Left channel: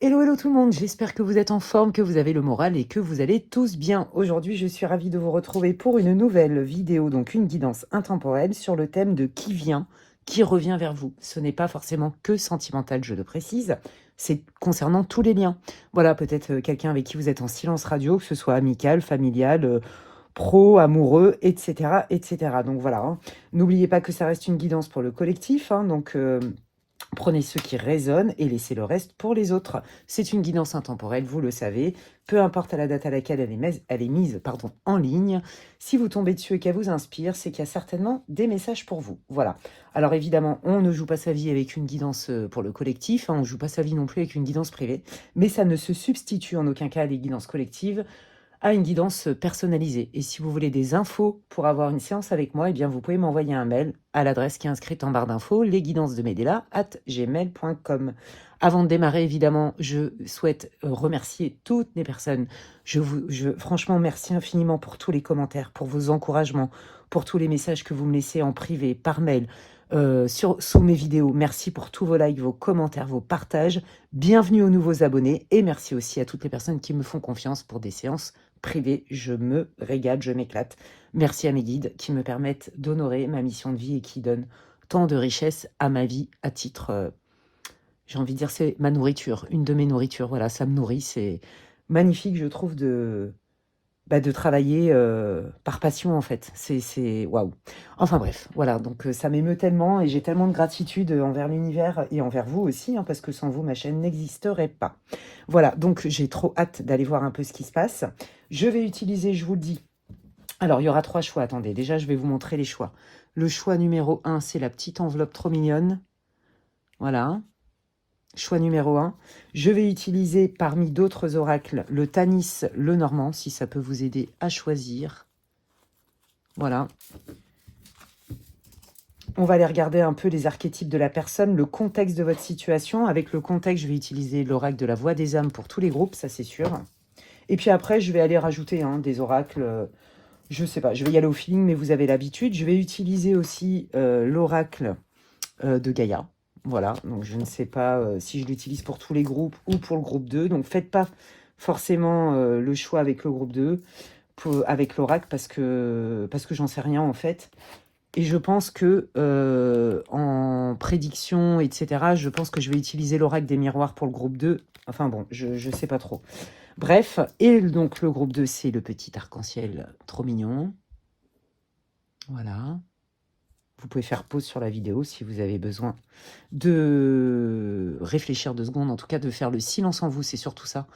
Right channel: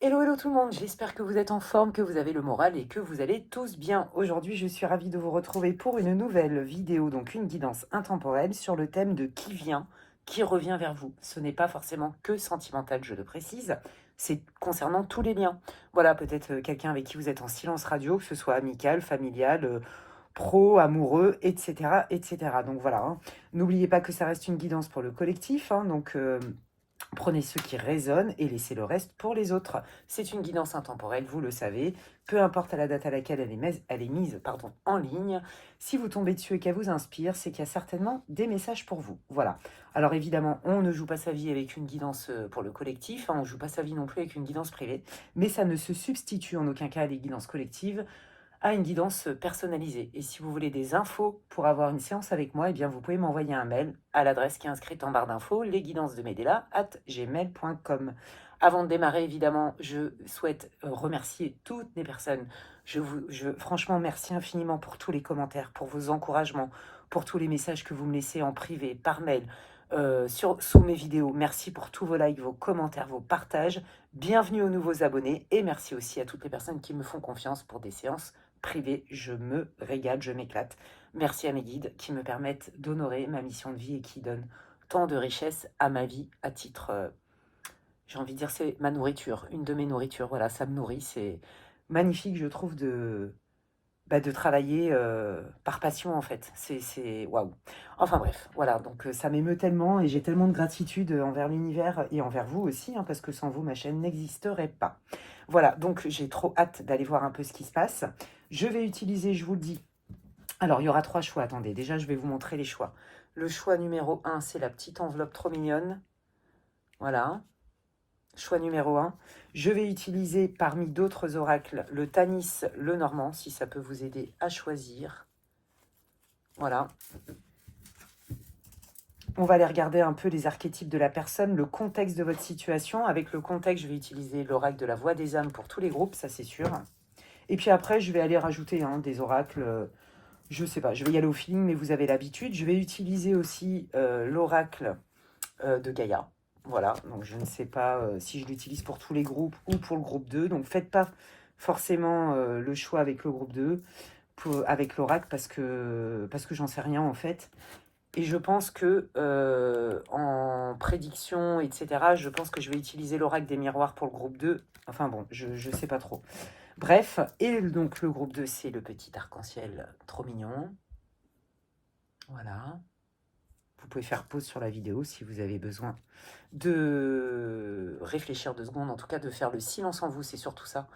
Hello, hello tout le monde, j'espère que vous êtes en forme, que vous avez le moral et que vous allez tous bien. Aujourd'hui, je suis ravie de vous retrouver pour une nouvelle vidéo, donc une guidance intemporelle sur le thème de qui vient, qui revient vers vous. Ce n'est pas forcément que sentimental, je le précise, c'est concernant tous les liens. Voilà, peut-être quelqu'un avec qui vous êtes en silence radio, que ce soit amical, familial, pro, amoureux, etc., etc. Donc voilà, hein. N'oubliez pas que ça reste une guidance pour le collectif, hein, donc... prenez ceux qui résonnent et laissez le reste pour les autres. C'est une guidance intemporelle, vous le savez. Peu importe la date à laquelle elle est mise en ligne, si vous tombez dessus et qu'elle vous inspire, c'est qu'il y a certainement des messages pour vous. Voilà. Alors évidemment, on ne joue pas sa vie avec une guidance pour le collectif, hein, on ne joue pas sa vie non plus avec une guidance privée, mais ça ne se substitue en aucun cas à des guidances collectives, à une guidance personnalisée. Et si vous voulez des infos pour avoir une séance avec moi, eh bien vous pouvez m'envoyer un mail à l'adresse qui est inscrite en barre d'infos, lesguidancesdemedela@gmail.com. Avant de démarrer, évidemment, je souhaite remercier toutes les personnes. Franchement, merci infiniment pour tous les commentaires, pour vos encouragements, pour tous les messages que vous me laissez en privé, par mail, sous mes vidéos. Merci pour tous vos likes, vos commentaires, vos partages. Bienvenue aux nouveaux abonnés et merci aussi à toutes les personnes qui me font confiance pour des séances privées. Je me régale, je m'éclate. Merci à mes guides qui me permettent d'honorer ma mission de vie et qui donnent tant de richesse à ma vie à titre, j'ai envie de dire, c'est ma nourriture, une de mes nourritures. Voilà, ça me nourrit. C'est magnifique, je trouve, de travailler par passion, en fait. C'est waouh. Enfin bref, voilà. Donc ça m'émeut tellement et j'ai tellement de gratitude envers l'univers et envers vous aussi, hein, parce que sans vous, ma chaîne n'existerait pas. Voilà, donc j'ai trop hâte d'aller voir un peu ce qui se passe. Je vais utiliser, je vous le dis. Alors, il y aura 3 choix. Attendez, déjà, je vais vous montrer les choix. Le choix numéro 1, c'est la petite enveloppe trop mignonne. Voilà. Choix numéro 1. Je vais utiliser parmi d'autres oracles le Tanis, le Normand, si ça peut vous aider à choisir. Voilà. On va aller regarder un peu les archétypes de la personne, le contexte de votre situation. Avec le contexte, je vais utiliser l'oracle de la Voix des âmes pour tous les groupes, ça c'est sûr. Et puis après, je vais aller rajouter des oracles, je sais pas, je vais y aller au feeling, mais vous avez l'habitude. Je vais utiliser aussi l'oracle de Gaïa. Voilà, donc je ne sais pas si je l'utilise pour tous les groupes ou pour le groupe 2. Donc faites pas forcément le choix avec le groupe 2, avec l'oracle, parce que j'en sais rien en fait. Et je pense que en prédiction, etc., je pense que je vais utiliser l'oracle des miroirs pour le groupe 2. Enfin bon, je ne sais pas trop. Bref, et donc le groupe 2, c'est le petit arc-en-ciel trop mignon. Voilà. Vous pouvez faire pause sur la vidéo si vous avez besoin de réfléchir 2 secondes, en tout cas de faire le silence en vous, c'est surtout ça.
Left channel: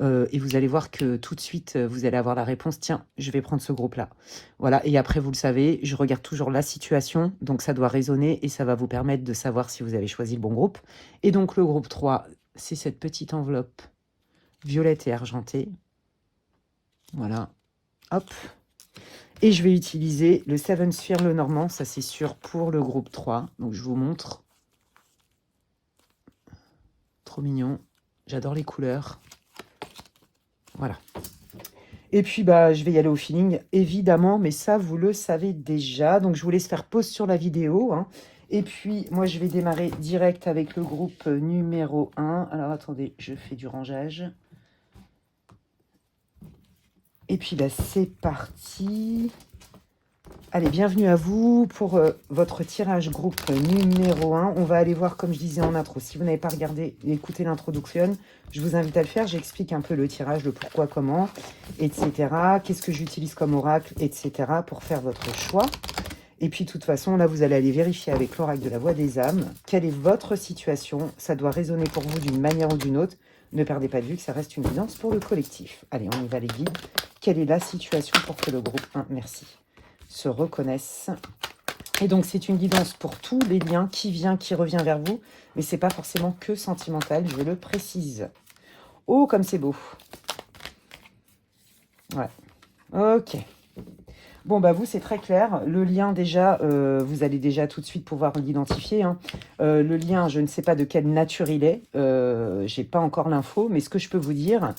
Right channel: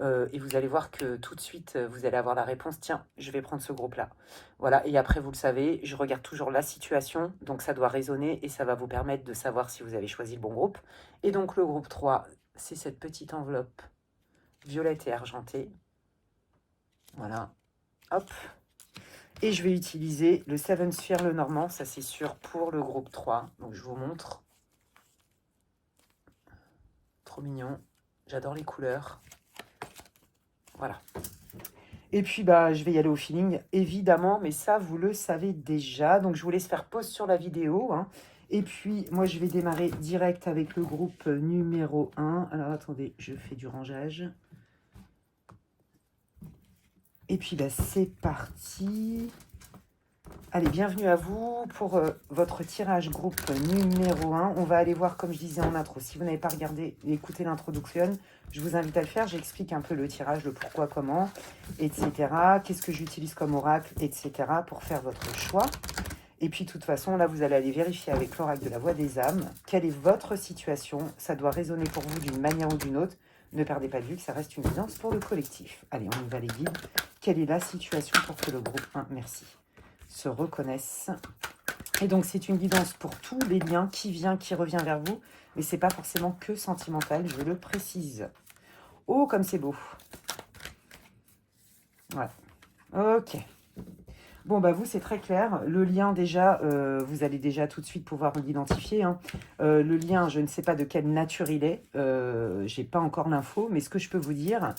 Et vous allez voir que tout de suite, vous allez avoir la réponse, tiens, je vais prendre ce groupe-là. Voilà, et après, vous le savez, je regarde toujours la situation, donc ça doit résonner et ça va vous permettre de savoir si vous avez choisi le bon groupe. Et donc le groupe 3, c'est cette petite enveloppe violette et argentée. Voilà, hop. Et je vais utiliser le Seven Sphere le Normand, ça c'est sûr pour le groupe 3. Donc je vous montre. Trop mignon. J'adore les couleurs. Voilà. Et puis, je vais y aller au feeling, évidemment, mais ça, vous le savez déjà. Donc, je vous laisse faire pause sur la vidéo, hein. Et puis, moi, je vais démarrer direct avec le groupe numéro 1. Alors, attendez, je fais du rangeage. Et puis, c'est parti. Allez, bienvenue à vous pour votre tirage groupe numéro 1. On va aller voir, comme je disais en intro, si vous n'avez pas regardé et écouté l'introduction, je vous invite à le faire. J'explique un peu le tirage, le pourquoi, comment, etc. Qu'est-ce que j'utilise comme oracle, etc. pour faire votre choix. Et puis, de toute façon, là, vous allez aller vérifier avec l'oracle de la Voix des âmes quelle est votre situation. Ça doit résonner pour vous d'une manière ou d'une autre. Ne perdez pas de vue que ça reste une guidance pour le collectif. Allez, on y va les guides. Quelle est la situation pour que le groupe 1, merci, se reconnaissent. Et donc, c'est une guidance pour tous les liens qui vient, qui revient vers vous. Mais ce n'est pas forcément que sentimental, je le précise. Oh, comme c'est beau. Voilà. Ok. Bon, vous, c'est très clair. Le lien, déjà, vous allez déjà tout de suite pouvoir l'identifier, hein. Le lien, je ne sais pas de quelle nature il est. Je n'ai pas encore l'info. Mais ce que je peux vous dire,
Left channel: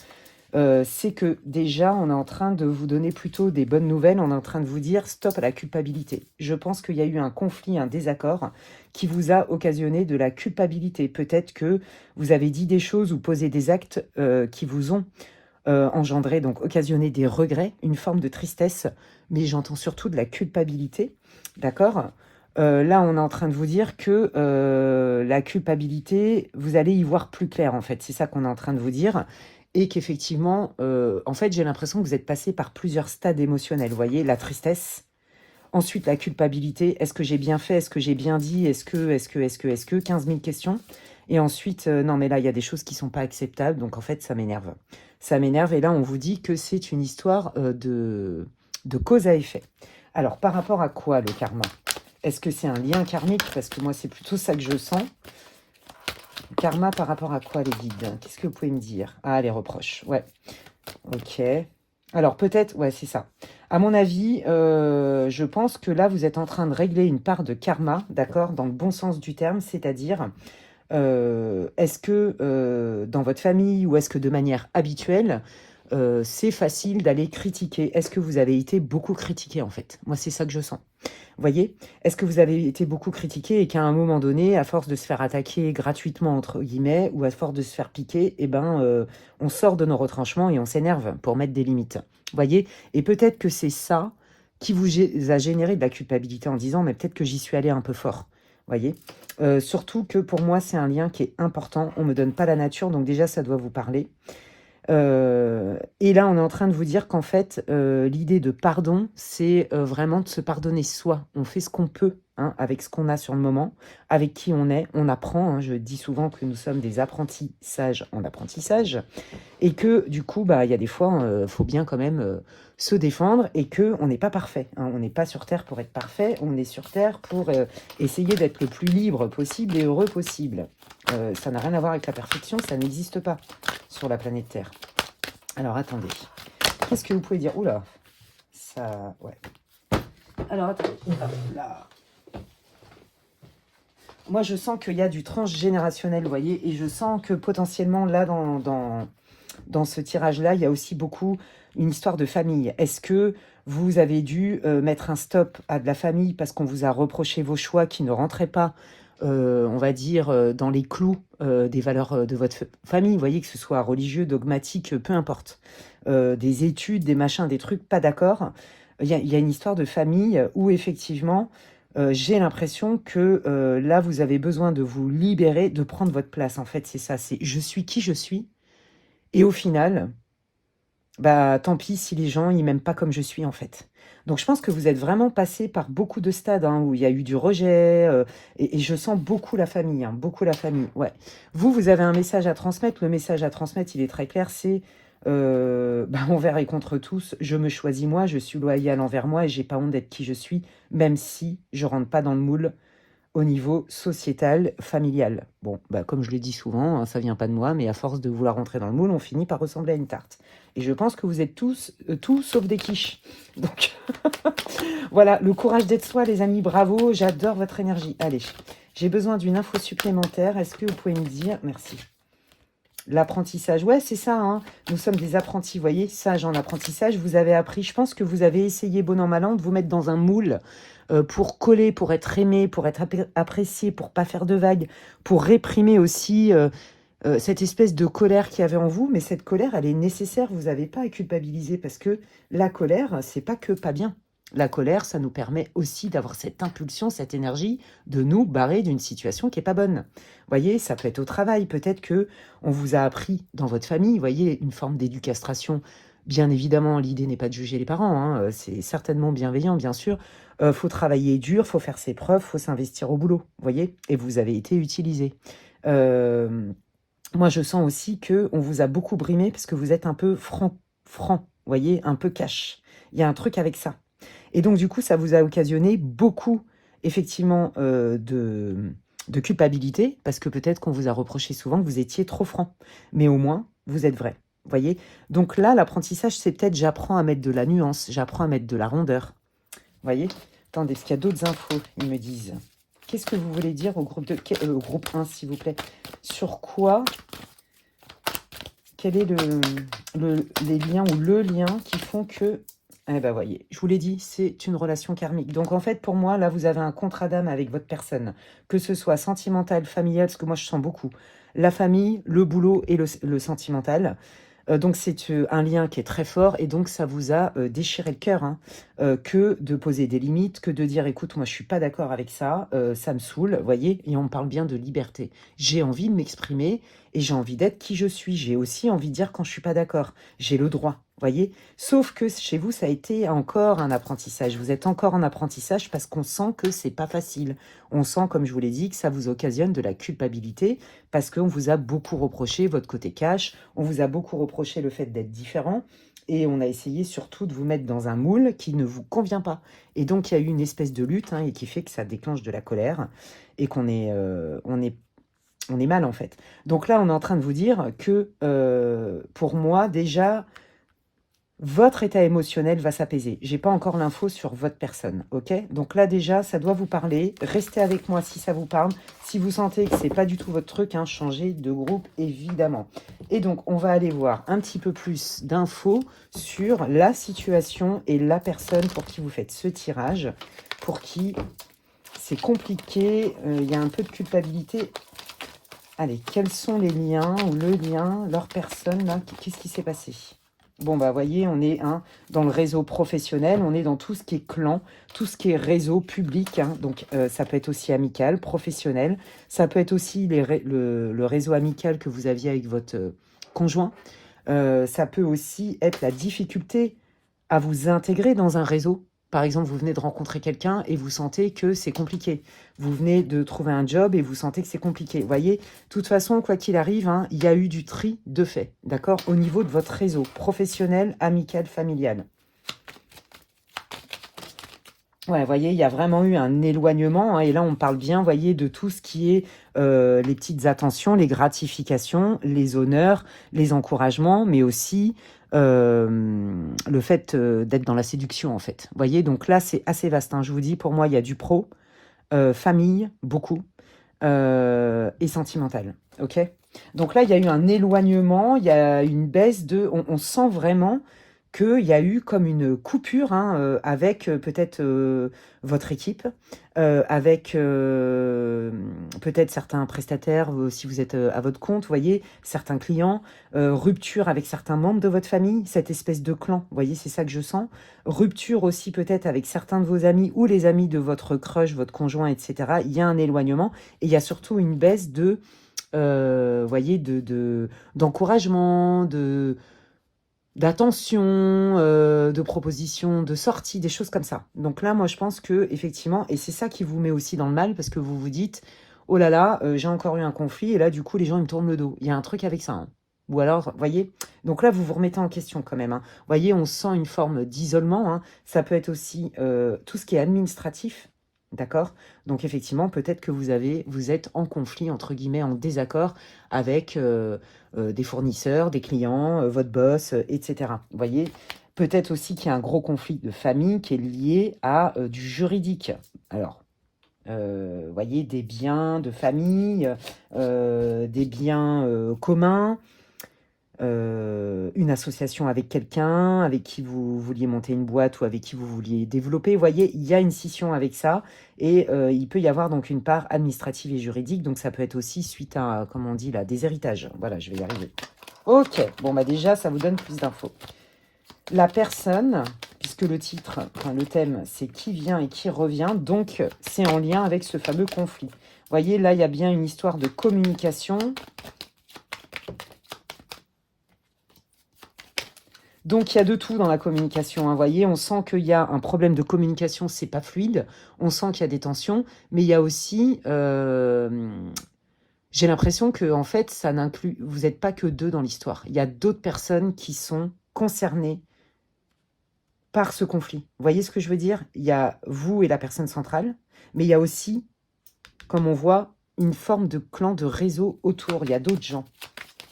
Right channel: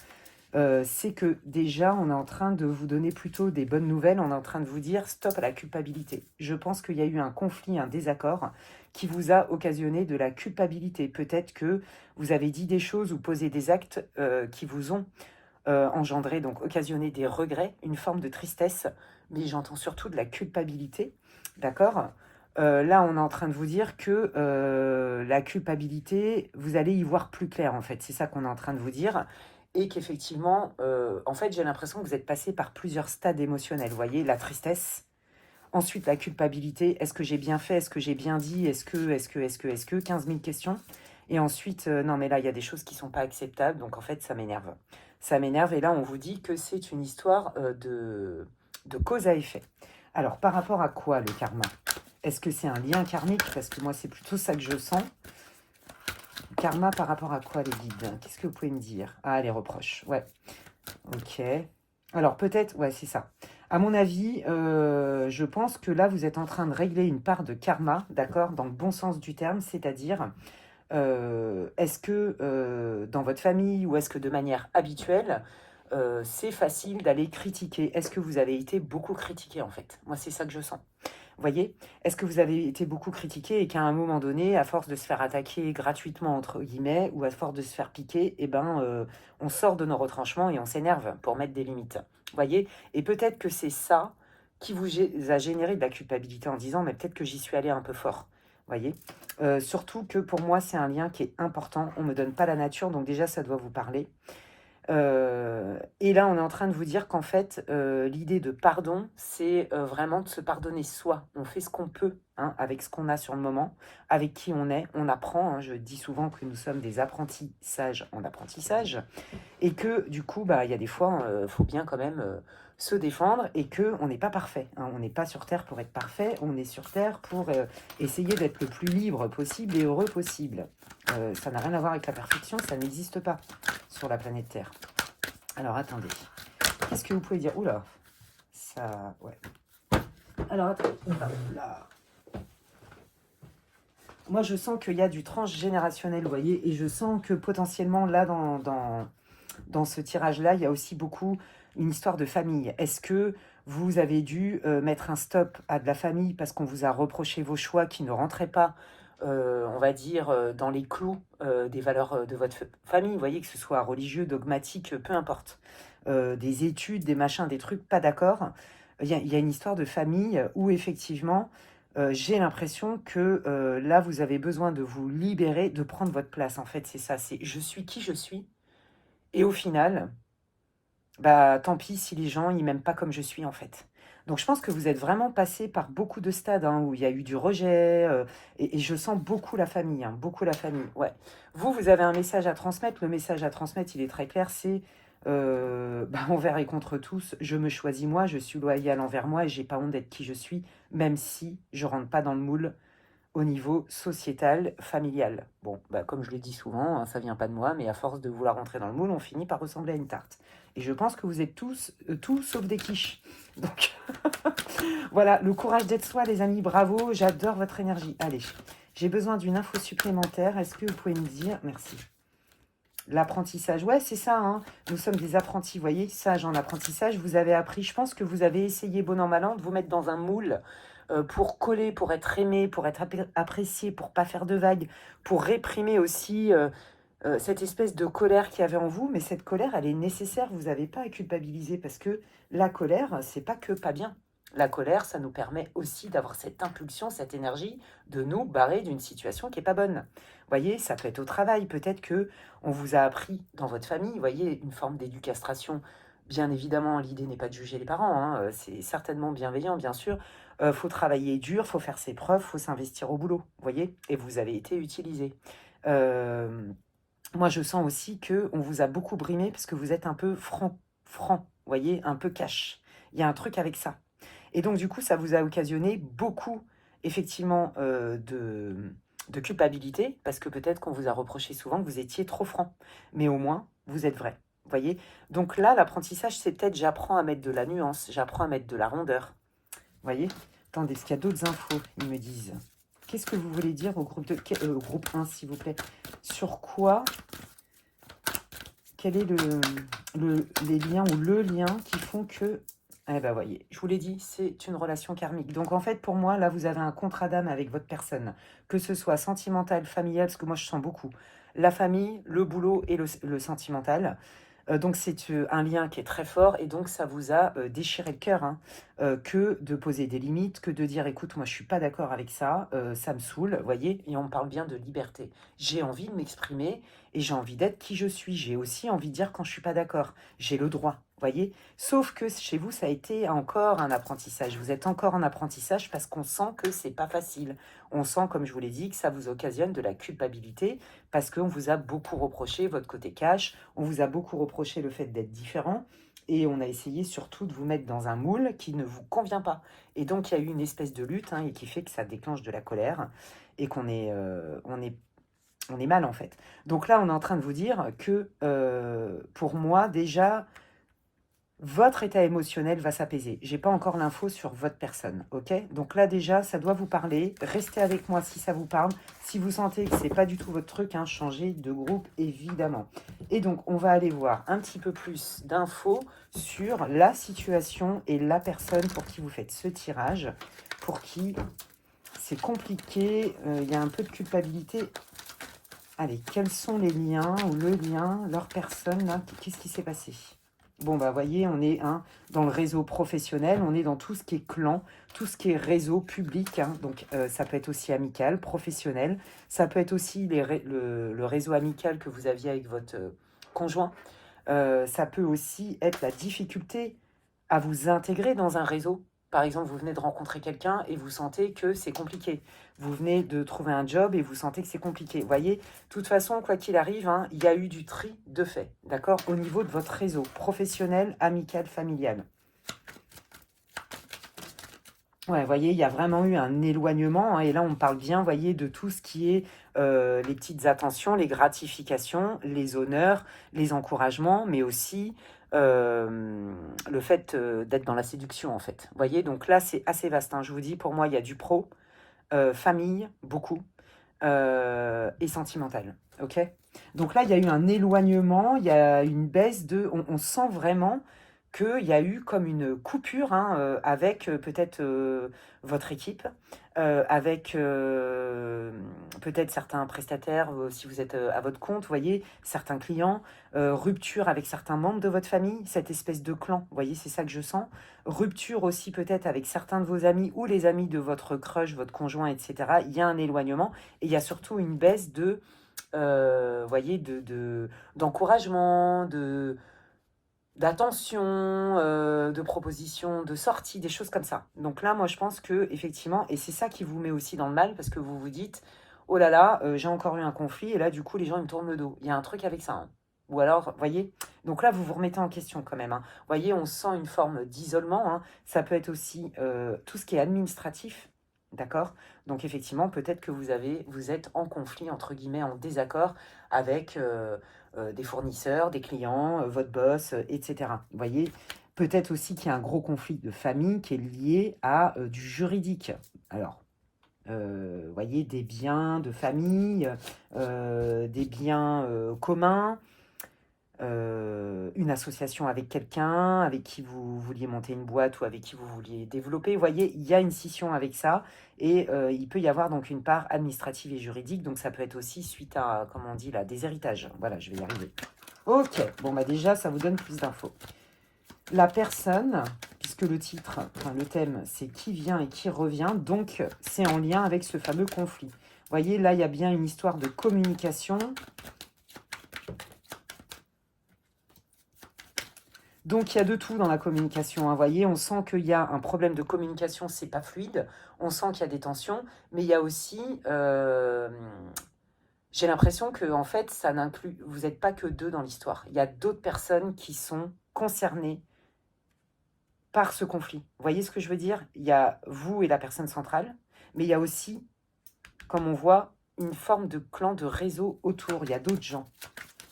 c'est que déjà, on est en train de vous donner plutôt des bonnes nouvelles. On est en train de vous dire stop à la culpabilité. Je pense qu'il y a eu un conflit, un désaccord qui vous a occasionné de la culpabilité. Peut-être que vous avez dit des choses ou posé des actes qui vous ont engendré, donc occasionné des regrets, une forme de tristesse, mais j'entends surtout de la culpabilité, d'accord. Là, on est en train de vous dire que la culpabilité, vous allez y voir plus clair, en fait. C'est ça qu'on est en train de vous dire. Et qu'effectivement, en fait, j'ai l'impression que vous êtes passé par plusieurs stades émotionnels. Vous voyez, la tristesse, ensuite la culpabilité. Est-ce que j'ai bien fait? Est-ce que j'ai bien dit? Est-ce que 15 000 questions. Et ensuite, non, mais là, il y a des choses qui ne sont pas acceptables. Donc, en fait, ça m'énerve. Ça m'énerve. Et là, on vous dit que c'est une histoire de cause à effet. Alors, par rapport à quoi, le karma? Est-ce que c'est un lien karmique? Parce que moi, c'est plutôt ça que je sens. Karma par rapport à quoi, les guides? Qu'est-ce que vous pouvez me dire? Ah, les reproches. Ouais. Ok. Alors, peut-être... Ouais, c'est ça. À mon avis, je pense que là, vous êtes en train de régler une part de karma, d'accord? Dans le bon sens du terme, c'est-à-dire... est-ce que dans votre famille ou est-ce que de manière habituelle, c'est facile d'aller critiquer? Est-ce que vous avez été beaucoup critiqué en fait? Moi, c'est ça que je sens. Vous voyez? Est-ce que vous avez été beaucoup critiqué et qu'à un moment donné, à force de se faire attaquer gratuitement, entre guillemets, ou à force de se faire piquer, eh ben, on sort de nos retranchements et on s'énerve pour mettre des limites. Vous voyez? Et peut-être que c'est ça qui vous a généré de la culpabilité en disant, mais peut-être que j'y suis allé un peu fort. Vous voyez? Surtout que pour moi, c'est un lien qui est important. On ne me donne pas la nature, donc déjà, ça doit vous parler. Et là, on est en train de vous dire qu'en fait, l'idée de pardon, c'est vraiment de se pardonner soi. On fait ce qu'on peut hein, avec ce qu'on a sur le moment, avec qui on est, on apprend. Hein, je dis souvent que nous sommes des apprentis sages en apprentissage. Et que du coup, bah, il y a des fois, il faut bien quand même se défendre et qu'on n'est pas parfait. Hein, on n'est pas sur Terre pour être parfait, on est sur Terre pour essayer d'être le plus libre possible et heureux possible. Ça n'a rien à voir avec la perfection, ça n'existe pas sur la planète Terre. Alors, attendez. Qu'est-ce que vous pouvez dire? Oula, ça... Ouais. Alors, attendez. Là. Moi, je sens qu'il y a du transgénérationnel, vous voyez, et je sens que potentiellement, là, dans ce tirage-là, il y a aussi beaucoup une histoire de famille. Est-ce que vous avez dû mettre un stop à de la famille parce qu'on vous a reproché vos choix qui ne rentraient pas, on va dire, dans les clous des valeurs de votre famille, vous voyez, que ce soit religieux, dogmatique, peu importe. Des études, des machins, des trucs, pas d'accord. Il y a une histoire de famille où effectivement... j'ai l'impression que là, vous avez besoin de vous libérer, de prendre votre place. En fait, c'est ça, c'est je suis qui je suis. Et au final, bah tant pis si les gens, ils m'aiment pas comme je suis, en fait. Donc, je pense que vous êtes vraiment passé par beaucoup de stades hein, où il y a eu du rejet. Et je sens beaucoup la famille, hein, beaucoup la famille. Ouais. Vous avez un message à transmettre. Le message à transmettre, il est très clair, c'est bah, envers et contre tous, je me choisis moi, je suis loyal envers moi et j'ai pas honte d'être qui je suis, même si je rentre pas dans le moule au niveau sociétal, familial. Bon, bah, comme je le dis souvent, hein, ça vient pas de moi, mais à force de vouloir rentrer dans le moule, on finit par ressembler à une tarte. Et je pense que vous êtes tous, tout sauf des quiches. Donc, voilà, le courage d'être soi, les amis, bravo, j'adore votre énergie. Allez, j'ai besoin d'une info supplémentaire. Est-ce que vous pouvez me dire... Merci. L'apprentissage, ouais, c'est ça, hein. Nous sommes des apprentis, vous voyez, sages en apprentissage. Vous avez appris, je pense que vous avez essayé, bon an, mal an, de vous mettre dans un moule pour coller, pour être aimé, pour être apprécié, pour pas faire de vagues, pour réprimer aussi cette espèce de colère qu'il y avait en vous. Mais cette colère, elle est nécessaire, vous n'avez pas à culpabiliser parce que la colère, c'est pas que pas bien. La colère, ça nous permet aussi d'avoir cette impulsion, cette énergie de nous barrer d'une situation qui n'est pas bonne. Vous voyez, ça peut être au travail. Peut-être que on vous a appris dans votre famille, vous voyez, une forme d'éducastration. Bien évidemment, l'idée n'est pas de juger les parents. Hein, c'est certainement bienveillant, bien sûr. Faut travailler dur, faut faire ses preuves, faut s'investir au boulot. Vous voyez, et vous avez été utilisé. Moi, je sens aussi que on vous a beaucoup brimé parce que vous êtes un peu franc, vous voyez, un peu cash. Il y a un truc avec ça. Et donc, du coup, ça vous a occasionné beaucoup, effectivement, de culpabilité, parce que peut-être qu'on vous a reproché souvent que vous étiez trop franc. Mais au moins, vous êtes vrai. Vous voyez? Donc là, l'apprentissage, c'est peut-être j'apprends à mettre de la nuance, j'apprends à mettre de la rondeur. Vous voyez? Attendez, est-ce qu'il y a d'autres infos? Ils me disent. Qu'est-ce que vous voulez dire au groupe, groupe 1, s'il vous plaît? Sur quoi? Quel est les liens ou le lien qui font que... Eh ben, voyez, je vous l'ai dit, c'est une relation karmique. Donc, en fait, pour moi, là, vous avez un contrat d'âme avec votre personne, que ce soit sentimental, familial, parce que moi, je sens beaucoup la famille, le boulot et le sentimental. Donc, c'est un lien qui est très fort et donc, ça vous a déchiré le cœur, hein, que de poser des limites, que de dire, écoute, moi, je suis pas d'accord avec ça, ça me saoule, vous voyez, et on parle bien de liberté. J'ai envie de m'exprimer et j'ai envie d'être qui je suis. J'ai aussi envie de dire quand je suis pas d'accord. J'ai le droit, voyez. Sauf que chez vous, ça a été encore un apprentissage. Vous êtes encore en apprentissage parce qu'on sent que c'est pas facile. On sent, comme je vous l'ai dit, que ça vous occasionne de la culpabilité parce qu'on vous a beaucoup reproché votre côté cash, on vous a beaucoup reproché le fait d'être différent et on a essayé surtout de vous mettre dans un moule qui ne vous convient pas. Et donc, il y a eu une espèce de lutte, hein, et qui fait que ça déclenche de la colère et qu'on est, on est mal en fait. Donc là, on est en train de vous dire que pour moi, déjà, votre état émotionnel va s'apaiser. J'ai pas encore l'info sur votre personne, ok? Donc là, déjà, ça doit vous parler. Restez avec moi si ça vous parle. Si vous sentez que c'est pas du tout votre truc, hein, changez de groupe, évidemment. Et donc, on va aller voir un petit peu plus d'infos sur la situation et la personne pour qui vous faites ce tirage, pour qui c'est compliqué, il y a un peu de culpabilité. Allez, quels sont les liens ou le lien, leur personne, là, qu'est-ce qui s'est passé? Bon, bah, voyez, on est dans le réseau professionnel, on est dans tout ce qui est clan, tout ce qui est réseau public, hein, donc ça peut être aussi amical, professionnel, ça peut être aussi le réseau amical que vous aviez avec votre conjoint, ça peut aussi être la difficulté à vous intégrer dans un réseau. Par exemple, vous venez de rencontrer quelqu'un et vous sentez que c'est compliqué. Vous venez de trouver un job et vous sentez que c'est compliqué. Vous voyez, de toute façon, quoi qu'il arrive, hein, il y a eu du tri de fait, d'accord, au niveau de votre réseau professionnel, amical, familial. Ouais, vous voyez, il y a vraiment eu un éloignement, hein, et là, on parle bien, vous voyez, de tout ce qui est les petites attentions, les gratifications, les honneurs, les encouragements, mais aussi le fait d'être dans la séduction, en fait. Vous voyez, donc là, c'est assez vaste, hein. Je vous dis, pour moi, il y a du pro, famille, beaucoup, et sentimental, ok? Donc là, il y a eu un éloignement, il y a une baisse de... On sent vraiment qu'il y a eu comme une coupure, hein, avec peut-être votre équipe, avec peut-être certains prestataires, si vous êtes à votre compte, vous voyez, certains clients, rupture avec certains membres de votre famille, cette espèce de clan, vous voyez, c'est ça que je sens. Rupture aussi peut-être avec certains de vos amis ou les amis de votre crush, votre conjoint, etc. Il y a un éloignement et il y a surtout une baisse de, voyez, d'encouragement, d'attention, de propositions, de sorties, des choses comme ça. Donc là, moi, je pense que effectivement, et c'est ça qui vous met aussi dans le mal, parce que vous vous dites, oh là là, j'ai encore eu un conflit, et là, du coup, les gens, ils me tournent le dos. Il y a un truc avec ça, hein. Ou alors, voyez, donc là, vous vous remettez en question quand même, hein. Voyez, on sent une forme d'isolement, hein. Ça peut être aussi tout ce qui est administratif, d'accord? Donc effectivement, peut-être que vous êtes en conflit, entre guillemets, en désaccord avec des fournisseurs, des clients, votre boss, etc. Vous voyez, peut-être aussi qu'il y a un gros conflit de famille qui est lié à du juridique. Alors, voyez, des biens de famille, des biens communs, une association avec quelqu'un, avec qui vous vouliez monter une boîte ou avec qui vous vouliez développer. Vous voyez, il y a une scission avec ça et il peut y avoir donc une part administrative et juridique. Donc ça peut être aussi suite à, comme on dit là, des héritages. Voilà, je vais y arriver. Ok, bon bah déjà, ça vous donne plus d'infos. La personne, puisque le titre, enfin, le thème, c'est qui vient et qui revient, donc c'est en lien avec ce fameux conflit. Vous voyez, là, il y a bien une histoire de communication. Donc, il y a de tout dans la communication, hein, vous voyez, on sent qu'il y a un problème de communication, c'est pas fluide, on sent qu'il y a des tensions, mais il y a aussi, j'ai l'impression que, en fait, ça n'inclut, vous n'êtes pas que deux dans l'histoire, il y a d'autres personnes qui sont concernées par ce conflit. Vous voyez ce que je veux dire? Il y a vous et la personne centrale, mais il y a aussi, comme on voit, une forme de clan, de réseau autour, il y a d'autres gens.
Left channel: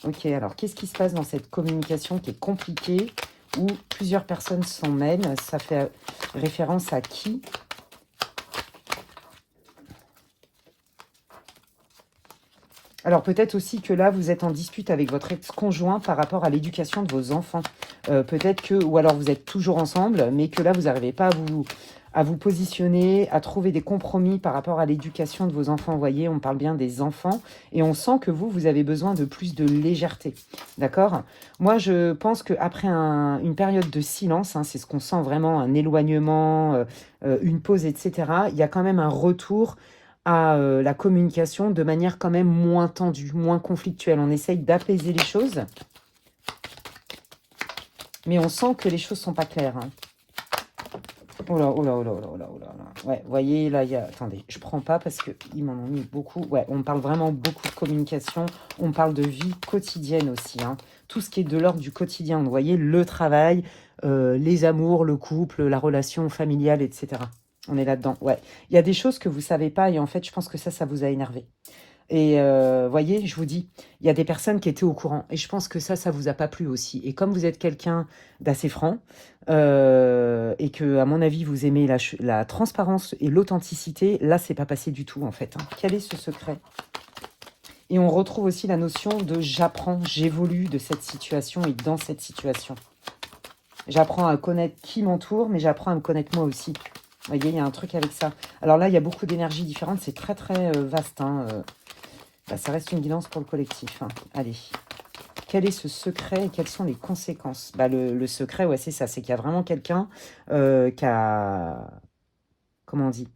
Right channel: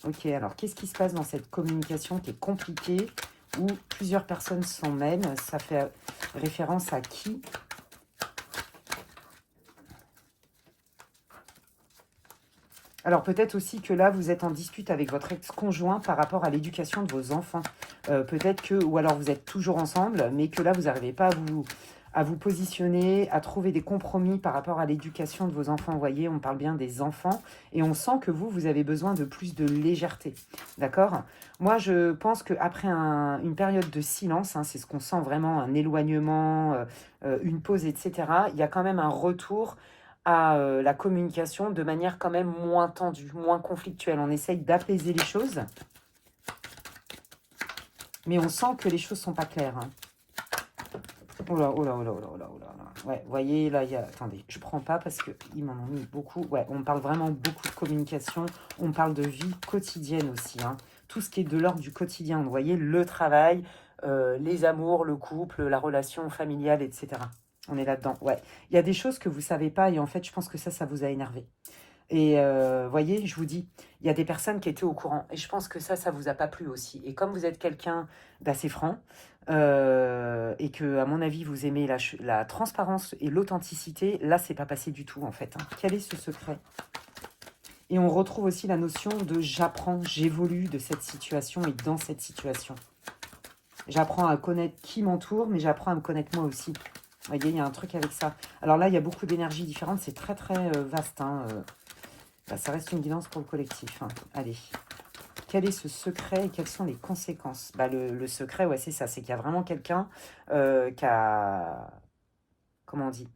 Ok, alors qu'est-ce qui se passe dans cette communication qui est compliquée, où plusieurs personnes s'en mêlent? Ça fait référence à qui? Alors peut-être aussi que là, vous êtes en dispute avec votre ex-conjoint par rapport à l'éducation de vos enfants. Peut-être que, ou alors vous êtes toujours ensemble, mais que là, vous n'arrivez pas à vous positionner, à trouver des compromis par rapport à l'éducation de vos enfants. Vous voyez, on parle bien des enfants, et on sent que vous avez besoin de plus de légèreté. D'accord? Moi, je pense qu'après une période de silence, hein, c'est ce qu'on sent vraiment, un éloignement, une pause, etc., il y a quand même un retour à la communication de manière quand même moins tendue, moins conflictuelle. On essaye d'apaiser les choses, mais on sent que les choses sont pas claires. Hein. Oh là, oh là, oh là, oh là, oh là, oh là, là. Ouais, vous voyez, là, il y a... Attendez, je prends pas parce qu'ils m'en ont mis beaucoup. Ouais, on parle vraiment beaucoup de communication. On parle de vie quotidienne aussi. Hein. Tout ce qui est de l'ordre du quotidien. Vous voyez, le travail, les amours, le couple, la relation familiale, etc. On est là-dedans, ouais. Il y a des choses que vous savez pas et en fait, je pense que ça vous a énervé. Et voyez, je vous dis, il y a des personnes qui étaient au courant. Et je pense que ça vous a pas plu aussi. Et comme vous êtes quelqu'un d'assez franc, et que, à mon avis, vous aimez la transparence et l'authenticité, là, c'est pas passé du tout, en fait. Hein. Quel est ce secret? Et on retrouve aussi la notion de j'apprends, j'évolue de cette situation et dans cette situation. J'apprends à connaître qui m'entoure, mais j'apprends à me connaître moi aussi. Vous voyez, il y a un truc avec ça. Alors là, il y a beaucoup d'énergies différentes. C'est très, très vaste. Hein. Bah, ça reste une guidance pour le collectif. Hein. Allez. Quel est ce secret et quelles sont les conséquences? Bah, le secret, ouais, c'est ça. C'est qu'il y a vraiment quelqu'un qui a... Comment on dit?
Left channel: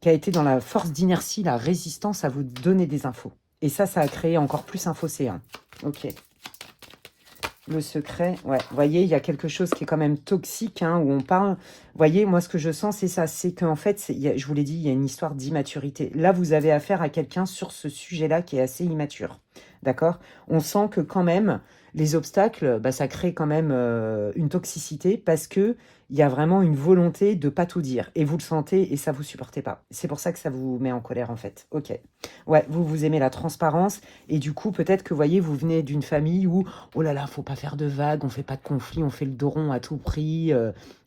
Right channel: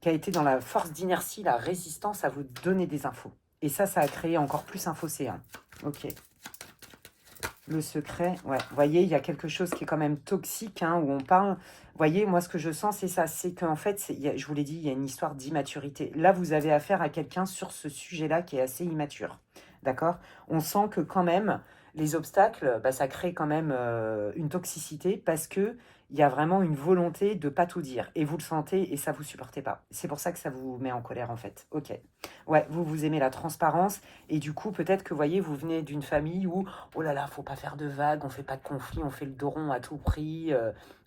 Qui a été dans la force d'inertie, la résistance à vous donner des infos. Et ça a créé encore plus un fossé. Hein. Ok. Le secret, ouais, vous voyez, il y a quelque chose qui est quand même toxique, hein, où on parle. Vous voyez, moi, ce que je sens, c'est ça. C'est qu'en fait, je vous l'ai dit, il y a une histoire d'immaturité. Là, vous avez affaire à quelqu'un sur ce sujet-là qui est assez immature. D'accord? On sent que quand même, les obstacles, bah, ça crée quand même une toxicité parce que il y a vraiment une volonté de pas tout dire. Et vous le sentez et ça vous supportez pas. C'est pour ça que ça vous met en colère, en fait. Ok. Ouais, vous aimez la transparence. Et du coup, peut-être que, vous voyez, vous venez d'une famille où oh là là, faut pas faire de vagues, on fait pas de conflit, on fait le dos rond à tout prix,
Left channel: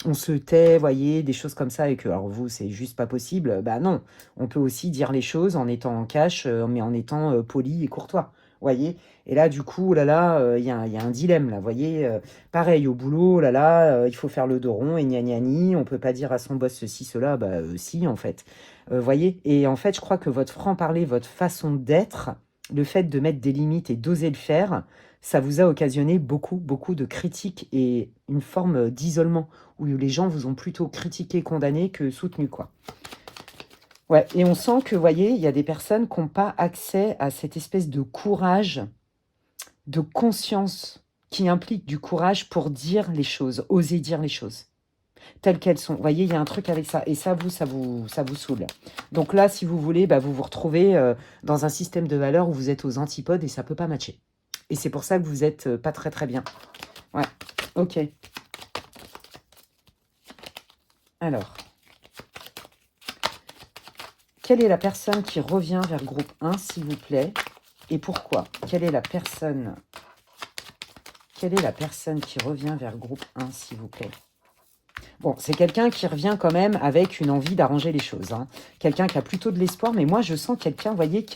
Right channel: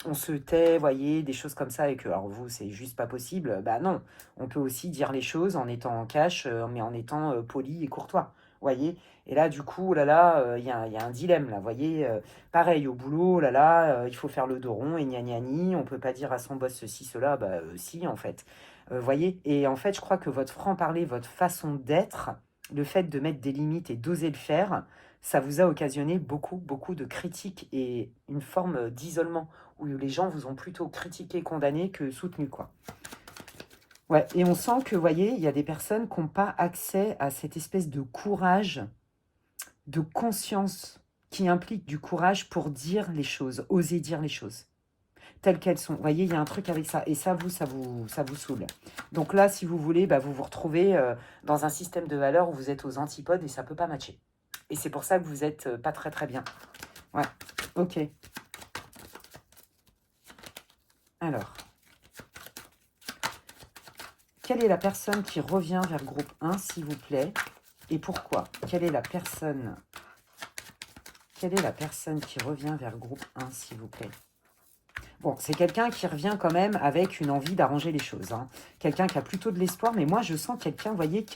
on se tait, voyez, des choses comme ça, et que, alors vous, c'est juste pas possible. Bah non, on peut aussi dire les choses en étant en cash, mais en étant poli et courtois, voyez. Et là, du coup, oh là là, il y a un dilemme, là, voyez. Pareil, au boulot, oh là là, il faut faire le dos rond, et gna gna gni, on peut pas dire à son boss ceci, cela, bah si, en fait. Voyez, et en fait, je crois que votre franc-parler, votre façon d'être, le fait de mettre des limites et d'oser le faire, ça vous a occasionné beaucoup, beaucoup de critiques et une forme d'isolement où les gens vous ont plutôt critiqué, condamné que soutenu, quoi. Ouais, et on sent que, vous voyez, il y a des personnes qui n'ont pas accès à cette espèce de courage, de conscience qui implique du courage pour dire les choses, oser dire les choses telles qu'elles sont. Vous voyez, il y a un truc avec ça. Et ça vous saoule. Donc là, si vous voulez, bah, vous vous retrouvez dans un système de valeurs où vous êtes aux antipodes et ça ne peut pas matcher. Et c'est pour ça que vous n'êtes pas très très bien. Ouais, ok. Alors, quelle est la personne qui revient vers le groupe 1, s'il vous plaît? Et pourquoi? Quelle est la personne qui revient vers le groupe 1, s'il vous plaît? Bon, c'est quelqu'un qui revient quand même avec une envie d'arranger les choses. Hein. Quelqu'un qui a plutôt de l'espoir, mais moi, je sens quelqu'un, vous voyez,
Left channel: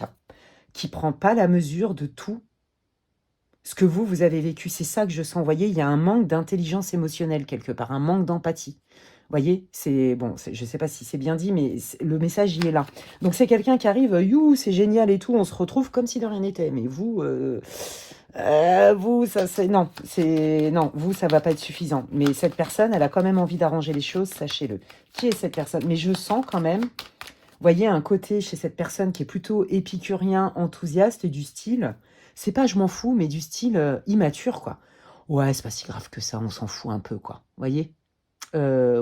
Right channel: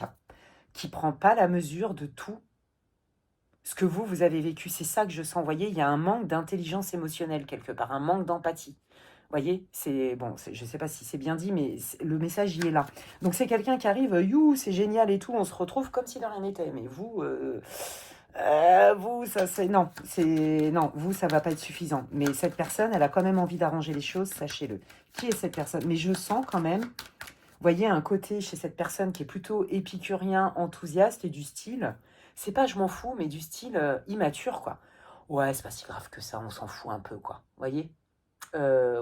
qui prend pas la mesure de tout ce que vous avez vécu. C'est ça que je sens. Vous voyez, il y a un manque d'intelligence émotionnelle quelque part, un manque d'empathie. Vous voyez, c'est bon, je ne sais pas si c'est bien dit, mais le message, il est là. Donc, c'est quelqu'un qui arrive, you, c'est génial et tout, on se retrouve comme si de rien n'était. Mais vous... vous, non, vous, ça va pas être suffisant. Mais cette personne, elle a quand même envie d'arranger les choses, sachez-le. Qui est cette personne? Mais je sens quand même, vous voyez, un côté chez cette personne qui est plutôt épicurien, enthousiaste, du style, c'est pas je m'en fous, mais du style immature, quoi. Ouais, c'est pas si grave que ça, on s'en fout un peu, quoi. Vous voyez?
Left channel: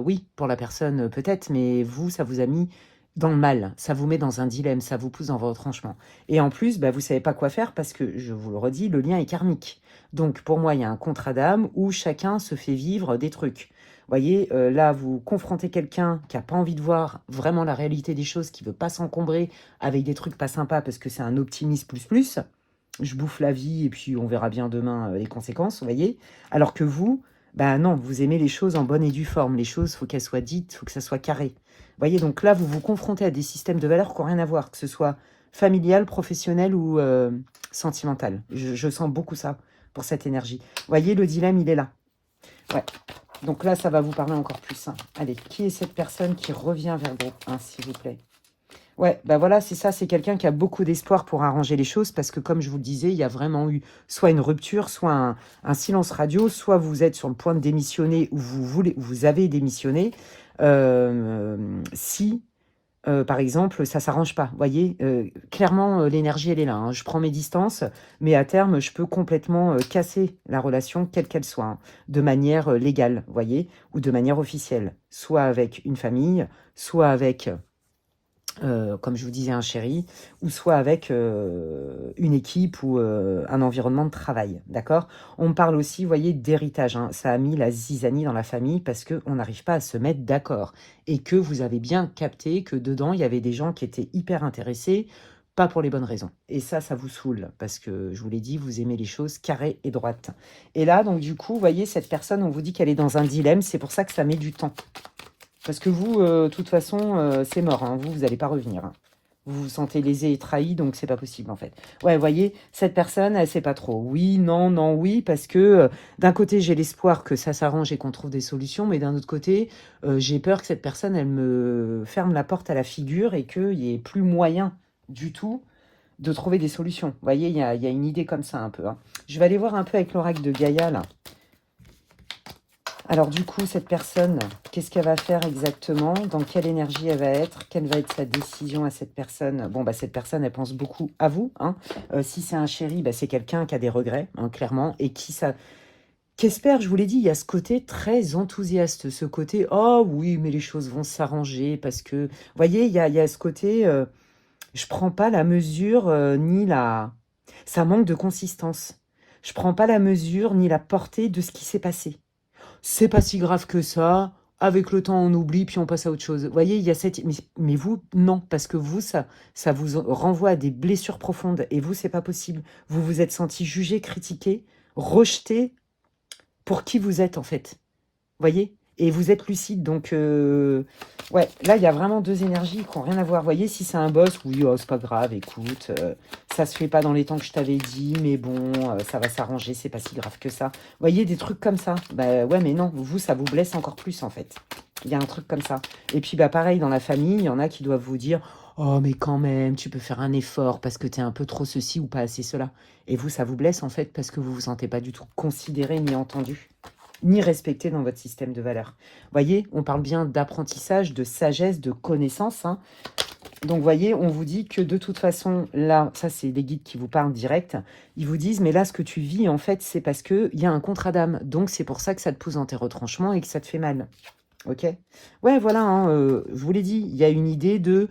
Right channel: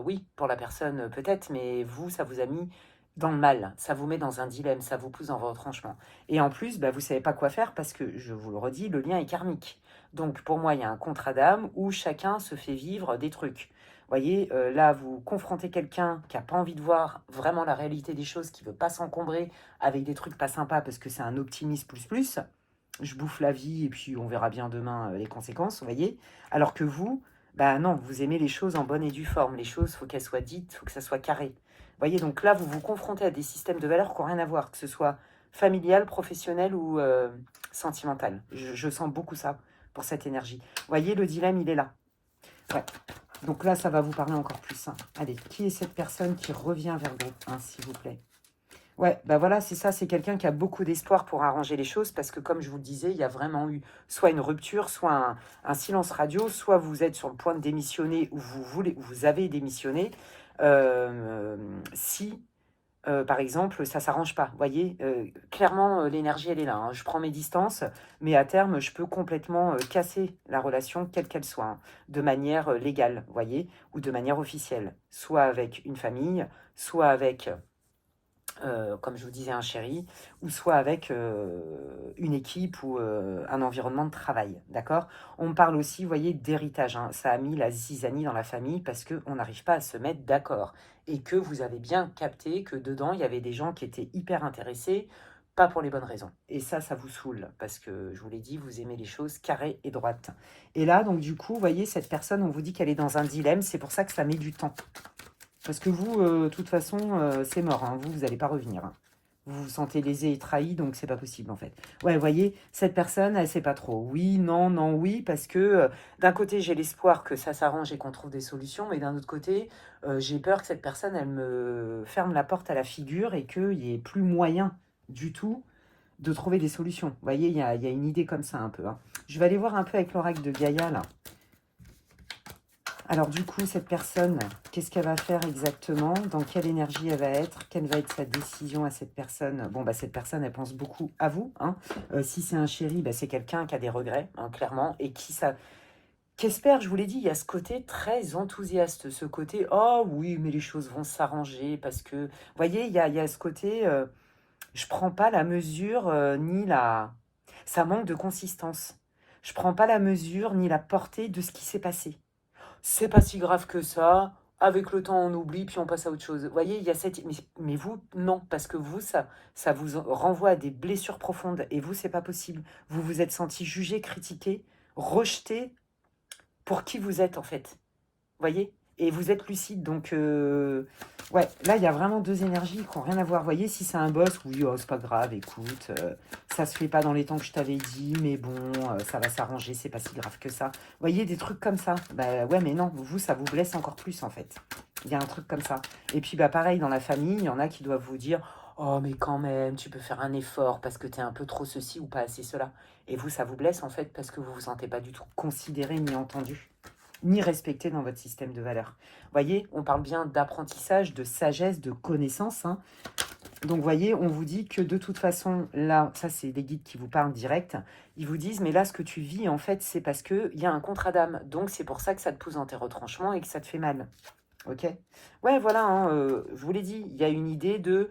Oui, pour la personne peut-être, mais vous, ça vous a mis dans le mal, ça vous met dans un dilemme, ça vous pousse dans votre retranchement. Et en plus, bah, vous ne savez pas quoi faire parce que, je vous le redis, le lien est karmique. Donc pour moi, il y a un contrat d'âme où chacun se fait vivre des trucs. Vous voyez, là, vous confrontez quelqu'un qui n'a pas envie de voir vraiment la réalité des choses, qui ne veut pas s'encombrer avec des trucs pas sympas parce que c'est un optimiste plus. Je bouffe la vie et puis on verra bien demain les conséquences, vous voyez. Alors que vous, bah non, vous aimez les choses en bonne et due forme. Les choses, il faut qu'elles soient dites, il faut que ça soit carré. Vous voyez, donc là, vous vous confrontez à des systèmes de valeurs qui n'ont rien à voir, que ce soit familial, professionnel ou sentimental. Je sens beaucoup ça pour cette énergie. Vous voyez, le dilemme, il est là. Ouais. Donc là, ça va vous parler encore plus. Hein. Allez, qui est cette personne qui revient vers vous, hein, s'il vous plaît? Ouais, ben voilà, c'est ça, c'est quelqu'un qui a beaucoup d'espoir pour arranger les choses, parce que comme je vous le disais, il y a vraiment eu soit une rupture, soit un silence radio, soit vous êtes sur le point de démissionner, ou vous avez démissionné, si, par exemple, ça ne s'arrange pas. Vous voyez, clairement, l'énergie, elle est là. Hein. Je prends mes distances, mais à terme, je peux complètement casser la relation, quelle qu'elle soit, hein, de manière légale, vous voyez, ou de manière officielle, soit avec une famille, soit avec comme je vous disais, un chéri, ou soit avec une équipe ou un environnement de travail, d'accord? On parle aussi, vous voyez, d'héritage, hein. Ça a mis la zizanie dans la famille parce qu'on n'arrive pas à se mettre d'accord. Et que vous avez bien capté que dedans, il y avait des gens qui étaient hyper intéressés, pas pour les bonnes raisons. Et ça vous saoule, parce que, je vous l'ai dit, vous aimez les choses carrées et droites. Et là, donc du coup, vous voyez, cette personne, on vous dit qu'elle est dans un dilemme, c'est pour ça que ça met du temps. Parce que vous, de toute façon, c'est mort. Hein. Vous n'allez pas revenir. Hein. Vous vous sentez lésé et trahi, donc c'est pas possible en fait. Ouais, vous voyez, cette personne, elle sait pas trop. Oui, non, non, oui, parce que d'un côté, j'ai l'espoir que ça s'arrange et qu'on trouve des solutions, mais d'un autre côté, j'ai peur que cette personne, elle me ferme la porte à la figure et qu'il n'y ait plus moyen du tout de trouver des solutions. Vous voyez, il y a une idée comme ça un peu. Hein. Je vais aller voir un peu avec l'oracle de Gaïa, là. Alors du coup, cette personne, qu'est-ce qu'elle va faire exactement? Dans quelle énergie elle va être? Quelle va être sa décision à cette personne? Bon, bah cette personne, elle pense beaucoup à vous. Hein. Si c'est un chéri, bah, c'est quelqu'un qui a des regrets, hein, clairement, et qu'espère, je vous l'ai dit, il y a ce côté très enthousiaste, ce côté, oh oui, mais les choses vont s'arranger, parce que, vous voyez, il y a ce côté, je prends pas la mesure, ni la... Ça manque de consistance. Je prends pas la mesure, ni la portée de ce qui s'est passé. C'est pas si grave que ça. Avec le temps, on oublie, puis on passe à autre chose. Vous voyez, il y a cette... Mais vous, non, parce que vous, ça vous renvoie à des blessures profondes. Et vous, c'est pas possible. Vous vous êtes senti jugé, critiqué, rejeté pour qui vous êtes, en fait. Vous voyez? Et vous êtes lucide, donc... ouais, là, il y a vraiment deux énergies qui n'ont rien à voir. Vous voyez, si c'est un boss, oui, oh, c'est pas grave, écoute, ça se fait pas dans les temps que je t'avais dit, mais bon, ça va s'arranger, c'est pas si grave que ça. Vous voyez, des trucs comme ça. Bah ouais, mais non, vous, ça vous blesse encore plus, en fait. Il y a un truc comme ça. Et puis, bah pareil, dans la famille, il y en a qui doivent vous dire, oh, mais quand même, tu peux faire un effort parce que tu es un peu trop ceci ou pas assez cela. Et vous, ça vous blesse, en fait, parce que vous vous sentez pas du tout considéré ni entendu, ni respecté dans votre système de valeurs. Vous voyez, on parle bien d'apprentissage, de sagesse, de connaissance. Hein. Donc, vous voyez, on vous dit que de toute façon, là, ça, c'est des guides qui vous parlent direct. Ils vous disent, mais là, ce que tu vis, en fait, c'est parce qu'il y a un contrat d'âme. Donc, c'est pour ça que ça te pousse dans tes retranchements et que ça te fait mal. Ok? Ouais, voilà, hein, je vous l'ai dit, il y a une idée de...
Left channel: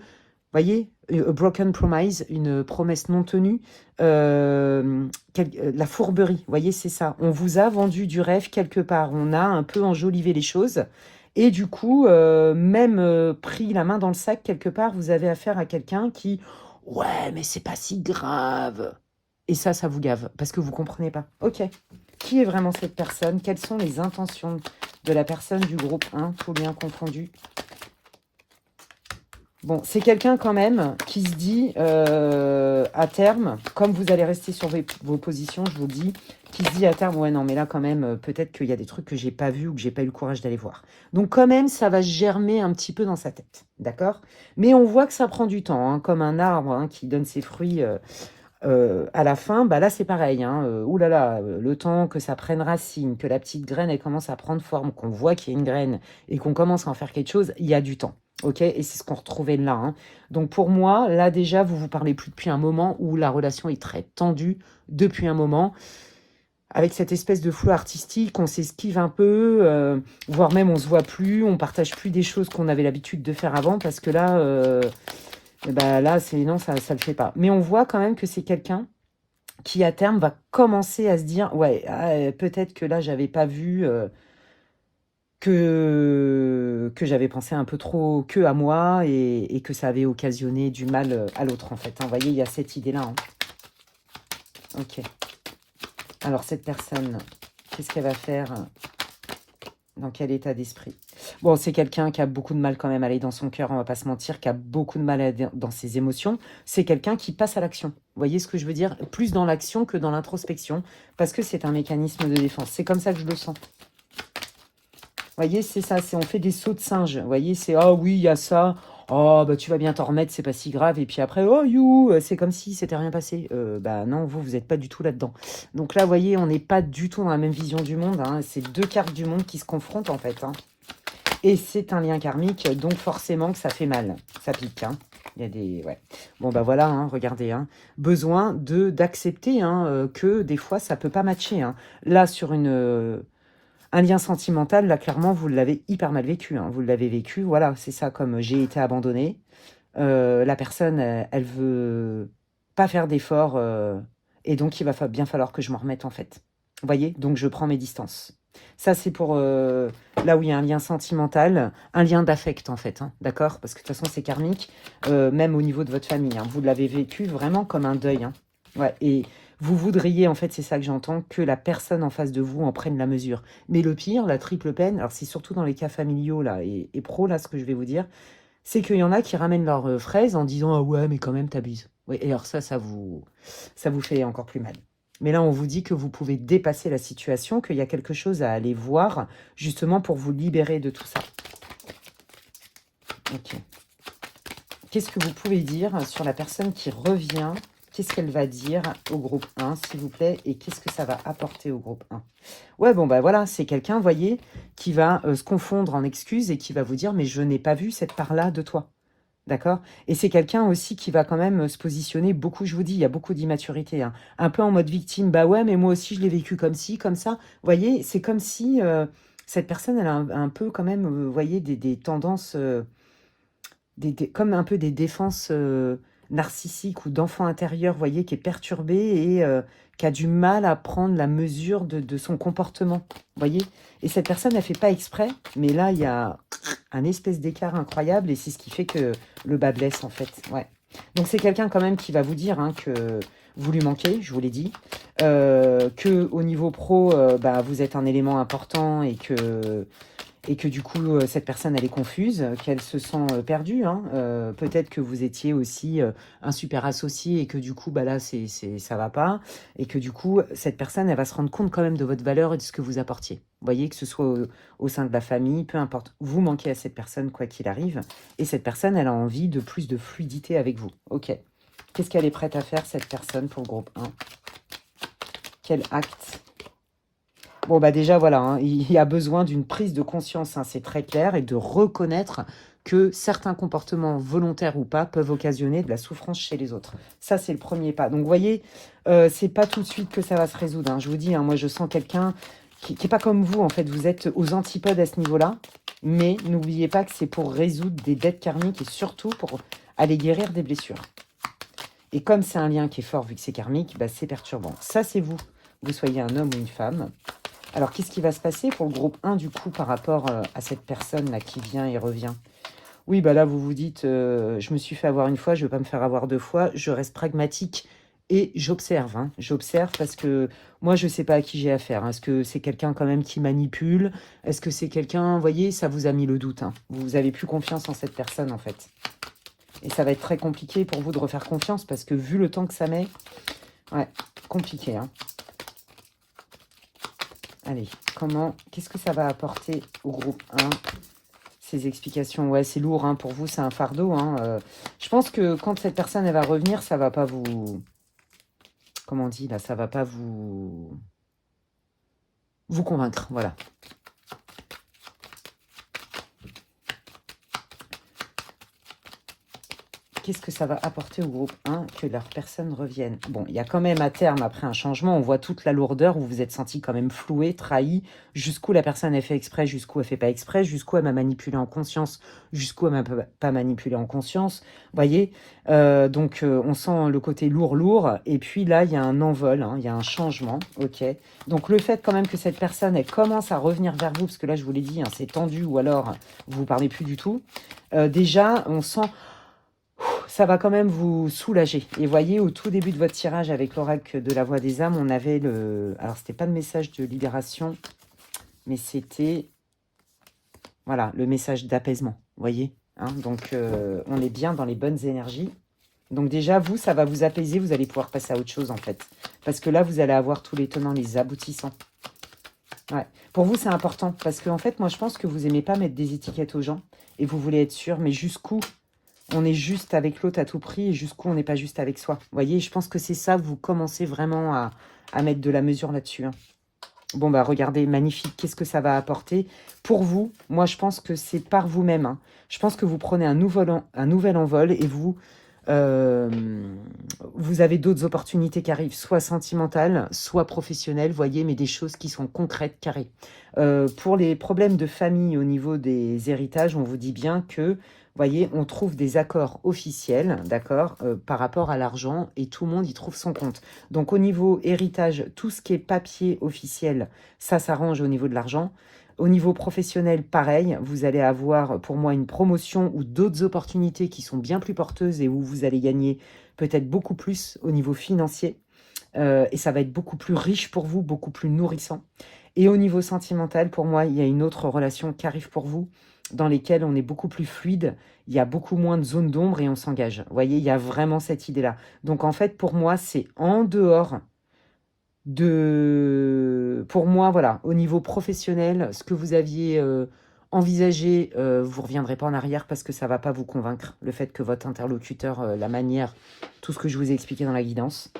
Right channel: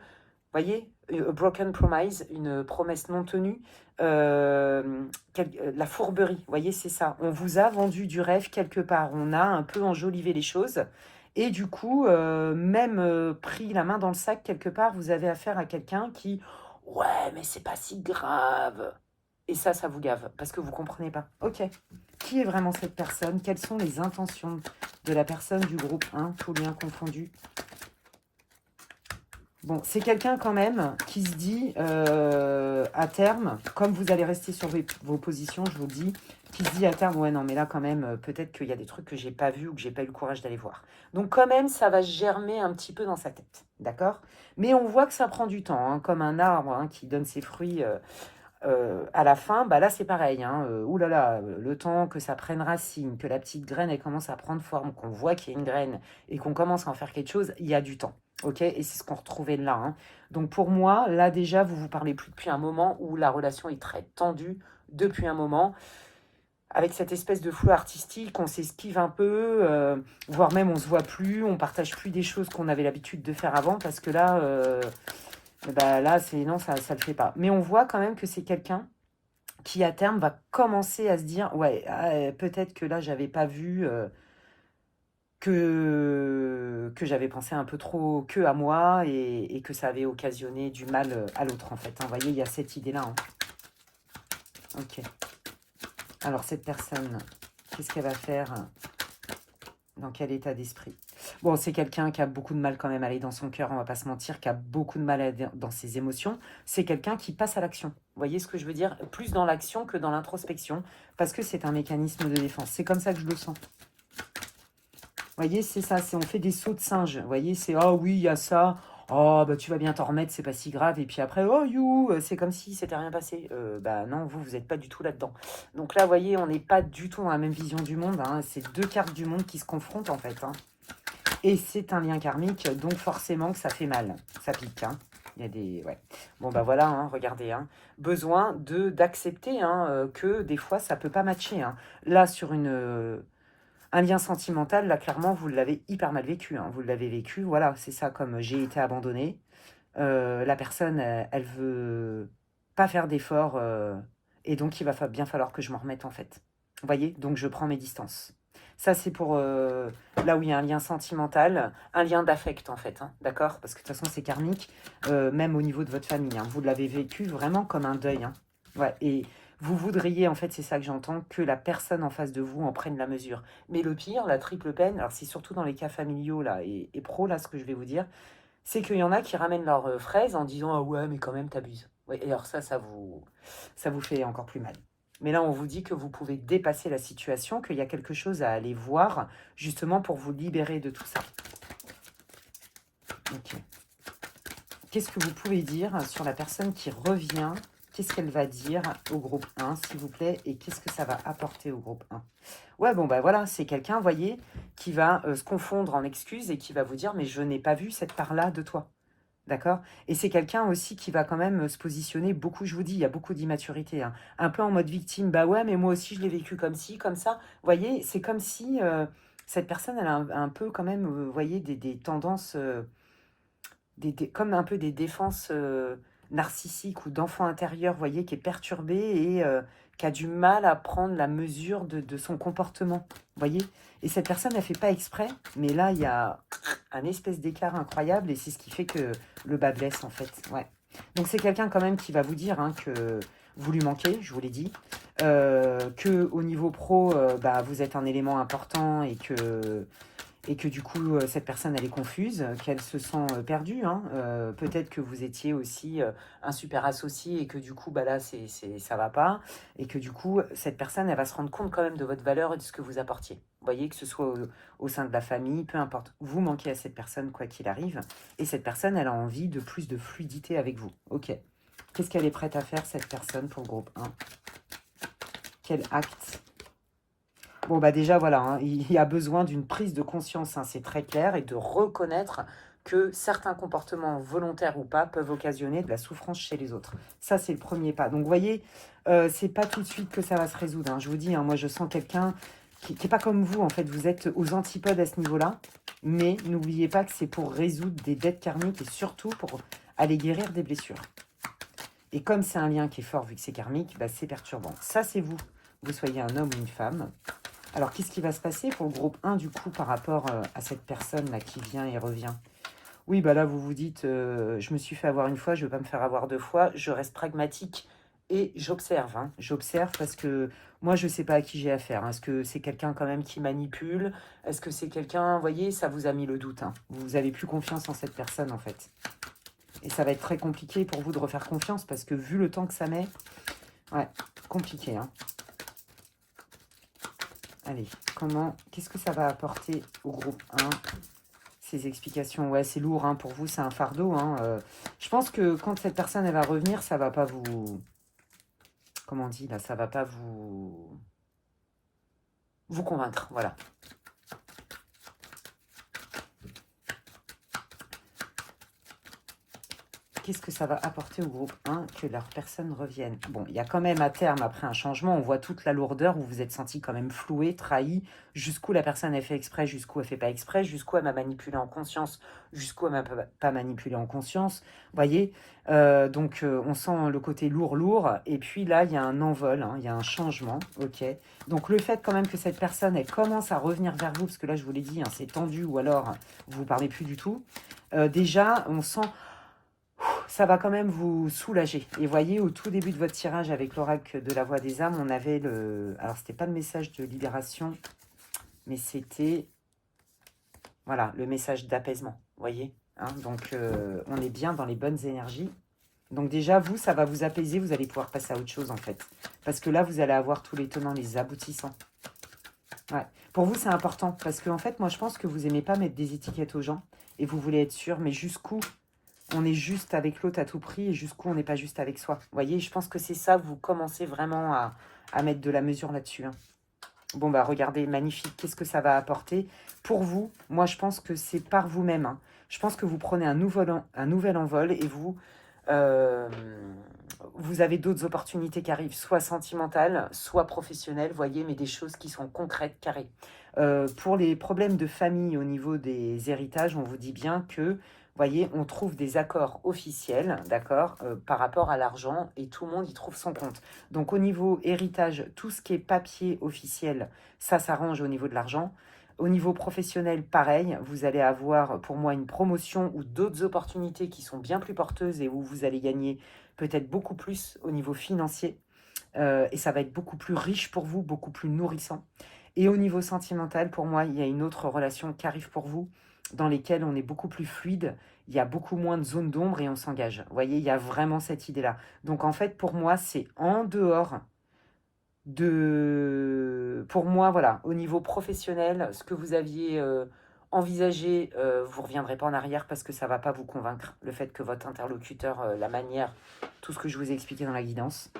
Voyez, a broken promise, une promesse non tenue, la fourberie, vous voyez, c'est ça. On vous a vendu du rêve quelque part, on a un peu enjolivé les choses, et du coup, même pris la main dans le sac quelque part, vous avez affaire à quelqu'un qui, ouais, mais c'est pas si grave. Et ça vous gave, parce que vous comprenez pas. Ok, qui est vraiment cette personne? Quelles sont les intentions de la personne du groupe 1, tout lien confondu? Bon, c'est quelqu'un quand même qui se dit à terme, comme vous allez rester sur vos positions, je vous le dis, qui se dit à terme, ouais non mais là quand même, peut-être qu'il y a des trucs que j'ai pas vus ou que j'ai pas eu le courage d'aller voir. Donc quand même, ça va germer un petit peu dans sa tête, d'accord? Mais on voit que ça prend du temps, hein, comme un arbre hein, qui donne ses fruits à la fin, bah là c'est pareil, hein, oulala, le temps que ça prenne racine, que la petite graine elle commence à prendre forme, qu'on voit qu'il y a une graine et qu'on commence à en faire quelque chose, il y a du temps. Ok, et c'est ce qu'on retrouvait là. Hein. Donc pour moi, là déjà, vous parlez plus depuis un moment où la relation est très tendue depuis un moment. Avec cette espèce de flou artistique, on s'esquive un peu, voire même on se voit plus, on partage plus des choses qu'on avait l'habitude de faire avant parce que là, là c'est non, ça le fait pas. Mais on voit quand même que c'est quelqu'un qui à terme va commencer à se dire, ouais, peut-être que là j'avais pas vu. Que j'avais pensé un peu trop que à moi et que ça avait occasionné du mal à l'autre en fait. Hein. Vous voyez, il y a cette idée-là. Hein. Ok. Alors cette personne, qu'est-ce qu'elle va faire? Dans quel état d'esprit? Bon, c'est quelqu'un qui a beaucoup de mal quand même à aller dans son cœur, on va pas se mentir, qui a beaucoup de mal à aller dans ses émotions. C'est quelqu'un qui passe à l'action. Vous voyez ce que je veux dire? Plus dans l'action que dans l'introspection, parce que c'est un mécanisme de défense. C'est comme ça que je le sens. Vous voyez, c'est ça, on fait des sauts de singe. Vous voyez, c'est ah oui, il y a ça. Oh, bah tu vas bien t'en remettre, c'est pas si grave. Et puis après, oh you, c'est comme si c'était rien passé. Bah non, vous n'êtes pas du tout là-dedans. Donc là, vous voyez, on n'est pas du tout dans la même vision du monde, hein. C'est deux cartes du monde qui se confrontent en fait, hein. Et c'est un lien karmique, donc forcément que ça fait mal. Ça pique, hein. Il y a des... Ouais. Bon, bah voilà, hein, regardez. Hein. Besoin d'accepter hein, que des fois, ça peut pas matcher. Hein. Là, sur un lien sentimental, là, clairement, vous l'avez hyper mal vécu. Hein. Vous l'avez vécu, voilà, c'est ça, comme j'ai été abandonnée. La personne, elle veut pas faire d'efforts. Et donc, il va bien falloir que je m'en remette, en fait. Vous voyez? Donc, je prends mes distances. Ça, c'est pour là où il y a un lien sentimental, un lien d'affect, en fait. Hein, d'accord? Parce que de toute façon, c'est karmique, même au niveau de votre famille. Hein, vous l'avez vécu vraiment comme un deuil. Hein. Ouais, et vous voudriez, en fait, c'est ça que j'entends, que la personne en face de vous en prenne la mesure. Mais le pire, la triple peine, alors c'est surtout dans les cas familiaux là, et pro, là, ce que je vais vous dire, c'est qu'il y en a qui ramènent leurs fraises en disant « Ah ouais, mais quand même, t'abuses. » Oui, et alors ça vous fait encore plus mal. Mais là, on vous dit que vous pouvez dépasser la situation, qu'il y a quelque chose à aller voir, justement pour vous libérer de tout ça. Ok. Qu'est-ce que vous pouvez dire sur la personne qui revient? Qu'est-ce qu'elle va dire au groupe 1, s'il vous plaît? Et qu'est-ce que ça va apporter au groupe 1? Ouais, bon, bah voilà, c'est quelqu'un, voyez, qui va se confondre en excuses et qui va vous dire « Mais je n'ai pas vu cette part-là de toi. » D'accord? Et c'est quelqu'un aussi qui va quand même se positionner beaucoup, je vous dis, il y a beaucoup d'immaturité. Hein. Un peu en mode victime, bah ouais, mais moi aussi je l'ai vécu comme ci, comme ça. Vous voyez, c'est comme si cette personne, elle a un peu quand même, vous voyez, des tendances, comme un peu des défenses narcissiques ou d'enfant intérieur, vous voyez, qui est perturbé et qui a du mal à prendre la mesure de son comportement. Vous voyez? Et cette personne, elle ne fait pas exprès, mais là, il y a un espèce d'écart incroyable et c'est ce qui fait que le bas blesse, en fait. Ouais. Donc, c'est quelqu'un quand même qui va vous dire hein, que vous lui manquez, je vous l'ai dit, que au niveau pro, bah, vous êtes un élément important et que du coup, cette personne, elle est confuse, qu'elle se sent perdue. Hein. Peut-être que vous étiez aussi un super associé et que du coup, bah là, ça va pas. Et que du coup, cette personne, elle va se rendre compte quand même de votre valeur et de ce que vous apportiez. Vous voyez, que ce soit au sein de la famille, peu importe. Vous manquez à cette personne, quoi qu'il arrive. Et cette personne, elle a envie de plus de fluidité avec vous. Ok. Qu'est-ce qu'elle est prête à faire, cette personne, pour le groupe 1? Quel acte? Bon, bah déjà, voilà, hein, il y a besoin d'une prise de conscience, hein, c'est très clair, et de reconnaître que certains comportements, volontaires ou pas, peuvent occasionner de la souffrance chez les autres. Ça, c'est le premier pas. Donc, vous voyez, c'est pas tout de suite que ça va se résoudre. Hein. Je vous dis, hein, moi, je sens quelqu'un qui n'est pas comme vous, en fait. Vous êtes aux antipodes à ce niveau-là, mais n'oubliez pas que c'est pour résoudre des dettes karmiques et surtout pour aller guérir des blessures. Et comme c'est un lien qui est fort, vu que c'est karmique, bah, c'est perturbant. Ça, c'est vous. Vous soyez un homme ou une femme. Alors, qu'est-ce qui va se passer pour le groupe 1, du coup, par rapport à cette personne-là qui vient et revient? Oui, bah là, vous vous dites, je me suis fait avoir une fois, je ne vais pas me faire avoir deux fois, je reste pragmatique et j'observe. Hein. J'observe parce que moi, je ne sais pas à qui j'ai affaire. Hein. Est-ce que c'est quelqu'un quand même qui manipule? Est-ce que c'est quelqu'un, vous voyez, ça vous a mis le doute. Hein. Vous n'avez plus confiance en cette personne, en fait. Et ça va être très compliqué pour vous de refaire confiance parce que vu le temps que ça met, ouais, compliqué, hein. Allez, qu'est-ce que ça va apporter au groupe 1, ces explications? Ouais, c'est lourd, hein, pour vous, c'est un fardeau. Hein, je pense que quand cette personne, elle va revenir, ça va pas vous... Comment on dit, là? Ça va pas vous convaincre, voilà. Qu'est-ce que ça va apporter au groupe 1 que leur personne revienne? Bon, il y a quand même à terme, après un changement, on voit toute la lourdeur où vous vous êtes senti quand même floué, trahi, jusqu'où la personne a fait exprès, jusqu'où elle fait pas exprès, jusqu'où elle m'a manipulé en conscience, jusqu'où elle m'a pas manipulé en conscience. Vous voyez, donc on sent le côté lourd, et puis là, il y a un envol, hein, il y a un changement, ok. Donc le fait quand même que cette personne, elle commence à revenir vers vous, parce que là, je vous l'ai dit, hein, c'est tendu, ou alors vous ne parlez plus du tout, déjà, on sent... Ça va quand même vous soulager. Et voyez, au tout début de votre tirage avec l'oracle de la voix des âmes, on avait le... Alors, c'était pas le message de libération, mais c'était Voilà, le message d'apaisement, vous voyez, hein. Donc, on est bien dans les bonnes énergies. Donc déjà, vous, ça va vous apaiser, vous allez pouvoir passer à autre chose, en fait. Parce que là, vous allez avoir tous les tenants, les aboutissants. Ouais. Pour vous, c'est important. Parce qu'en fait, moi, je pense que vous n'aimez pas mettre des étiquettes aux gens. Et vous voulez être sûr, mais jusqu'où on est juste avec l'autre à tout prix et jusqu'où on n'est pas juste avec soi. Vous voyez, je pense que c'est ça, vous commencez vraiment à mettre de la mesure là-dessus, hein. Bon, bah regardez, magnifique. Qu'est-ce que ça va apporter pour vous? Moi, je pense que c'est par vous-même, hein. Je pense que vous prenez un nouvel envol et vous avez d'autres opportunités qui arrivent, soit sentimentales, soit professionnelles, voyez, mais des choses qui sont concrètes, carrées. Pour les problèmes de famille au niveau des héritages, on vous dit bien que, voyez, on trouve des accords officiels, d'accord, par rapport à l'argent, et tout le monde y trouve son compte. Donc au niveau héritage, tout ce qui est papier officiel, ça s'arrange au niveau de l'argent. Au niveau professionnel, pareil, vous allez avoir pour moi une promotion ou d'autres opportunités qui sont bien plus porteuses et où vous allez gagner peut-être beaucoup plus au niveau financier. Et ça va être beaucoup plus riche pour vous, beaucoup plus nourrissant. Et au niveau sentimental, pour moi, il y a une autre relation qui arrive pour vous, dans lesquelles on est beaucoup plus fluide, il y a beaucoup moins de zones d'ombre et on s'engage. Vous voyez, il y a vraiment cette idée-là. Donc en fait, pour moi, c'est en dehors pour moi, voilà, au niveau professionnel, ce que vous aviez envisagé, vous ne reviendrez pas en arrière parce que ça ne va pas vous convaincre. Le fait que votre interlocuteur, la manière, tout ce que je vous ai expliqué dans la guidance.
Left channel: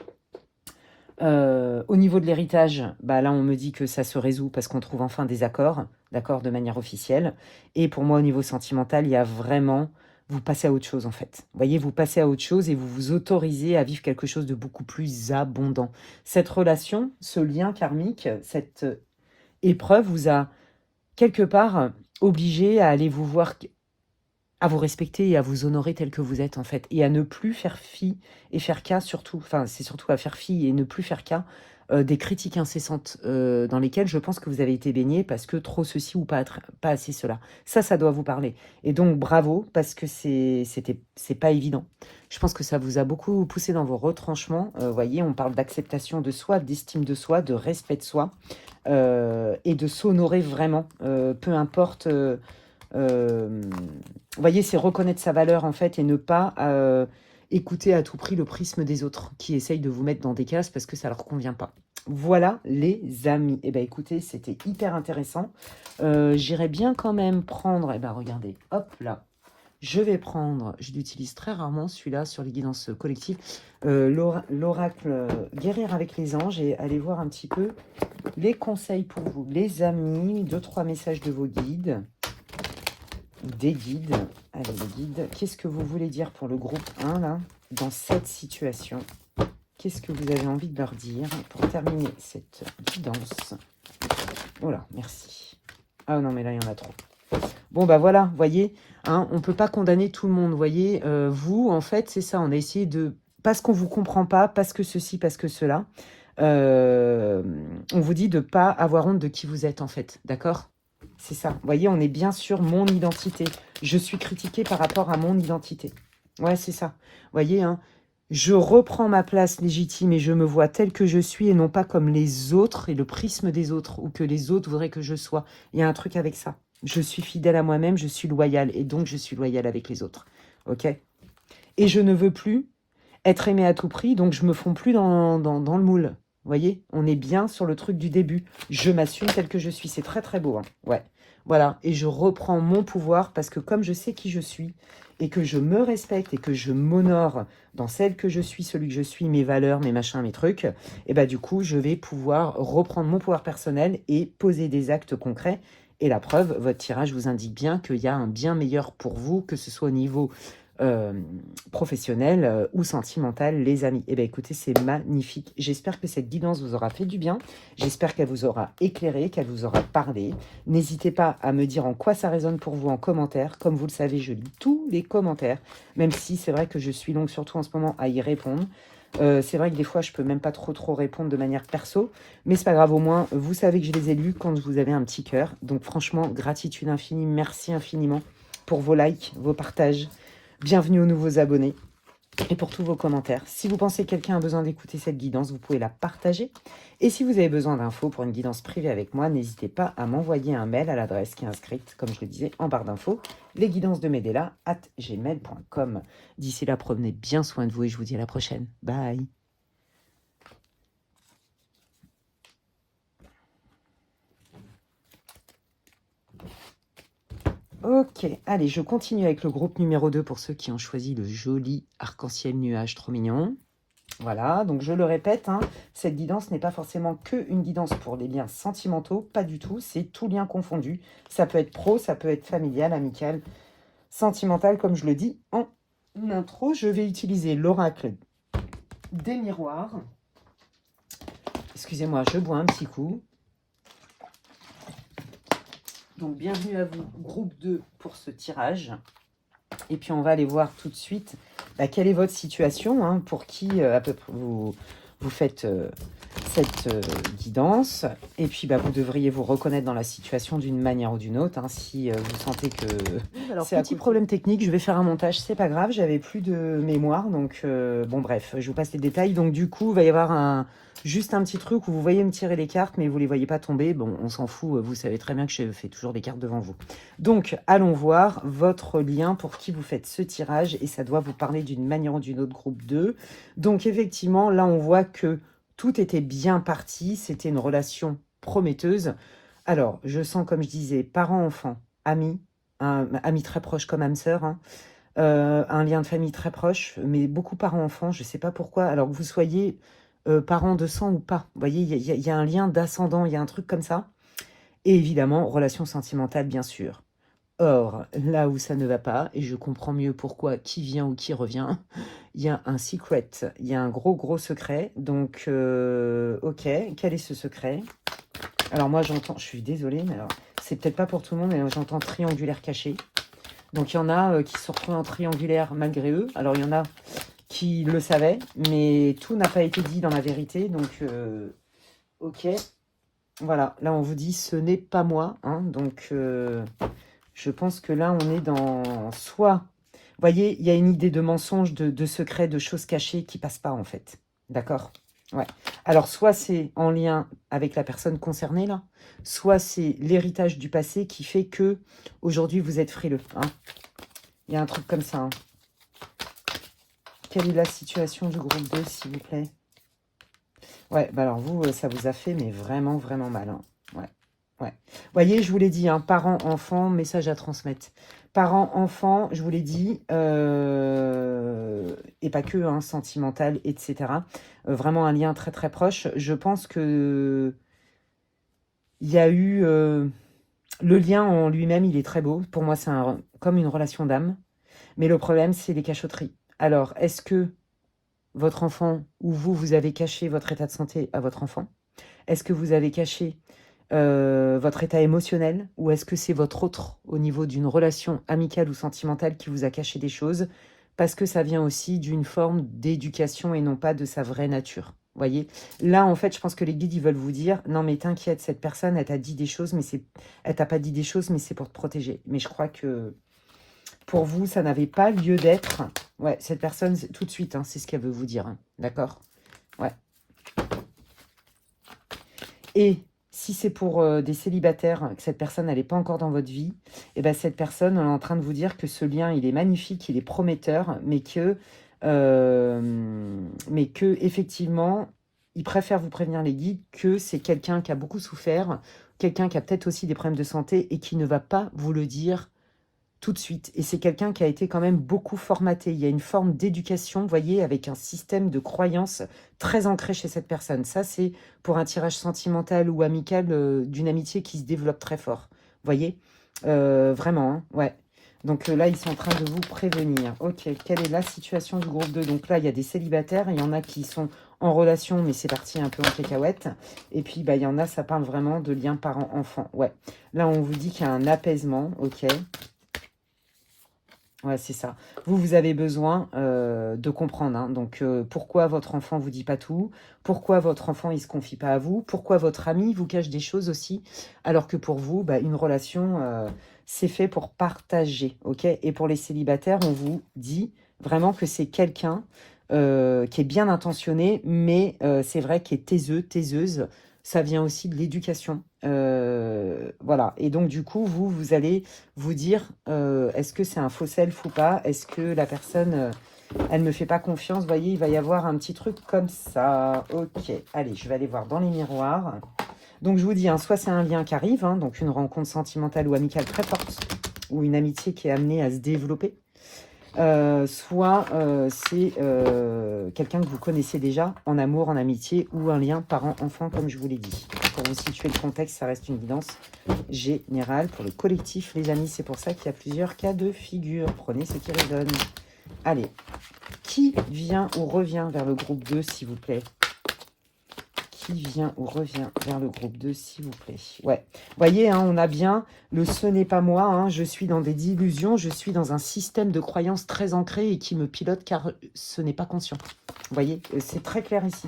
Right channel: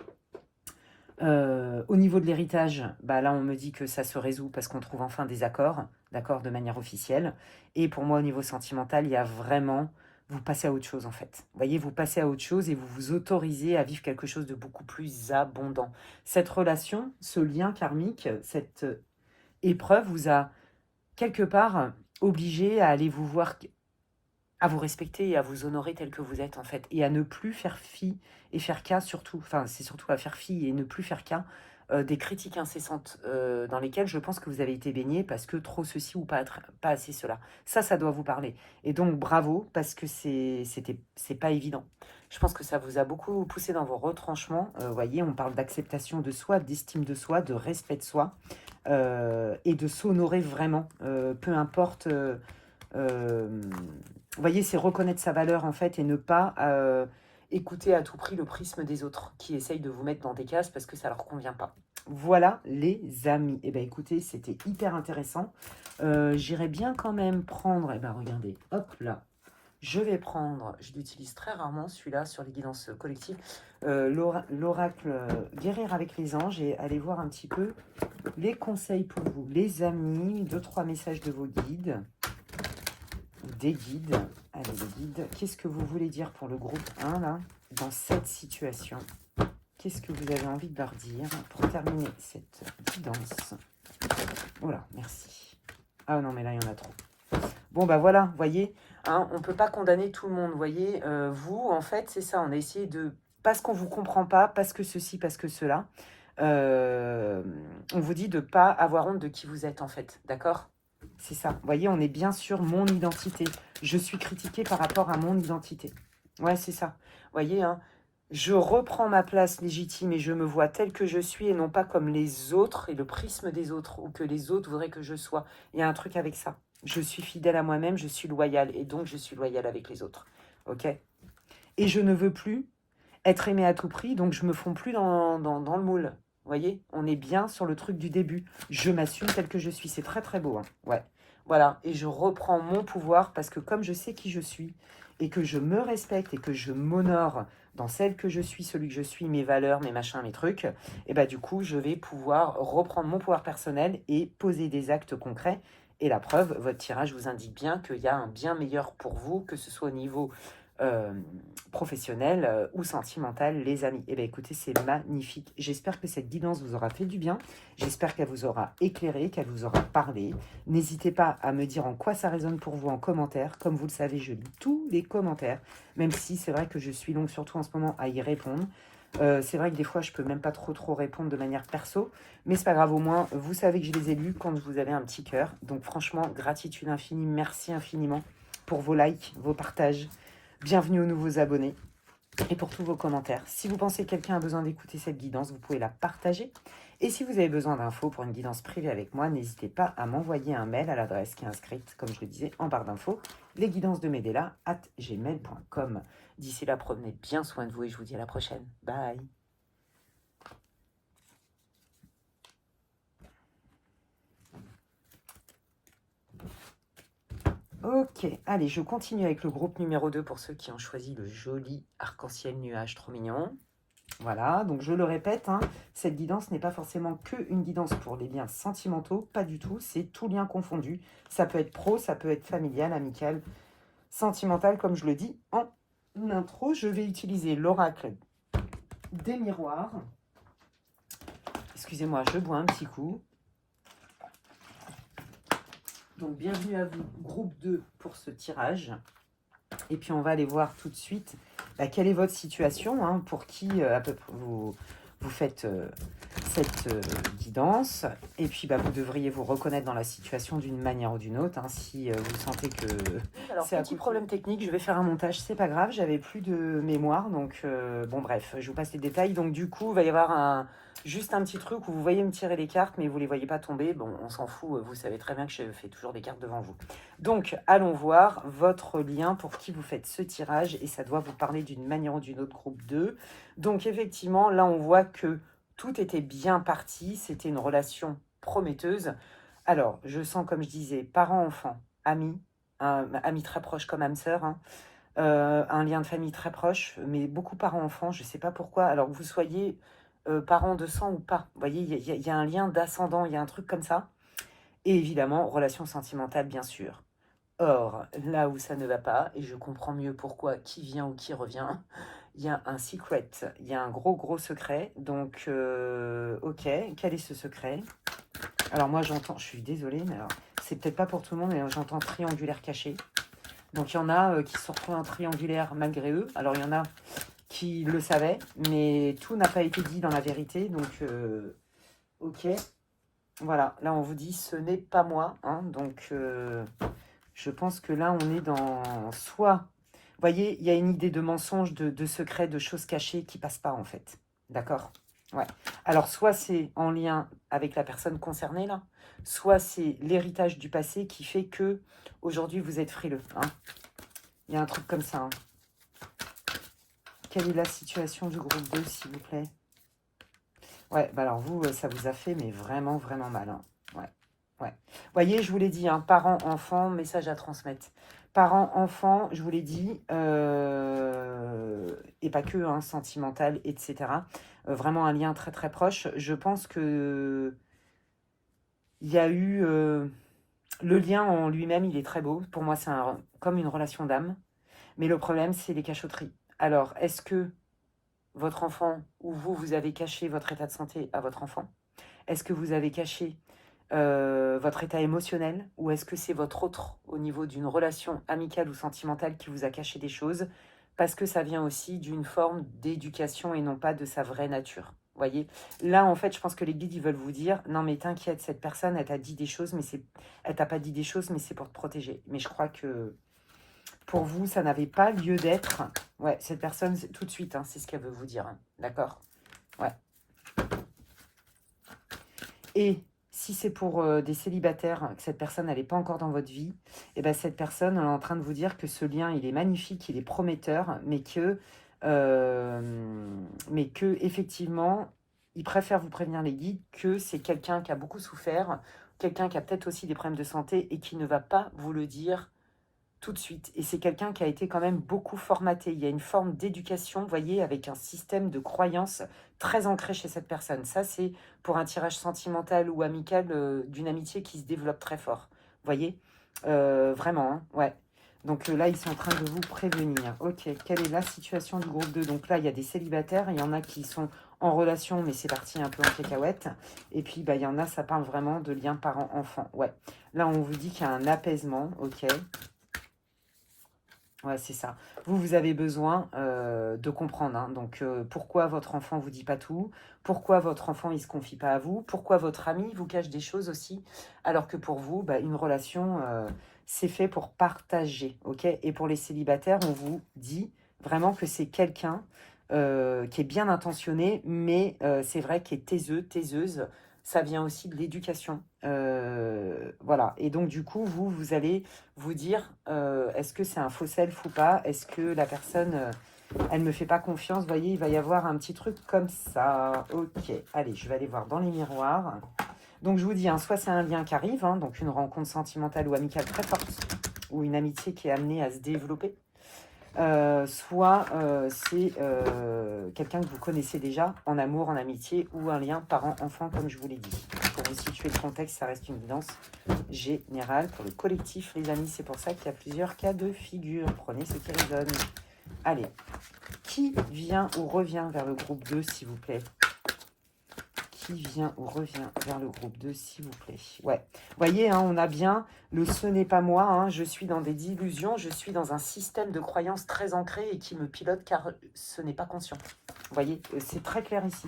Au niveau de l'héritage, bah là, on me dit que ça se résout parce qu'on trouve enfin des accords, d'accord, de manière officielle. Et pour moi, au niveau sentimental, il y a vraiment... Vous passez à autre chose, en fait. Vous voyez, vous passez à autre chose et vous vous autorisez à vivre quelque chose de beaucoup plus abondant. Cette relation, ce lien karmique, cette épreuve vous a quelque part obligé à aller vous voir, à vous respecter et à vous honorer tel que vous êtes, en fait, et à ne plus faire fi et faire cas, surtout, enfin, c'est surtout à faire fi et ne plus faire cas des critiques incessantes dans lesquelles je pense que vous avez été baigné parce que trop ceci ou pas assez cela. Ça doit vous parler. Et donc, bravo, parce que c'est pas évident. Je pense que ça vous a beaucoup poussé dans vos retranchements. Voyez, on parle d'acceptation de soi, d'estime de soi, de respect de soi et de s'honorer vraiment, peu importe... vous voyez, c'est reconnaître sa valeur en fait et ne pas écouter à tout prix le prisme des autres qui essayent de vous mettre dans des cases parce que ça leur convient pas. Voilà les amis. Eh bien écoutez, c'était hyper intéressant. J'irais bien quand même prendre, eh ben regardez, hop là. Je vais prendre, je l'utilise très rarement celui-là sur les guidances collectives, l'oracle guérir avec les anges et aller voir un petit peu les conseils pour vous. Les amis, 2-3 messages de vos guides. Des guides. Allez, les guides. Qu'est-ce que vous voulez dire pour le groupe 1, là, dans cette situation? Qu'est-ce que vous avez envie de leur dire pour terminer cette guidance? Voilà, merci. Ah non, mais là, il y en a trop. Bon, bah voilà, vous voyez, hein, on ne peut pas condamner tout le monde, vous voyez. Vous, en fait, c'est ça, on a essayé de... Parce qu'on ne vous comprend pas, parce que ceci, parce que cela, on vous dit de ne pas avoir honte de qui vous êtes, en fait, d'accord? C'est ça. Vous voyez, on est bien sur mon identité. Je suis critiquée par rapport à mon identité. Ouais, c'est ça. Vous voyez, hein, je reprends ma place légitime et je me vois telle que je suis et non pas comme les autres et le prisme des autres ou que les autres voudraient que je sois. Il y a un truc avec ça. Je suis fidèle à moi-même, je suis loyale et donc je suis loyale avec les autres. Ok? Et je ne veux plus être aimée à tout prix, donc je me fonds plus dans le moule. Vous voyez, on est bien sur le truc du début. Je m'assume tel que je suis. C'est très, très beau. Hein. Ouais. Voilà. Et je reprends mon pouvoir parce que comme je sais qui je suis et que je me respecte et que je m'honore dans celle que je suis, celui que je suis, mes valeurs, mes machins, mes trucs, et bah du coup, je vais pouvoir reprendre mon pouvoir personnel et poser des actes concrets. Et la preuve, votre tirage vous indique bien qu'il y a un bien meilleur pour vous, que ce soit au niveau professionnel ou sentimental, les amis. Eh bien, écoutez, c'est magnifique. J'espère que cette guidance vous aura fait du bien. J'espère qu'elle vous aura éclairé, qu'elle vous aura parlé. N'hésitez pas à me dire en quoi ça résonne pour vous en commentaire. Comme vous le savez, je lis tous les commentaires, même si c'est vrai que je suis longue, surtout en ce moment, à y répondre. C'est vrai que des fois, je peux même pas trop répondre de manière perso, mais c'est pas grave, au moins, vous savez que je les ai lus quand vous avez un petit cœur. Donc franchement, gratitude infinie, merci infiniment pour vos likes, vos partages. Bienvenue aux nouveaux abonnés et pour tous vos commentaires. Si vous pensez que quelqu'un a besoin d'écouter cette guidance, vous pouvez la partager Et si vous avez besoin d'infos pour une guidance privée avec moi, n'hésitez pas à m'envoyer un mail à l'adresse qui est inscrite, comme je le disais, en barre d'infos, lesguidancesdemedella@gmail.com. D'ici là, prenez bien soin de vous et je vous dis à la prochaine. Bye. Ok, allez, je continue avec le groupe numéro 2 pour ceux qui ont choisi le joli arc-en-ciel nuage trop mignon. Voilà, donc je le répète, hein, cette guidance n'est pas forcément qu'une guidance pour les liens sentimentaux, pas du tout, c'est tout lien confondu. Ça peut être pro, ça peut être familial, amical, sentimental, comme je le dis en intro. Je vais utiliser l'oracle des miroirs. Excusez-moi, je bois un petit coup. Donc, bienvenue à vous, groupe 2, pour ce tirage. Et puis, on va aller voir tout de suite quelle est votre situation, hein, pour qui à peu près vous faites cette guidance. Et puis, vous devriez vous reconnaître dans la situation d'une manière ou d'une autre, hein, si vous sentez que c'est un petit problème technique. Je vais faire un montage, c'est pas grave, j'avais plus de mémoire. Donc, bon, bref, je vous passe les détails. Donc, du coup, il va y avoir juste un petit truc où vous voyez me tirer les cartes, mais vous ne les voyez pas tomber. Bon, on s'en fout, vous savez très bien que je fais toujours des cartes devant vous. Donc, allons voir votre lien pour qui vous faites ce tirage, et ça doit vous parler d'une manière ou d'une autre, groupe 2. Donc, effectivement, là, on voit que tout était bien parti, c'était une relation prometteuse. Alors, je sens, comme je disais, parents-enfants, amis, amis très proches comme âme sœur, hein. Un lien de famille très proche, mais beaucoup parents-enfants, je ne sais pas pourquoi. Alors que vous soyez parents de sang ou pas, vous voyez, il y a un lien d'ascendant, il y a un truc comme ça. Et évidemment, relation sentimentale, bien sûr. Or, là où ça ne va pas, et je comprends mieux pourquoi qui vient ou qui revient, il y a un secret, il y a un gros secret. Donc, ok, quel est ce secret? Alors moi, j'entends, je suis désolée, mais alors, c'est peut-être pas pour tout le monde, mais j'entends triangulaire caché. Donc, il y en a qui sortent un triangulaire malgré eux. Alors, il y en a qui le savaient, mais tout n'a pas été dit dans la vérité. Donc, ok, voilà, là, on vous dit, ce n'est pas moi, hein, donc... je pense que là, on est dans soit... Vous voyez, il y a une idée de mensonge, de secret, de choses cachées qui ne passent pas, en fait. D'accord? Ouais. Alors, soit c'est en lien avec la personne concernée, là, soit c'est l'héritage du passé qui fait que aujourd'hui vous êtes frileux. Hein. Il y a un truc comme ça. Hein. Quelle est la situation du groupe 2, s'il vous plaît? Ouais, alors vous, ça vous a fait, mais vraiment mal. Hein. Ouais. Ouais. Vous voyez, je vous l'ai dit, hein, parents, enfants, message à transmettre. Parents, enfants, je vous l'ai dit, et pas que, hein, sentimental, etc. Vraiment un lien très proche. Je pense que il y a eu... le lien en lui-même, il est très beau. Pour moi, c'est comme une relation d'âme. Mais le problème, c'est les cachotteries. Alors, est-ce que votre enfant ou vous avez caché votre état de santé à votre enfant? Est-ce que vous avez caché votre état émotionnel, ou est-ce que c'est votre autre au niveau d'une relation amicale ou sentimentale qui vous a caché des choses, parce que ça vient aussi d'une forme d'éducation et non pas de sa vraie nature. Vous voyez, là en fait je pense que les guides ils veulent vous dire non mais t'inquiète, cette personne elle t'a dit des choses, mais elle t'a pas dit des choses, mais c'est pour te protéger. Mais je crois que pour vous ça n'avait pas lieu d'être. Ouais, cette personne tout de suite, hein, c'est ce qu'elle veut vous dire, hein. D'accord. Ouais. Et si c'est pour des célibataires, que cette personne n'est pas encore dans votre vie, et ben cette personne, on est en train de vous dire que ce lien, il est magnifique, il est prometteur, mais que effectivement, il préfère vous prévenir, les guides, que c'est quelqu'un qui a beaucoup souffert, quelqu'un qui a peut-être aussi des problèmes de santé et qui ne va pas vous le dire tout de suite. Et c'est quelqu'un qui a été quand même beaucoup formaté. Il y a une forme d'éducation, vous voyez, avec un système de croyance très ancré chez cette personne. Ça, c'est pour un tirage sentimental ou amical d'une amitié qui se développe très fort. Vous voyez, vraiment, hein, ouais. Donc là, ils sont en train de vous prévenir. Ok, quelle est la situation du groupe 2? Donc là, il y a des célibataires, il y en a qui sont en relation, mais c'est parti un peu en cacahuète. Et puis, il y en a, ça parle vraiment de lien parent-enfant. Ouais, là, on vous dit qu'il y a un apaisement, ok. Ouais, c'est ça. Vous avez besoin de comprendre. Hein. Donc, pourquoi votre enfant ne vous dit pas tout? Pourquoi votre enfant, il ne se confie pas à vous? Pourquoi votre ami vous cache des choses aussi? Alors que pour vous, une relation, c'est fait pour partager. Ok. Et pour les célibataires, on vous dit vraiment que c'est quelqu'un qui est bien intentionné, mais c'est vrai qu'il est taiseux, taiseuse. Ça vient aussi de l'éducation. Voilà. Et donc, du coup, vous allez vous dire, est-ce que c'est un faux self ou pas? Est-ce que la personne, elle ne me fait pas confiance? Vous voyez, il va y avoir un petit truc comme ça. Ok, allez, je vais aller voir dans les miroirs. Donc, je vous dis, hein, soit c'est un lien qui arrive, hein, donc une rencontre sentimentale ou amicale très forte, ou une amitié qui est amenée à se développer. Soit c'est quelqu'un que vous connaissez déjà, en amour, en amitié, ou un lien parent-enfant, comme je vous l'ai dit. Pour vous situer le contexte, ça reste une évidence générale. Pour le collectif, les amis, c'est pour ça qu'il y a plusieurs cas de figure. Prenez ce qui résonne. Allez, qui vient ou revient vers le groupe 2, s'il vous plaît? Qui vient ou revient vers le groupe 2, s'il vous plaît? Ouais, vous voyez, hein, on a bien le « ce n'est pas moi hein, », je suis dans des illusions, je suis dans un système de croyances très ancré et qui me pilote car ce n'est pas conscient. Vous voyez, c'est très clair ici.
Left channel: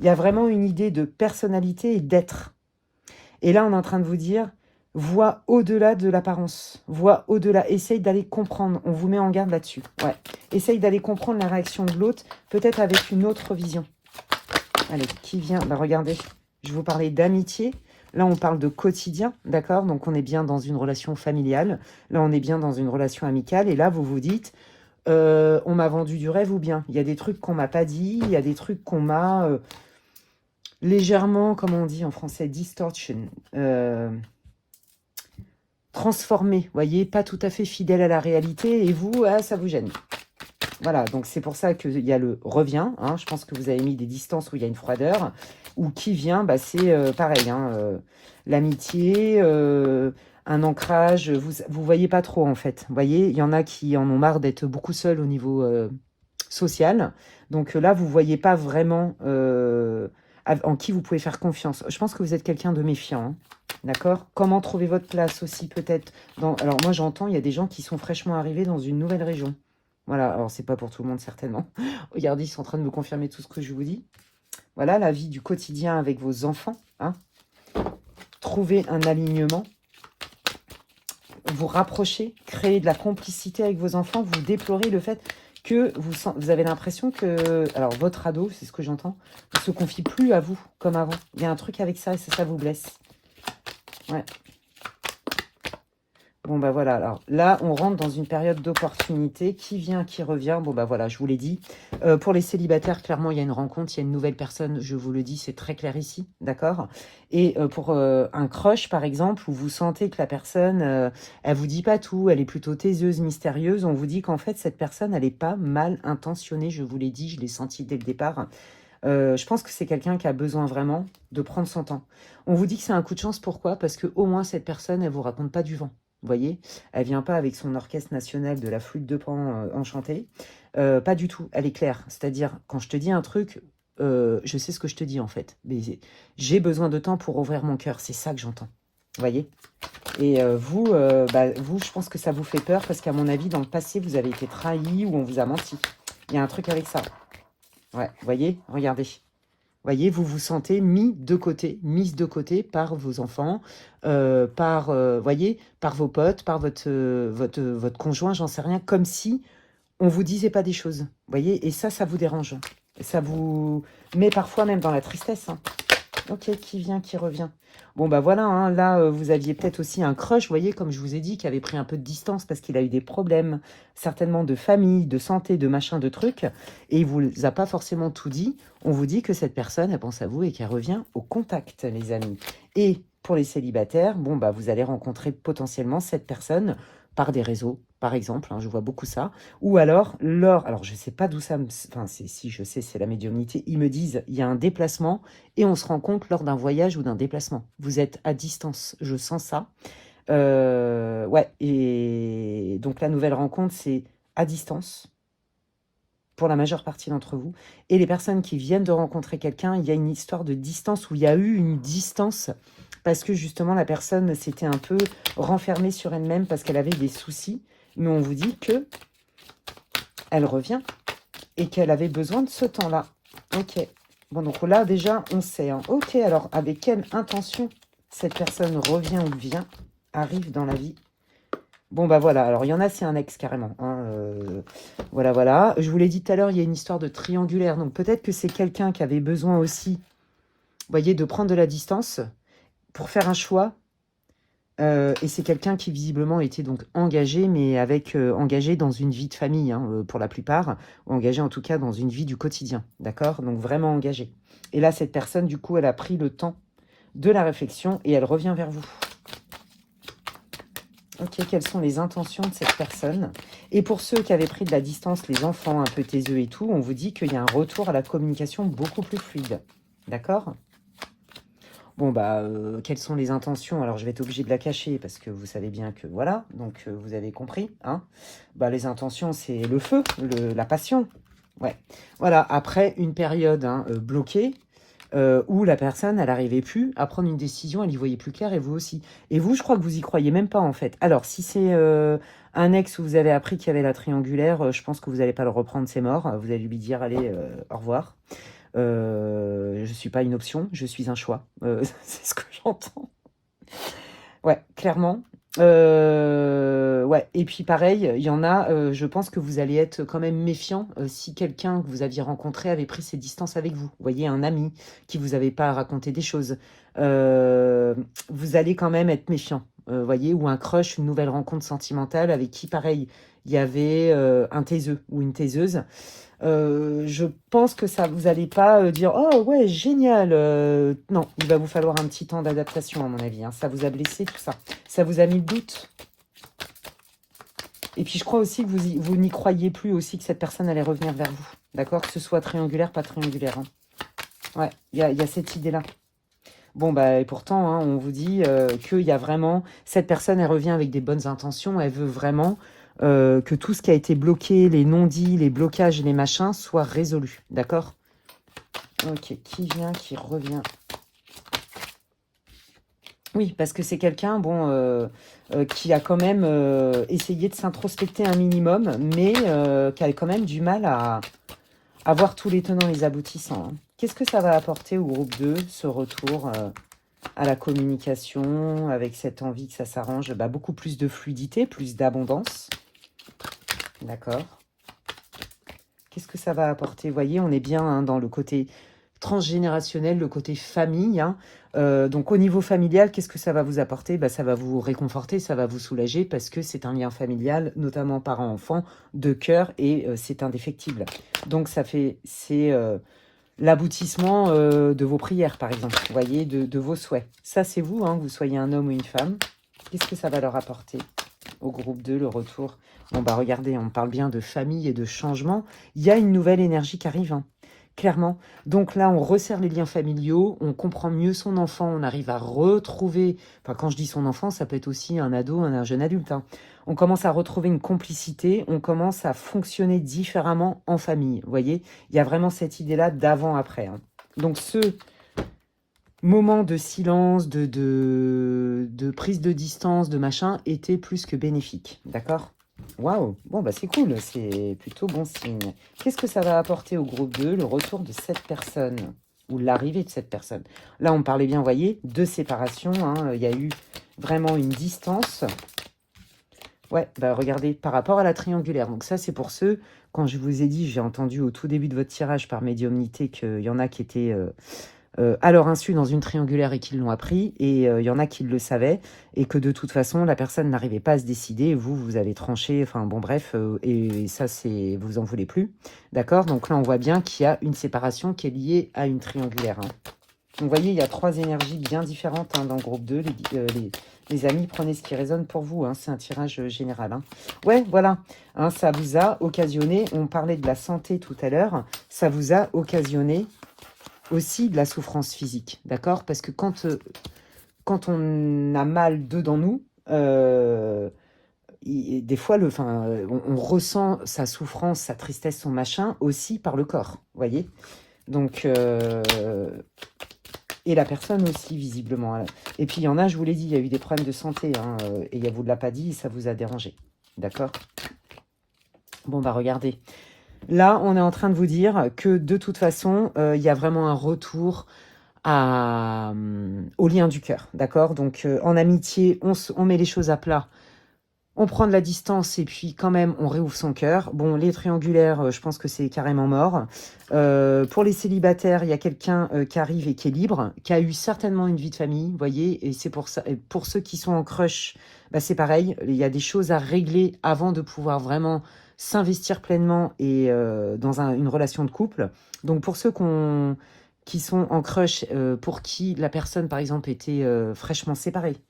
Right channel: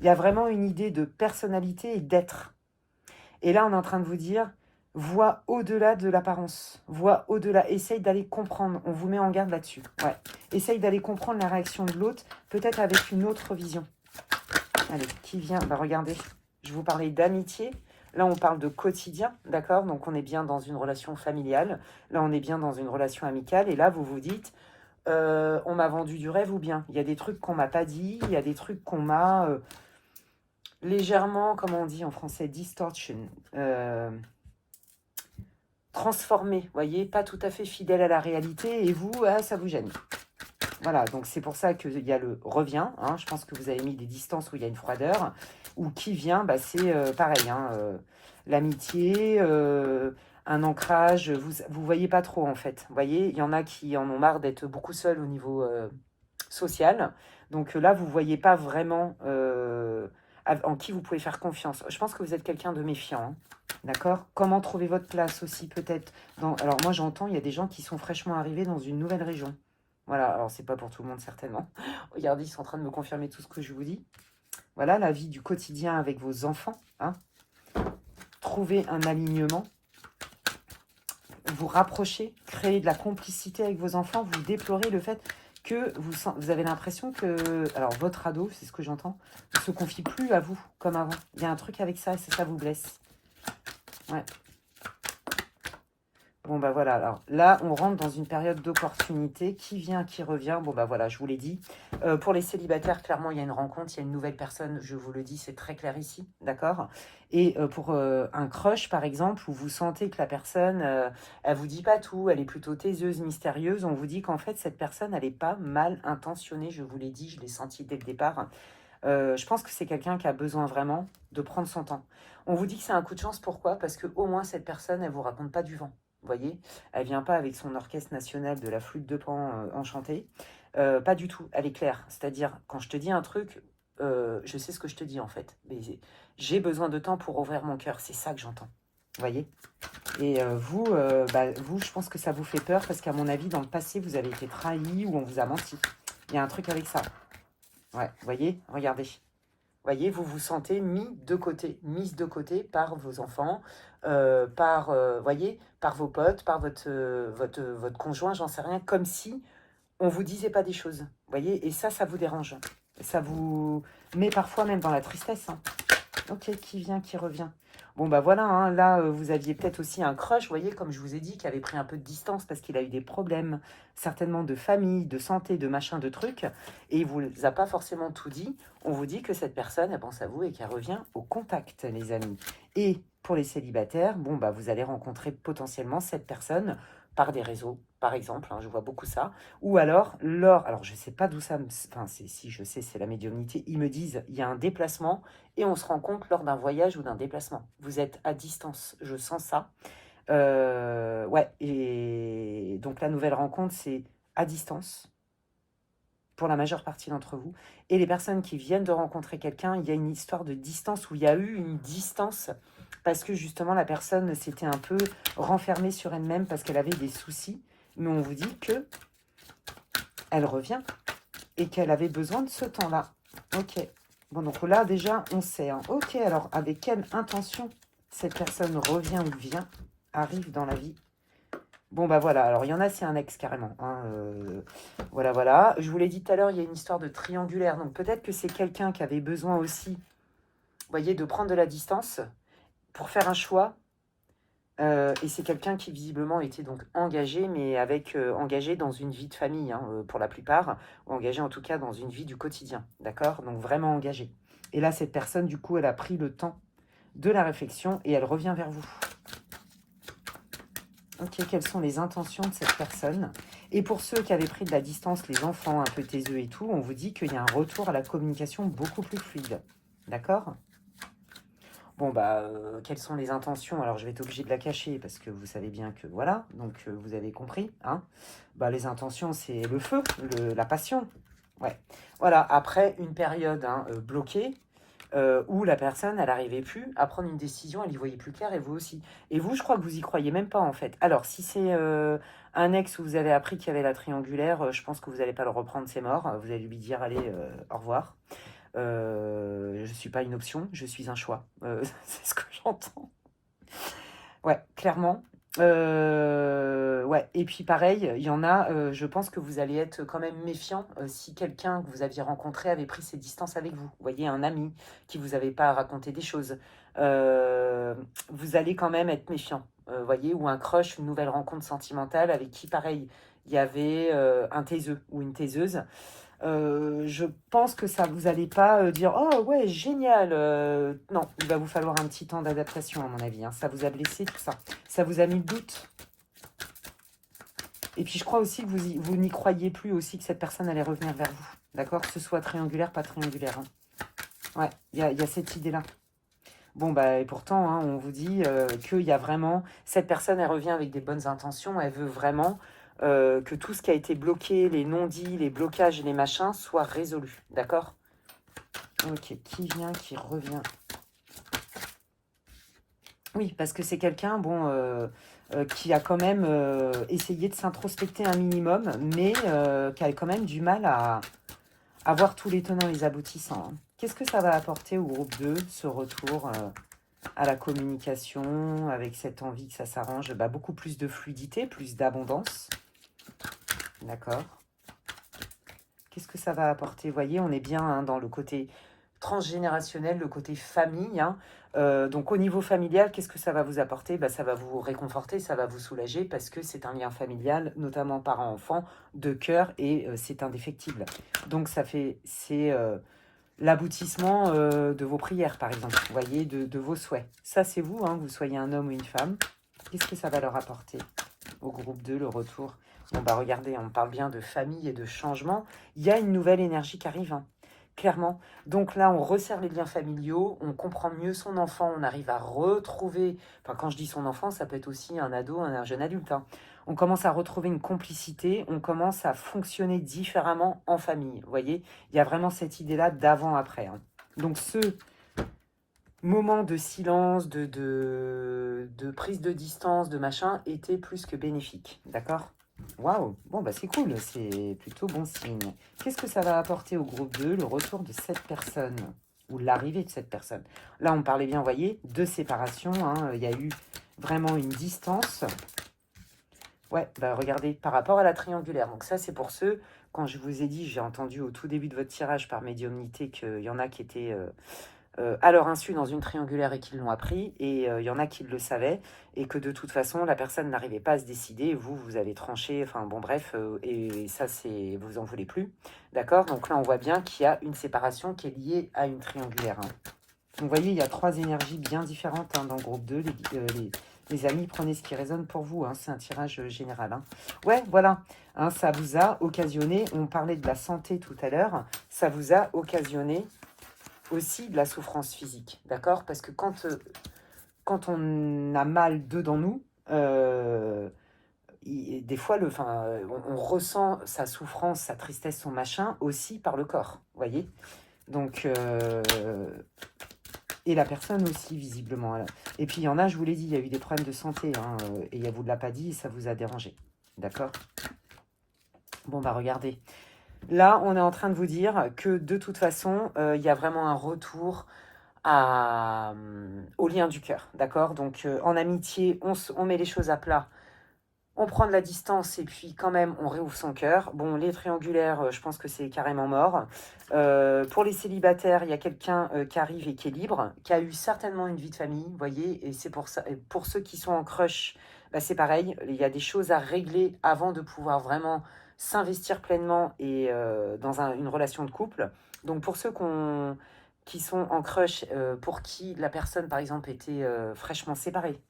Il y a vraiment une idée de personnalité et d'être. Et là, on est en train de vous dire, vois au-delà de l'apparence, vois au-delà, essaye d'aller comprendre, on vous met en garde là-dessus. Ouais. Essaye d'aller comprendre la réaction de l'autre, peut-être avec une autre vision. Allez, qui vient? Bah, regardez, je vous parlais d'amitié. Là, on parle de quotidien, d'accord? Donc, on est bien dans une relation familiale. Là, on est bien dans une relation amicale. Et là, vous vous dites, on m'a vendu du rêve ou bien? Il y a des trucs qu'on m'a pas dit, il y a des trucs qu'on m'a légèrement, comment on dit en français, distortion, transformé. Vous voyez, pas tout à fait fidèle à la réalité. Et vous, ça vous gêne. Voilà, donc c'est pour ça qu'il y a le revient. Hein, je pense que vous avez mis des distances où il y a une froideur. Ou qui vient, bah, c'est pareil. Hein, l'amitié, un ancrage. Vous voyez pas trop en fait. Vous voyez, il y en a qui en ont marre d'être beaucoup seuls au niveau social. Donc là, vous voyez pas vraiment en qui vous pouvez faire confiance. Je pense que vous êtes quelqu'un de méfiant. Hein, d'accord? Comment trouver votre place aussi peut-être Alors moi j'entends, il y a des gens qui sont fraîchement arrivés dans une nouvelle région. Voilà, alors c'est pas pour tout le monde certainement. Regardez, ils sont en train de me confirmer tout ce que je vous dis. Voilà, la vie du quotidien avec vos enfants. Hein. Trouver un alignement. Vous rapprocher, créer de la complicité avec vos enfants. Vous déplorez le fait que vous avez l'impression que... Alors, votre ado, c'est ce que j'entends, ne se confie plus à vous comme avant. Il y a un truc avec ça et ça vous blesse. Ouais. Bon, bah voilà, alors là, on rentre dans une période d'opportunité. Qui vient, qui revient? Bon, bah voilà, je vous l'ai dit. Pour les célibataires, clairement, il y a une rencontre, il y a une nouvelle personne, je vous le dis, c'est très clair ici, d'accord? Et pour un crush, par exemple, où vous sentez que la personne, elle vous dit pas tout, elle est plutôt taiseuse, mystérieuse, on vous dit qu'en fait, cette personne, elle n'est pas mal intentionnée, je vous l'ai dit, je l'ai senti dès le départ. Je pense que c'est quelqu'un qui a besoin vraiment de prendre son temps. On vous dit que c'est un coup de chance, pourquoi? Parce qu'au moins, cette personne, elle ne vous raconte pas du vent. Vous voyez, elle vient pas avec son orchestre national de la flûte de Pan enchantée. Pas du tout, elle est claire. C'est-à-dire, quand je te dis un truc, je sais ce que je te dis en fait. Mais j'ai besoin de temps pour ouvrir mon cœur, c'est ça que j'entends. Vous voyez? Et vous, je pense que ça vous fait peur parce qu'à mon avis, dans le passé, vous avez été trahi ou on vous a menti. Il y a un truc avec ça. Ouais, vous voyez? Regardez. Voyez, vous vous sentez mise de côté par vos enfants, voyez, par vos potes, par votre conjoint, j'en sais rien, comme si on vous disait pas des choses. Voyez, et ça vous dérange. Ça vous met parfois même dans la tristesse. Hein. Ok, qui vient, qui revient. Bon, bah voilà, hein, là, vous aviez peut-être aussi un crush, vous voyez, comme je vous ai dit, qui avait pris un peu de distance parce qu'il a eu des problèmes, certainement de famille, de santé, de machin, de trucs, et il vous a pas forcément tout dit. On vous dit que cette personne, elle pense à vous et qu'elle revient au contact, les amis. Et pour les célibataires, bon, bah vous allez rencontrer potentiellement cette personne par des réseaux, par exemple, hein, je vois beaucoup ça, ou alors, alors je ne sais pas d'où ça me... Enfin, si je sais, c'est la médiumnité, ils me disent, il y a un déplacement, et on se rencontre lors d'un voyage ou d'un déplacement. Vous êtes à distance, je sens ça. Ouais, et donc la nouvelle rencontre, c'est à distance, pour la majeure partie d'entre vous. Et les personnes qui viennent de rencontrer quelqu'un, il y a une histoire de distance, où il y a eu une distance, parce que justement la personne s'était un peu renfermée sur elle-même, parce qu'elle avait des soucis. Mais on vous dit que elle revient, et qu'elle avait besoin de ce temps-là. Ok. Bon, donc là, déjà, on sait. Hein. Ok, alors, avec quelle intention cette personne revient ou vient, arrive dans la vie Bon, bah voilà. Alors, il y en a, c'est un ex carrément, hein, voilà, voilà. Je vous l'ai dit tout à l'heure, il y a une histoire de triangulaire. Donc, peut-être que c'est quelqu'un qui avait besoin aussi, vous voyez, de prendre de la distance pour faire un choix. Et c'est quelqu'un qui visiblement était donc engagé, mais avec engagé dans une vie de famille, hein, pour la plupart, ou engagé en tout cas dans une vie du quotidien, d'accord? Donc vraiment engagé. Et là, cette personne, du coup, elle a pris le temps de la réflexion et elle revient vers vous. Ok, quelles sont les intentions de cette personne? Et pour ceux qui avaient pris de la distance, les enfants un peu taiseux et tout, on vous dit qu'il y a un retour à la communication beaucoup plus fluide, d'accord? Bon, bah, quelles sont les intentions? Alors, je vais être obligé de la cacher parce que vous savez bien que voilà, donc vous avez compris, hein? Bah, les intentions, c'est le feu, la passion. Ouais. Voilà, après une période hein, bloquée, où la personne, elle n'arrivait plus à prendre une décision, elle y voyait plus clair, et vous aussi. Et vous, je crois que vous y croyez même pas, en fait. Alors, si c'est un ex où vous avez appris qu'il y avait la triangulaire, je pense que vous n'allez pas le reprendre, c'est mort. Vous allez lui dire, allez, au revoir. Je ne suis pas une option, je suis un choix. C'est ce que j'entends. Ouais, clairement. Ouais, et puis pareil, il y en a, je pense que vous allez être quand même méfiant si quelqu'un que vous aviez rencontré avait pris ses distances avec vous. Vous voyez, un ami qui vous avait pas raconté des choses. Euh, Vous allez quand même être méfiant, voyez, ou un crush, une nouvelle rencontre sentimentale avec qui, pareil, il y avait un taiseux ou une taiseuse. Je pense que ça vous allez pas dire oh ouais génial non, il va vous falloir un petit temps d'adaptation à mon avis, hein. Ça vous a blessé tout ça, ça vous a mis le doute. Et puis je crois aussi que vous n'y croyez plus aussi que cette personne allait revenir vers vous, d'accord, que ce soit triangulaire pas triangulaire, hein. Ouais, il y a cette idée là. Bon bah et pourtant hein, on vous dit qu'il y a vraiment cette personne, elle revient avec des bonnes intentions, elle veut vraiment que tout ce qui a été bloqué, les non-dits, les blocages, les machins, soit résolu, d'accord. Ok, qui vient, qui revient. Oui, parce que c'est quelqu'un, bon, qui a quand même essayé de s'introspecter un minimum, mais qui a quand même du mal à voir tous les tenants et les aboutissants, hein. Qu'est-ce que ça va apporter au groupe 2, ce retour à la communication, avec cette envie que ça s'arrange? Bah, beaucoup plus de fluidité, plus d'abondance. D'accord. Qu'est-ce que ça va apporter? Vous voyez, on est bien hein, dans le côté transgénérationnel, le côté famille, hein. Donc au niveau familial, qu'est-ce que ça va vous apporter? Bah, ça va vous réconforter, ça va vous soulager parce que c'est un lien familial, notamment parent-enfant, de cœur et c'est indéfectible. Donc c'est l'aboutissement de vos prières, par exemple, vous voyez, de vos souhaits. Ça, c'est vous, hein, que vous soyez un homme ou une femme. Qu'est-ce que ça va leur apporter au groupe 2, le retour? Bon, bah regardez, on parle bien de famille et de changement. Il y a une nouvelle énergie qui arrive, hein, clairement. Donc là, on resserre les liens familiaux, on comprend mieux son enfant, on arrive à retrouver... Enfin, quand je dis son enfant, ça peut être aussi un ado, un jeune adulte, hein. On commence à retrouver une complicité, on commence à fonctionner différemment en famille, vous voyez. Il y a vraiment cette idée-là d'avant-après, hein. Donc ce moment de silence, de prise de distance, de machin, était plus que bénéfique, d'accord? Waouh, bon bah c'est cool, c'est plutôt bon signe. Qu'est-ce que ça va apporter au groupe 2, le retour de cette personne, ou l'arrivée de cette personne? Là on parlait bien, vous voyez, de séparation, hein, il y a eu vraiment une distance. Ouais, bah regardez, par rapport à la triangulaire, donc ça c'est pour ceux, quand je vous ai dit, j'ai entendu au tout début de votre tirage par médiumnité qu'il y en a qui étaient... à leur insu dans une triangulaire et qu'ils l'ont appris, et il y en a qui le savaient, et que de toute façon, la personne n'arrivait pas à se décider, et vous, vous avez tranché, enfin bon bref, et ça, c'est vous en voulez plus, d'accord? Donc là, on voit bien qu'il y a une séparation qui est liée à une triangulaire, hein. Donc vous voyez, il y a trois énergies bien différentes hein, dans le groupe 2, les amis, prenez ce qui résonne pour vous, hein, c'est un tirage général, hein. Ouais, voilà, hein, ça vous a occasionné, on parlait de la santé tout à l'heure, ça vous a occasionné aussi de la souffrance physique, d'accord? Parce que quand on a mal dedans nous, des fois, on ressent sa souffrance, sa tristesse, son machin, aussi par le corps, voyez? Donc, et la personne aussi, visiblement. Et puis, il y en a, je vous l'ai dit, il y a eu des problèmes de santé, hein, et il vous l'a pas dit, ça vous a dérangé, d'accord? Bon, bah regardez. Là, on est en train de vous dire que, de toute façon, il y a vraiment un retour au lien du cœur, d'accord? Donc, en amitié, on met les choses à plat On prend de la distance et puis quand même, on réouvre son cœur. Bon, les triangulaires, je pense que c'est carrément mort. Pour les célibataires, il y a quelqu'un qui arrive et qui est libre, qui a eu certainement une vie de famille, vous voyez, et c'est pour ça. Et pour ceux qui sont en crush, bah, c'est pareil, il y a des choses à régler avant de pouvoir vraiment s'investir pleinement et dans une relation de couple. Donc pour ceux qui sont en crush, pour qui la personne, par exemple, était fraîchement séparée,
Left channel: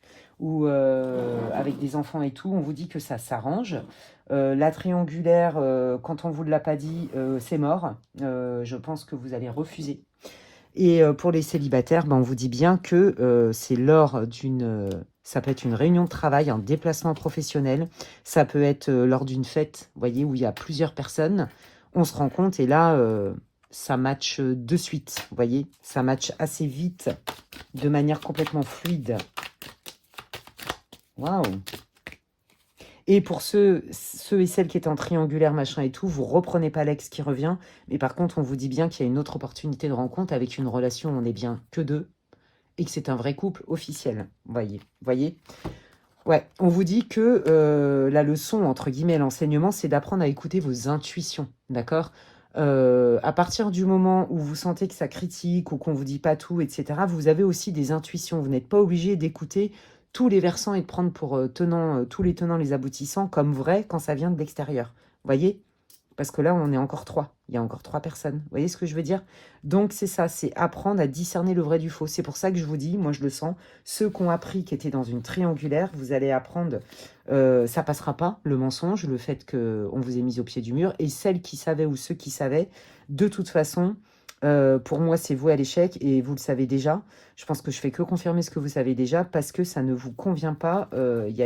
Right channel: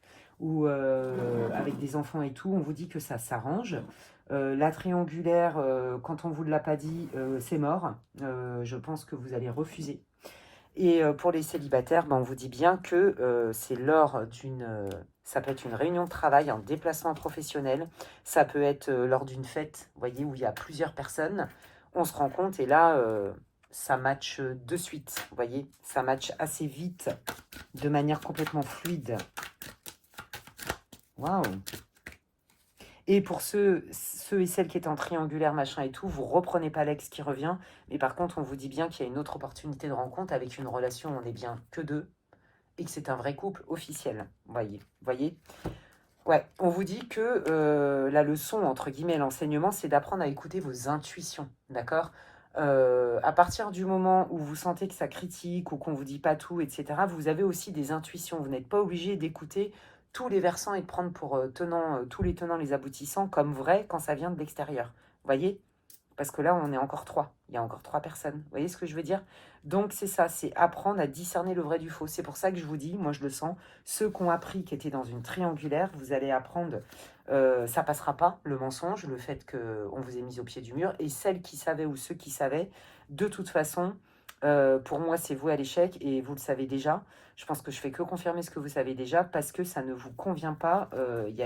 ou avec des enfants et tout, on vous dit que ça s'arrange. La triangulaire, quand on ne vous l'a pas dit, c'est mort. Je pense que vous allez refuser. Et pour les célibataires, ben, on vous dit bien que c'est lors d'une... ça peut être une réunion de travail, un déplacement professionnel. Ça peut être lors d'une fête, vous voyez, où il y a plusieurs personnes. On se rend compte et là, ça match de suite, vous voyez. Ça match assez vite, de manière complètement fluide. Waouh! Et pour ceux et celles qui étaient en triangulaire, machin et tout, vous reprenez pas l'ex qui revient. Mais par contre, on vous dit bien qu'il y a une autre opportunité de rencontre avec une relation où on n'est bien que deux et que c'est un vrai couple officiel. Voyez. Ouais, on vous dit que la leçon, entre guillemets, l'enseignement, c'est d'apprendre à écouter vos intuitions, d'accord? À partir du moment où vous sentez que ça critique ou qu'on vous dit pas tout, etc., vous avez aussi des intuitions. Vous n'êtes pas obligé d'écouter tous les versants et de prendre pour tous les tenants, les aboutissants comme vrai quand ça vient de l'extérieur. Voyez? Parce que là, on est encore trois. Il y a encore trois personnes. Vous voyez ce que je veux dire? Donc, c'est ça, c'est apprendre à discerner le vrai du faux. C'est pour ça que je vous dis, moi je le sens, ceux qui ont appris qui étaient dans une triangulaire, vous allez apprendre, ça passera pas, le mensonge, le fait qu'on vous ait mis au pied du mur. Et celles qui savaient ou ceux qui savaient, de toute façon, pour moi, c'est voué à l'échec et vous le savez déjà. Je pense que je fais que confirmer ce que vous savez déjà parce que ça ne vous convient pas. Il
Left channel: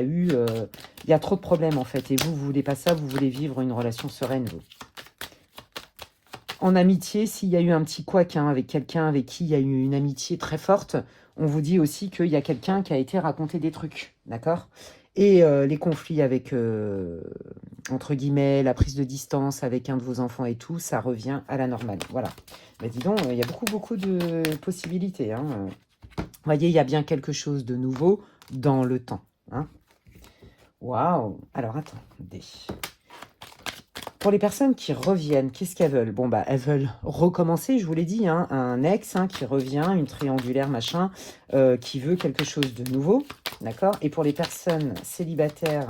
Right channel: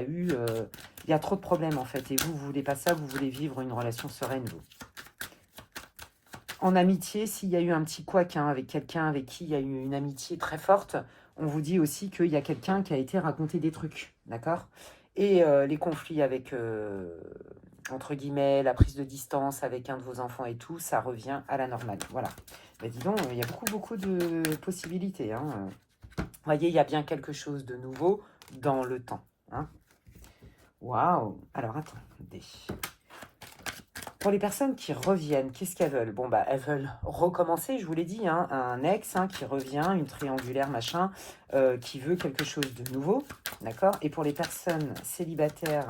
y a trop de problèmes en fait. Et vous voulez pas ça, vous voulez vivre une relation sereine. Vous. En amitié, s'il y a eu un petit couac avec quelqu'un avec qui il y a eu une amitié très forte, on vous dit aussi qu'il y a quelqu'un qui a été raconté des trucs. D'accord? Et les conflits avec, entre guillemets, la prise de distance avec un de vos enfants et tout, ça revient à la normale. Voilà. Mais dis donc, il y a beaucoup de possibilités. Hein. Vous voyez, il y a bien quelque chose de nouveau dans le temps. Hein. Waouh! Alors, attendez. Pour les personnes qui reviennent, qu'est-ce qu'elles veulent? Bon, bah, elles veulent recommencer, je vous l'ai dit, hein, un ex qui revient, une triangulaire, machin, qui veut quelque chose de nouveau, d'accord? Et pour les personnes célibataires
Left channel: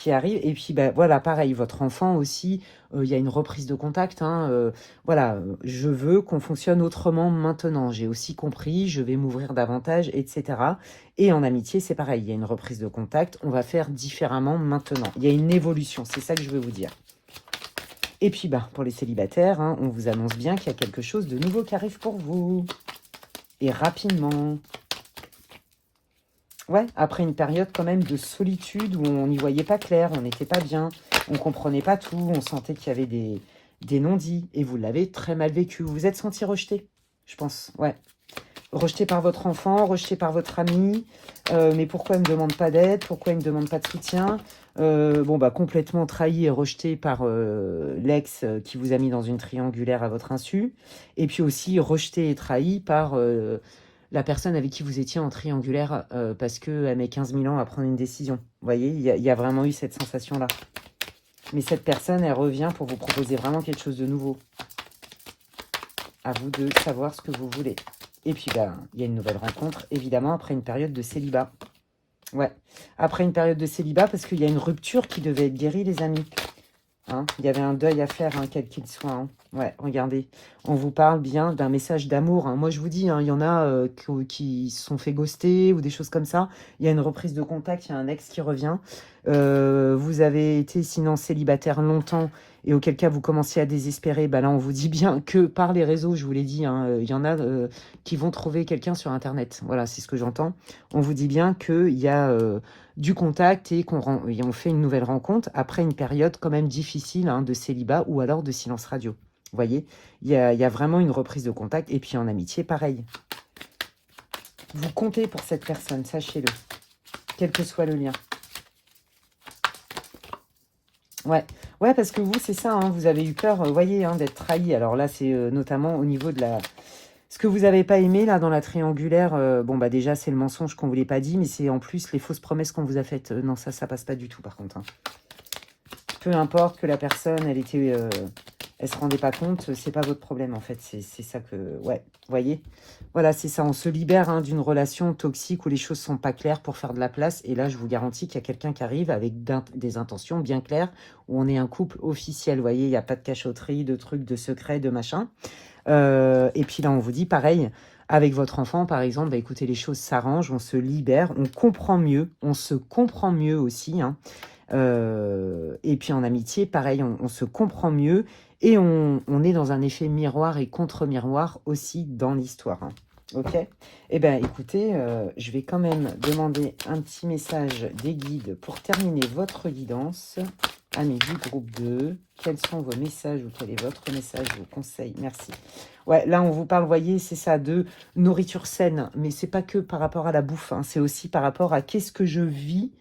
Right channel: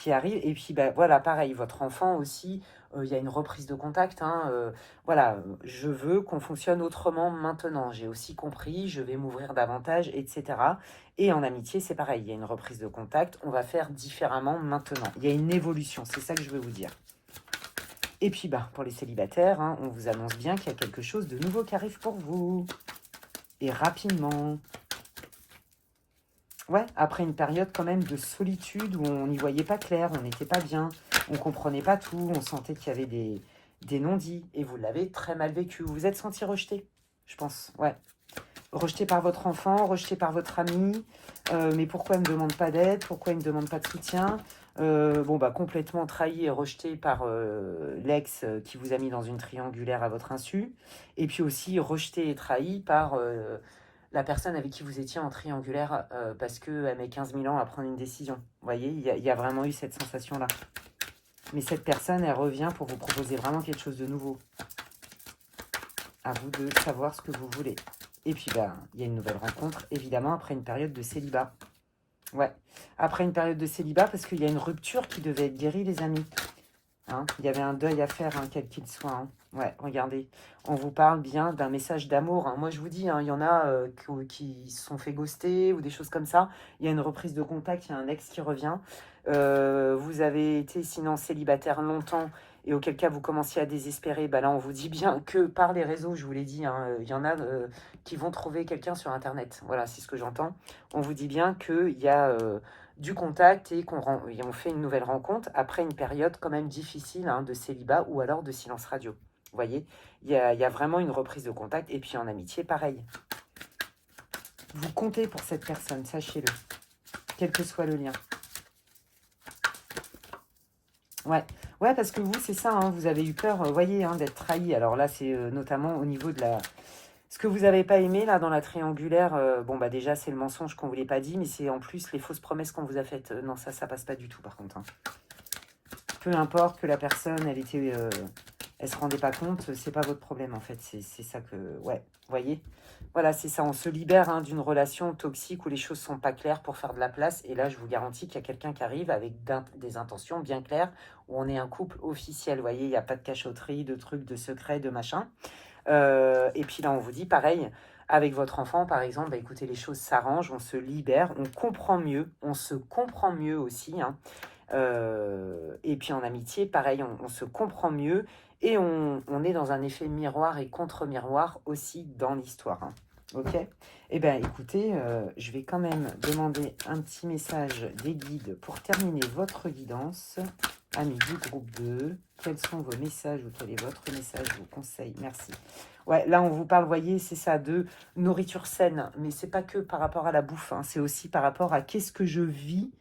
qui arrivent, et puis, bah, voilà, pareil, votre enfant aussi, il y a une reprise de contact, hein, voilà, je veux qu'on fonctionne autrement maintenant, j'ai aussi compris, je vais m'ouvrir davantage, etc. Et en amitié, c'est pareil, il y a une reprise de contact, on va faire différemment maintenant, il y a une évolution, c'est ça que je veux vous dire. Et puis, bah, pour les célibataires, hein, on vous annonce bien qu'il y a quelque chose de nouveau qui arrive pour vous. Et rapidement. Ouais, après une période quand même de solitude où on n'y voyait pas clair, on n'était pas bien, on ne comprenait pas tout, on sentait qu'il y avait des non-dits. Et vous l'avez très mal vécu. Vous vous êtes senti rejeté, je pense. Ouais. Rejeté par votre enfant, rejeté par votre ami. Mais pourquoi il ne me demande pas d'aide? Pourquoi il ne me demande pas de soutien? Bon, bah, complètement trahi et rejeté par l'ex qui vous a mis dans une triangulaire à votre insu. Et puis aussi rejeté et trahi par la personne avec qui vous étiez en triangulaire parce qu'elle met 15 000 ans à prendre une décision. Vous voyez, il y a vraiment eu cette sensation-là. Mais cette personne, elle revient pour vous proposer vraiment quelque chose de nouveau. À vous de savoir ce que vous voulez. Et puis, bah, il y a une nouvelle rencontre, évidemment, après une période de célibat. Ouais, après une période de célibat, parce qu'il y a une rupture qui devait être guérie, les amis. Hein, il y avait un deuil à faire, hein, quel qu'il soit. Hein. Ouais, regardez, on vous parle bien d'un message d'amour. Hein. Moi, je vous dis, hein, il y en a qui se sont fait ghoster ou des choses comme ça. Il y a une reprise de contact, il y a un ex qui revient. Vous avez été sinon célibataire longtemps et auquel cas vous commenciez à désespérer. Bah là, on vous dit bien que par les réseaux, je vous l'ai dit, hein, il y en a qui vont trouver quelqu'un sur Internet. Voilà, c'est ce que j'entends. On vous dit bien qu'il y a... du contact et on fait une nouvelle rencontre après une période quand même difficile hein, de célibat ou alors de silence radio. Vous voyez, il y a vraiment une reprise de contact et puis en amitié, pareil. Vous comptez pour cette personne, sachez-le, quel que soit le lien. Ouais, parce que vous, c'est ça, hein, vous avez eu peur, voyez, hein, d'être trahi. Alors là, c'est notamment au niveau de la... Ce que vous n'avez pas aimé, là, dans la triangulaire, bon, bah déjà, c'est le mensonge qu'on ne vous l'ait pas dit, mais c'est en plus les fausses promesses qu'on vous a faites. Non, ça passe pas du tout, par contre. Hein. Peu importe que la personne, elle se rendait pas compte, c'est pas votre problème, en fait. C'est ça que... Ouais, vous voyez. Voilà, c'est ça. On se libère hein, d'une relation toxique où les choses sont pas claires pour faire de la place. Et là, je vous garantis qu'il y a quelqu'un qui arrive avec des intentions bien claires, où on est un couple officiel. Vous voyez, il n'y a pas de cachotterie, de trucs, de secrets, de machin. Et puis là, on vous dit pareil, avec votre enfant, par exemple, bah, écoutez, les choses s'arrangent, on se libère, on comprend mieux, on se comprend mieux aussi. Hein. Et puis en amitié, pareil, on se comprend mieux et on est dans un effet miroir et contre-miroir aussi dans l'histoire. Hein. Ok. Eh bien, écoutez, je vais quand même demander un petit message des guides pour terminer votre guidance. Amis du groupe 2, quels sont vos messages ou quel est votre message, vos conseils? Merci. Ouais, là, on vous parle, voyez, c'est ça, de nourriture saine. Mais c'est pas que par rapport à la bouffe, hein, c'est aussi par rapport à qu'est-ce que je vis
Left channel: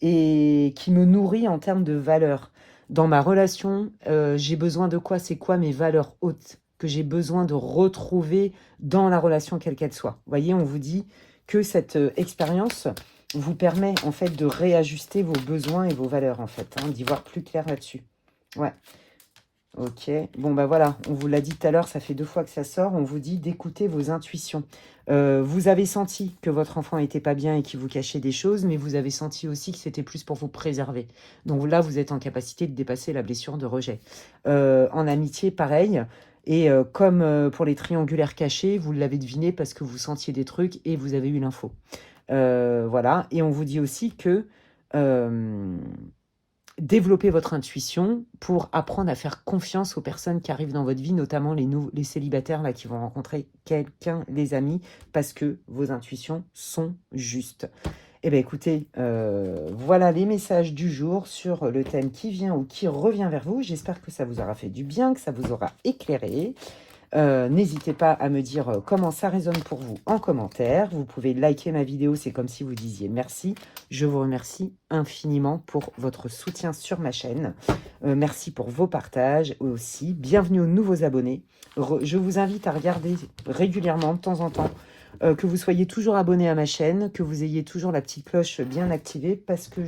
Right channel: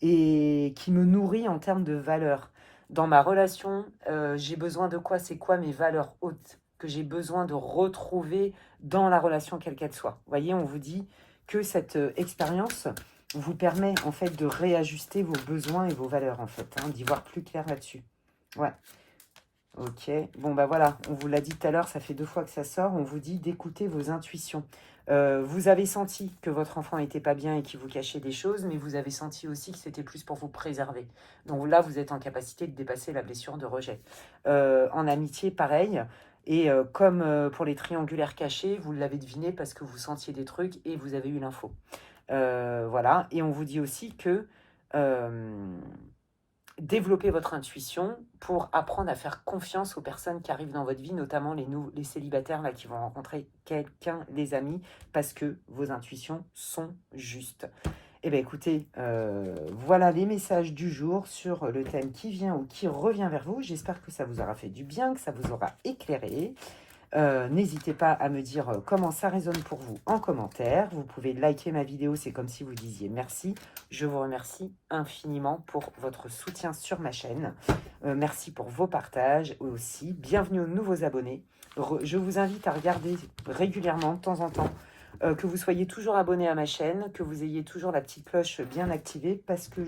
et qui me nourrit en termes de valeurs. Dans ma relation, j'ai besoin de quoi? C'est quoi mes valeurs hautes que j'ai besoin de retrouver dans la relation quelle qu'elle soit? Vous voyez, on vous dit que cette expérience vous permet en fait de réajuster vos besoins et vos valeurs en fait, hein, d'y voir plus clair là-dessus. Ouais. Ok, bon bah voilà, on vous l'a dit tout à l'heure, ça fait 2 fois que ça sort, on vous dit d'écouter vos intuitions. Vous avez senti que votre enfant n'était pas bien et qu'il vous cachait des choses, mais vous avez senti aussi que c'était plus pour vous préserver. Donc là, vous êtes en capacité de dépasser la blessure de rejet. En amitié, pareil. Et comme pour les triangulaires cachés, vous l'avez deviné parce que vous sentiez des trucs et vous avez eu l'info. Voilà, et on vous dit aussi que... développer votre intuition pour apprendre à faire confiance aux personnes qui arrivent dans votre vie, notamment les célibataires là, qui vont rencontrer quelqu'un, les amis, parce que vos intuitions sont justes. Eh bien écoutez, voilà les messages du jour sur le thème qui vient ou qui revient vers vous. J'espère que ça vous aura fait du bien, que ça vous aura éclairé. N'hésitez pas à me dire comment ça résonne pour vous en commentaire. Vous pouvez liker ma vidéo, c'est comme si vous disiez merci. Je vous remercie infiniment pour votre soutien sur ma chaîne. Merci pour vos partages aussi. Bienvenue aux nouveaux abonnés. Je vous invite à regarder régulièrement, de temps en temps, que vous soyez toujours abonné à ma chaîne, que vous ayez toujours la petite cloche bien activée, parce que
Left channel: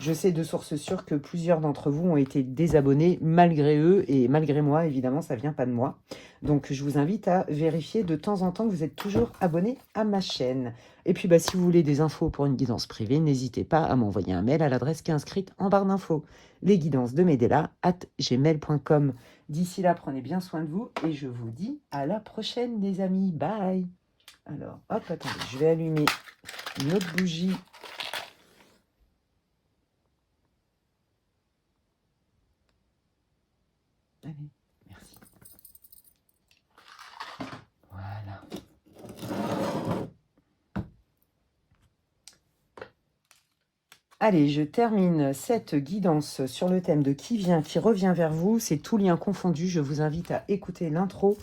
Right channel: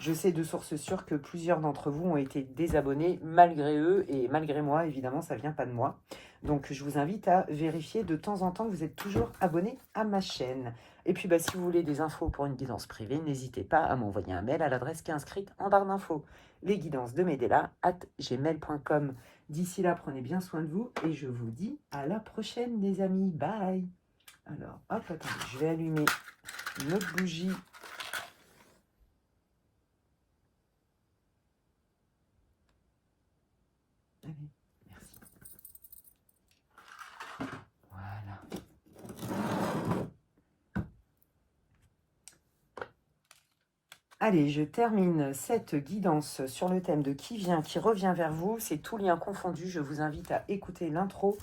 je sais de source sûre que plusieurs d'entre vous ont été désabonnés malgré eux et malgré moi, évidemment, ça ne vient pas de moi. Donc, je vous invite à vérifier de temps en temps que vous êtes toujours abonné à ma chaîne. Et puis, bah, si vous voulez des infos pour une guidance privée, n'hésitez pas à m'envoyer un mail à l'adresse qui est inscrite en barre d'infos. lesguidancesdemedela@gmail.com. D'ici là, prenez bien soin de vous et je vous dis à la prochaine, les amis. Bye! Alors, hop, attendez, je vais allumer une autre bougie. Allez, merci. Voilà. Allez, je termine cette guidance sur le thème de qui vient, qui revient vers vous. C'est tout lien confondu. Je vous invite à écouter l'intro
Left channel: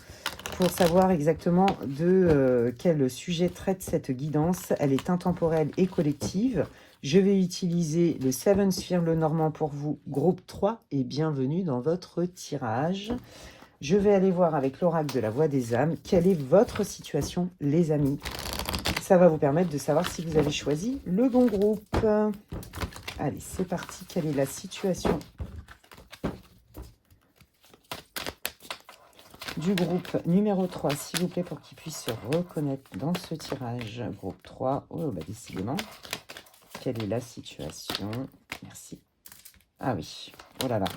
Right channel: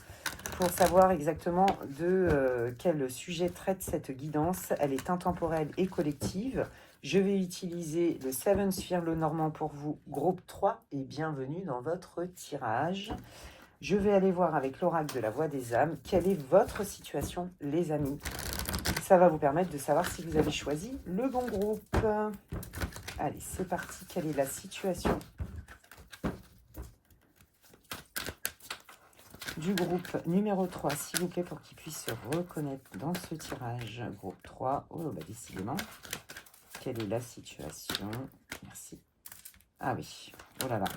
pour savoir exactement de quel sujet traite cette guidance. Elle est intemporelle et collective. Je vais utiliser le Seven Sphere le Normand pour vous, groupe 3, et bienvenue dans votre tirage. Je vais aller voir avec l'oracle de la Voix des âmes quelle est votre situation, les amis. Ça va vous permettre de savoir si vous avez choisi le bon groupe. Allez, c'est parti. Quelle est la situation du groupe numéro 3, s'il vous plaît, pour qu'il puisse se reconnaître dans ce tirage. Groupe 3, oh, bah décidément. Quelle est la situation? Merci. Ah oui, oh là là.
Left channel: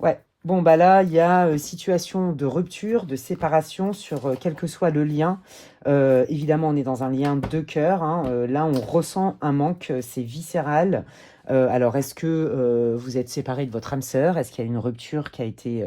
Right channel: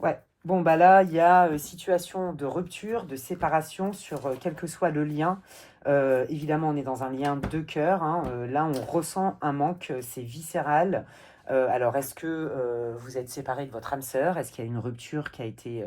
Ouais, bon, bah là, il y a situation de rupture, de séparation sur quel que soit le lien. Évidemment, on est dans un lien de cœur. Hein. Là, on ressent un manque, c'est viscéral. Alors, est-ce que vous êtes séparé de votre âme sœur? Est-ce qu'il y a une rupture qui a été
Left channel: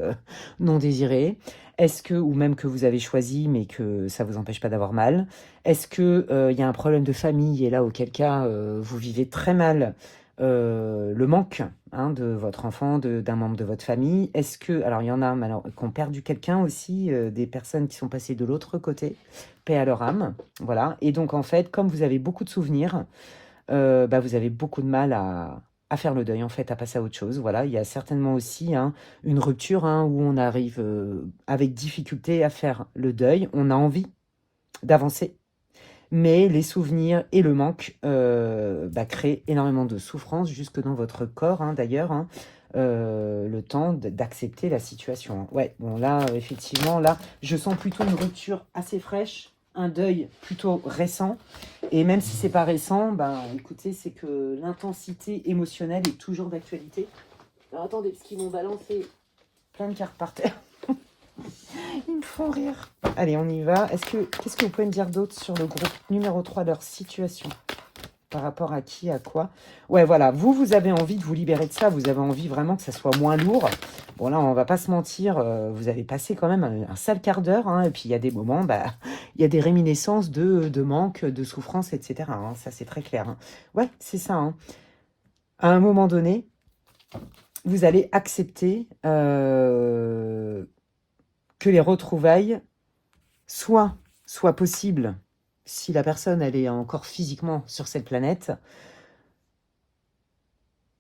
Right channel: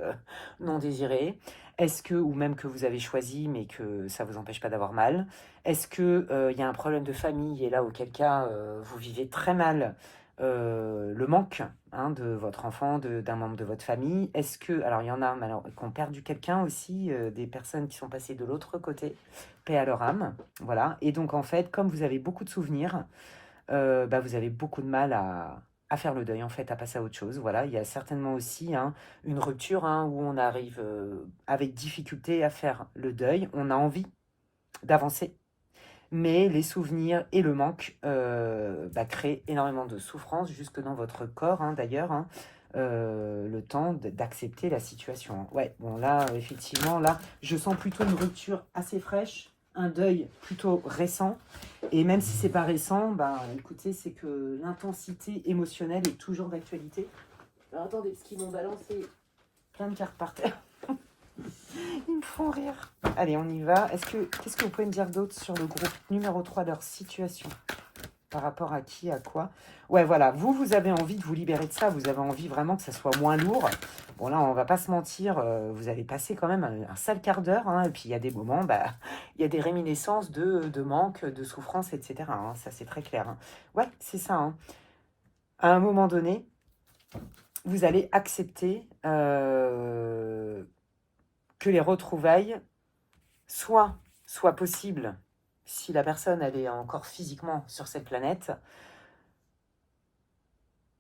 non désirée? Est-ce que, ou même que vous avez choisi, mais que ça ne vous empêche pas d'avoir mal? Est-ce qu'il y a un problème de famille, et là, auquel cas, vous vivez très mal le manque hein, de votre enfant, d'un membre de votre famille? Est-ce que, alors il y en a qui ont perdu quelqu'un aussi, des personnes qui sont passées de l'autre côté, paix à leur âme, voilà. Et donc en fait, comme vous avez beaucoup de souvenirs, bah, vous avez beaucoup de mal à faire le deuil, en fait, à passer à autre chose. Voilà, il y a certainement aussi hein, une rupture hein, où on arrive avec difficulté à faire le deuil. On a envie d'avancer, mais les souvenirs et le manque créent énormément de souffrance jusque dans votre corps, hein, d'ailleurs, hein, le temps d'accepter la situation. Ouais, bon là, effectivement, là, je sens plutôt une rupture assez fraîche, un deuil plutôt récent, et même si c'est pas récent, ben, écoutez, c'est que l'intensité émotionnelle est toujours d'actualité. Alors attendez, parce qu'ils m'ont balancé plein de cartes par terre. Ils me font rire. Allez, on y va. Qu'est-ce que vous pouvez me dire d'autre sur le groupe numéro 3, leur situation? Par rapport à qui, à quoi? Ouais, voilà. Vous avez envie de vous libérer de ça. Vous avez envie vraiment que ça soit moins lourd. Bon, là, on va pas se mentir. Vous avez passé quand même un sale quart d'heure. Hein, et puis, il y a des moments, il y a des réminiscences de manque, de souffrance, etc. Hein, ça, c'est très clair. Hein. Ouais, c'est ça. Hein. À un moment donné, vous allez accepter que les retrouvailles soient possibles si la personne elle est encore physiquement sur cette planète.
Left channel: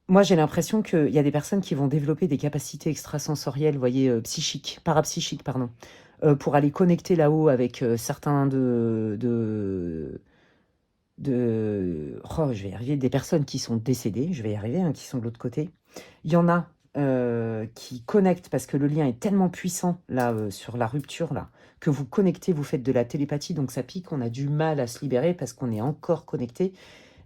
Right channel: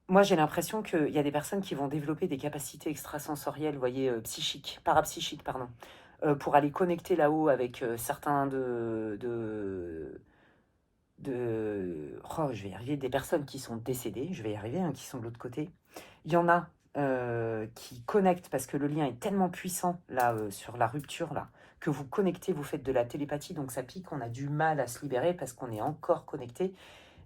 Moi, j'ai l'impression qu'il y a des personnes qui vont développer des capacités extrasensorielles, vous voyez, psychiques, parapsychiques, pardon, pour aller connecter là-haut avec certains oh, je vais y arriver, des personnes qui sont décédées, je vais y arriver, hein, qui sont de l'autre côté. Il y en a qui connectent parce que le lien est tellement puissant là sur la rupture là que vous connectez, vous faites de la télépathie, donc ça pique, on a du mal à se libérer parce qu'on est encore connecté,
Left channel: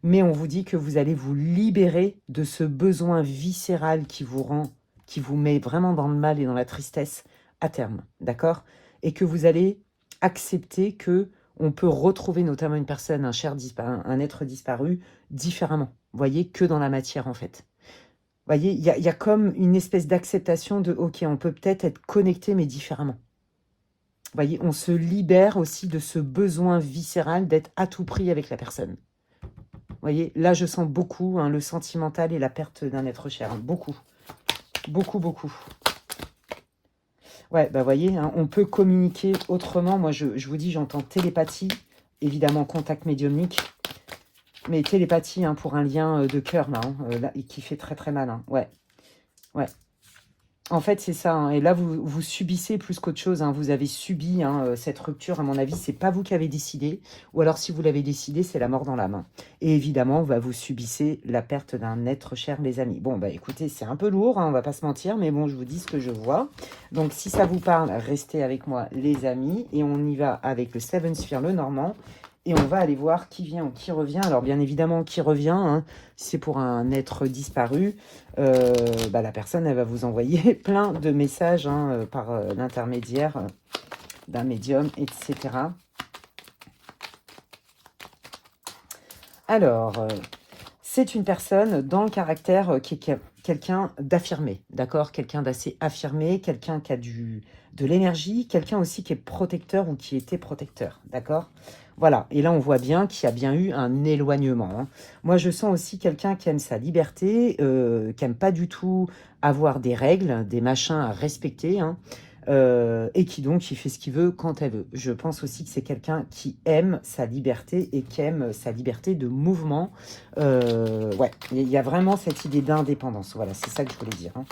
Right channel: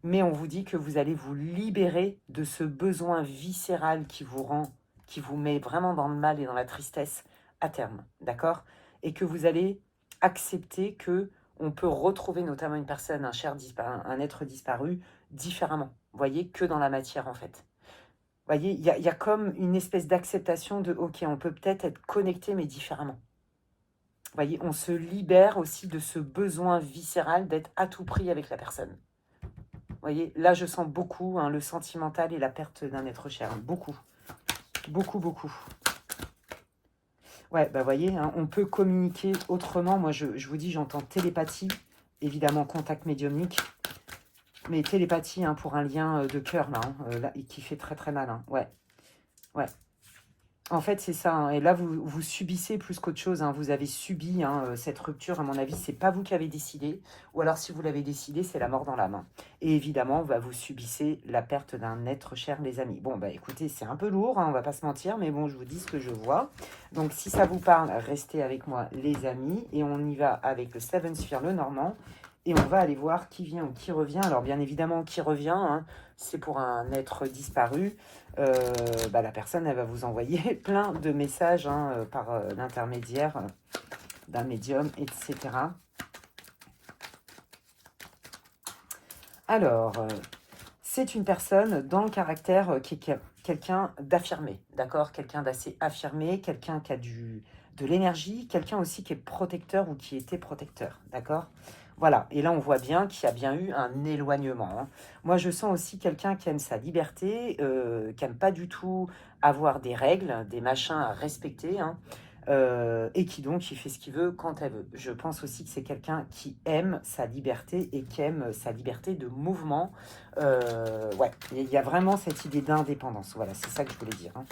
mais on vous dit que vous allez vous libérer de ce besoin viscéral qui vous rend, qui vous met vraiment dans le mal et dans la tristesse à terme, d'accord? Et que vous allez accepter que on peut retrouver notamment une personne, un être disparu différemment, vous voyez, que dans la matière en fait. Vous voyez, il y a comme une espèce d'acceptation de « ok, on peut peut-être être connecté mais différemment ». Vous voyez, on se libère aussi de ce besoin viscéral d'être à tout prix avec la personne. Vous voyez, là je sens beaucoup hein, le sentimental et la perte d'un être cher. Beaucoup, beaucoup, beaucoup. Ouais, bah vous voyez, hein, on peut communiquer autrement. Moi je vous dis, j'entends télépathie, évidemment contact médiumnique. Mais télépathie hein, pour un lien de cœur, là, et qui fait très très mal. Hein. Ouais, ouais. En fait, c'est ça. Hein. Et là, vous subissez plus qu'autre chose. Hein. Vous avez subi hein, cette rupture. À mon avis, c'est pas vous qui avez décidé. Ou alors, si vous l'avez décidé, c'est la mort dans l'âme. Et évidemment, vous subissez la perte d'un être cher, les amis. Bon, bah écoutez, c'est un peu lourd. Hein, on va pas se mentir. Mais bon, je vous dis ce que je vois. Donc, si ça vous parle, restez avec moi, les amis. Et on y va avec le Seven Sphere, le Normand. Et on va aller voir qui vient ou qui revient. Alors, bien évidemment, qui revient, hein, c'est pour un être disparu. La personne, elle va vous envoyer plein de messages hein, par l'intermédiaire d'un médium, etc. Alors, c'est une personne dans le caractère qui est quelqu'un d'affirmé, d'accord? Quelqu'un d'assez affirmé, quelqu'un qui a de l'énergie, quelqu'un aussi qui est protecteur ou qui était protecteur, d'accord? Voilà, et là on voit bien qu'il y a bien eu un éloignement. Hein. Moi je sens aussi quelqu'un qui aime sa liberté, qui n'aime pas du tout avoir des règles, des machins à respecter, hein, et qui donc qui fait ce qu'il veut quand elle veut. Je pense aussi que c'est quelqu'un qui aime sa liberté et qui aime sa liberté de mouvement. Ouais, il y a vraiment cette idée d'indépendance. Voilà, c'est ça que je voulais dire. Hein.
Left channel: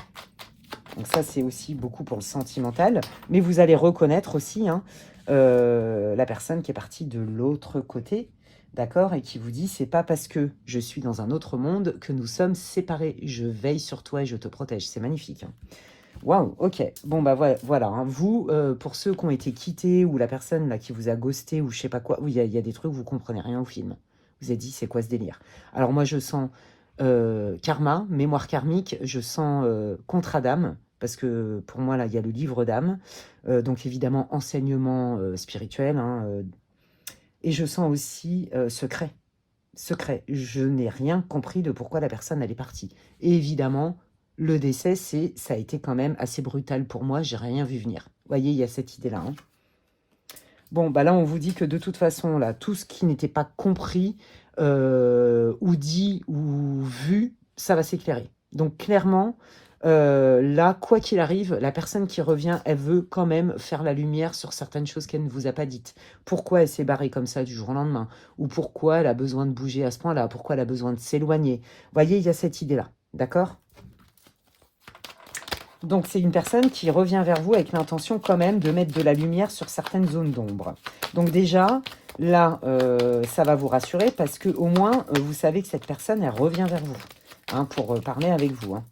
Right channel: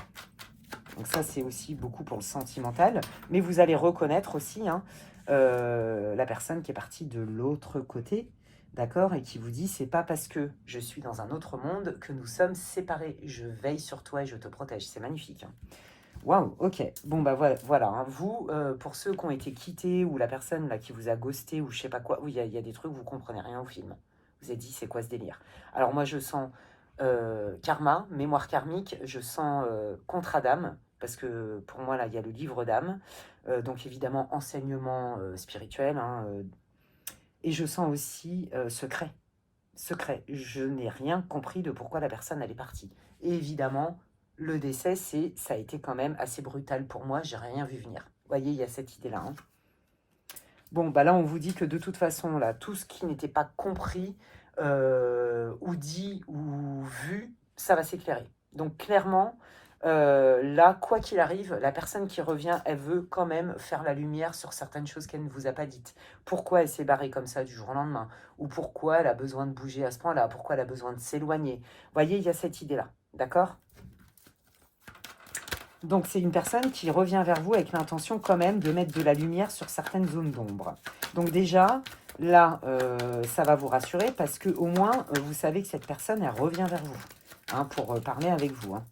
Donc ça, c'est aussi beaucoup pour le sentimental. Mais vous allez reconnaître aussi hein, la personne qui est partie de l'autre côté, d'accord, et qui vous dit, c'est pas parce que je suis dans un autre monde que nous sommes séparés. Je veille sur toi et je te protège. C'est magnifique. Hein. Waouh, ok. Bon, bah voilà. Hein. Vous, pour ceux qui ont été quittés ou la personne là qui vous a ghosté ou je sais pas quoi, oui, il y a des trucs, vous comprenez rien au film. Vous avez dit, c'est quoi ce délire? Alors moi, je sens karma, mémoire karmique, je sens contrat d'âme, parce que pour moi, là, il y a le livre d'âme. Donc évidemment, enseignement spirituel. Hein, et je sens aussi secret. Secret. Je n'ai rien compris de pourquoi la personne, elle est partie. Et évidemment, le décès, ça a été quand même assez brutal pour moi. J'ai rien vu venir. Vous voyez, il y a cette idée-là. Hein. Bon, bah là, on vous dit que de toute façon, là, tout ce qui n'était pas compris, ou dit, ou vu, ça va s'éclairer. Donc, clairement, là, quoi qu'il arrive, la personne qui revient, elle veut quand même faire la lumière sur certaines choses qu'elle ne vous a pas dites. Pourquoi elle s'est barrée comme ça du jour au lendemain? Ou pourquoi elle a besoin de bouger à ce point-là? Pourquoi elle a besoin de s'éloigner? Vous voyez, il y a cette idée-là. D'accord? Donc, c'est une personne qui revient vers vous avec l'intention quand même de mettre de la lumière sur certaines zones d'ombre. Donc déjà, là, ça va vous rassurer parce que au moins, vous savez que cette personne, elle revient vers vous hein, pour parler avec vous. Hein.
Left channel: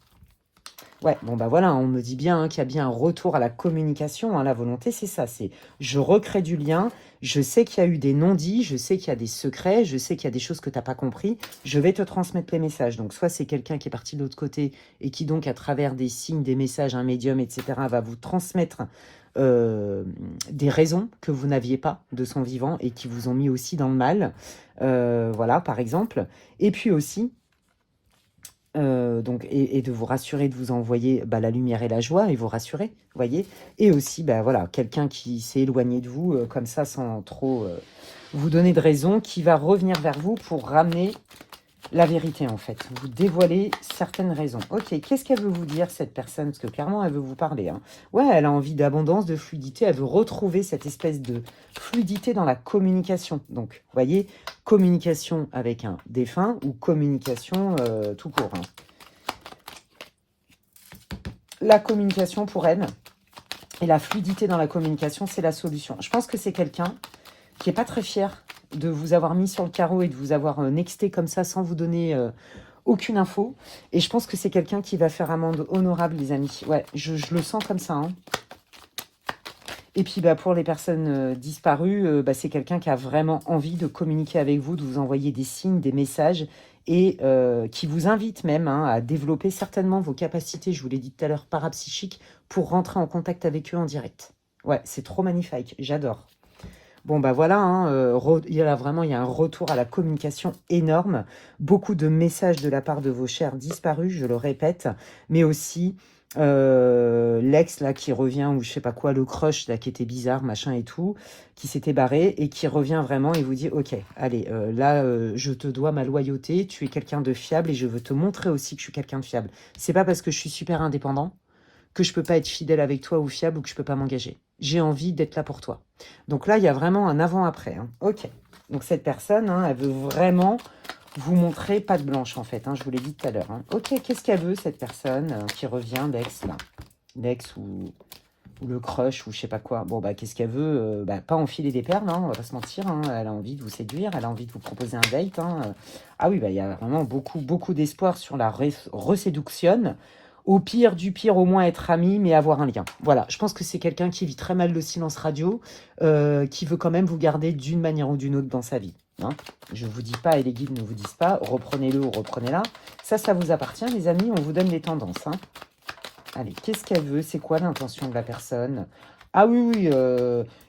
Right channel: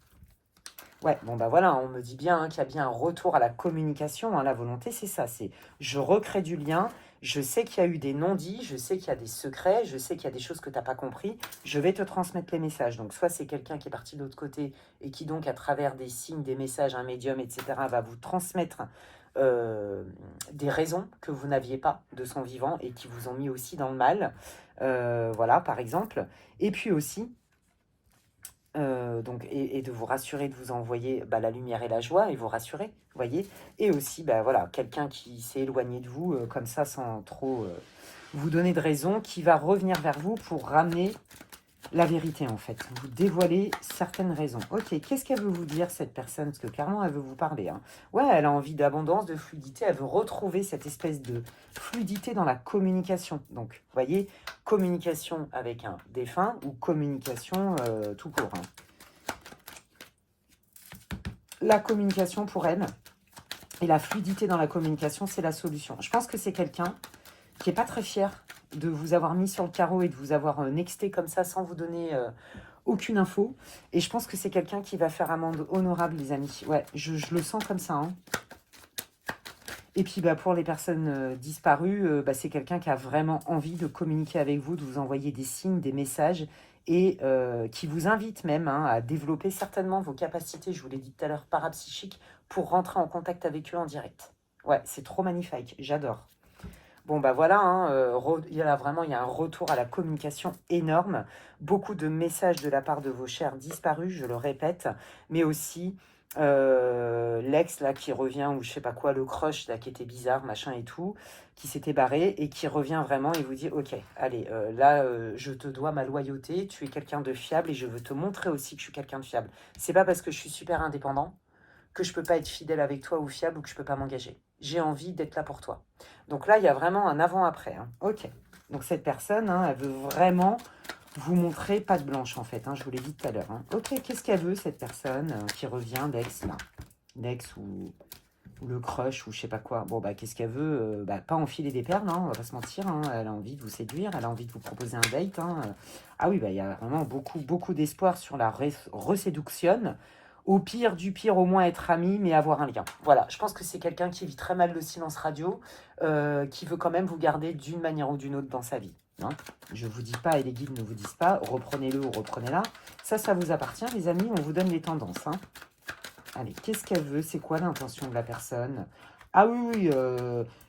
Ouais, bon bah voilà, on me dit bien hein, qu'il y a bien un retour à la communication. Hein, la volonté, c'est ça, c'est je recrée du lien, je sais qu'il y a eu des non-dits, je sais qu'il y a des secrets, je sais qu'il y a des choses que tu n'as pas compris, je vais te transmettre les messages. Donc soit c'est quelqu'un qui est parti de l'autre côté et qui donc à travers des signes, des messages, un médium, etc. va vous transmettre des raisons que vous n'aviez pas de son vivant et qui vous ont mis aussi dans le mal. Voilà, par exemple. Et puis aussi, donc, et de vous rassurer, de vous envoyer bah, la lumière et la joie, et vous rassurer, vous voyez. Et aussi, bah, voilà, quelqu'un qui s'est éloigné de vous, comme ça, sans trop vous donner de raison, qui va revenir vers vous pour ramener la vérité, en fait. Vous dévoiler certaines raisons. Ok, qu'est-ce qu'elle veut vous dire, cette personne? Parce que clairement, elle veut vous parler. Hein. Ouais, elle a envie d'abondance, de fluidité. Elle veut retrouver cette espèce de fluidité dans la communication. Donc, vous voyez, communication avec un défunt ou communication tout court. Hein. La communication pour elle et la fluidité dans la communication, c'est la solution. Je pense que c'est quelqu'un qui n'est pas très fier de vous avoir mis sur le carreau et de vous avoir nexté comme ça sans vous donner aucune info. Et je pense que c'est quelqu'un qui va faire amende honorable, les amis. Ouais, je le sens comme ça. Hein. Et puis bah, pour les personnes disparues, bah, c'est quelqu'un qui a vraiment envie de communiquer avec vous, de vous envoyer des signes, des messages et qui vous invite même hein, à développer certainement vos capacités, je vous l'ai dit tout à l'heure, parapsychiques pour rentrer en contact avec eux en direct. Ouais, c'est trop magnifique, j'adore. Bon, bah voilà, hein, il y a un retour à la communication énorme. Beaucoup de messages de la part de vos chers disparus, je le répète, mais aussi l'ex là qui revient, ou je sais pas quoi, le crush là qui était bizarre, machin et tout, qui s'était barré et qui revient vraiment et vous dit ok, allez, là je te dois ma loyauté, tu es quelqu'un de fiable et je veux te montrer aussi que je suis quelqu'un de fiable. C'est pas parce que je suis super indépendant que je peux pas être fidèle avec toi ou fiable ou que je peux pas m'engager. J'ai envie d'être là pour toi. Donc là, il y a vraiment un avant-après. Hein. Ok. Donc cette personne, hein, elle veut vraiment vous montrer patte blanche, en fait. Hein, je vous l'ai dit tout à l'heure. Hein. Ok, qu'est-ce qu'elle veut, cette personne qui revient, l'ex, là? L'ex ou le crush ou je sais pas quoi. Bon, bah, qu'est-ce qu'elle veut bah, pas enfiler des perles, hein, on va pas se mentir. Hein. Elle a envie de vous séduire, elle a envie de vous proposer un date. Hein. Ah oui, bah, il y a vraiment beaucoup d'espoir sur la reséduction. Au pire du pire, au moins être ami, mais avoir un lien. Voilà, je pense que c'est quelqu'un qui vit très mal le silence radio, qui veut quand même vous garder d'une manière ou d'une autre dans sa vie. Hein. Je ne vous dis pas, et les guides ne vous disent pas, reprenez-le ou reprenez-la. Ça vous appartient, les amis, on vous donne les tendances. Hein. Allez, qu'est-ce qu'elle veut? C'est quoi l'intention de la personne? Ah oui,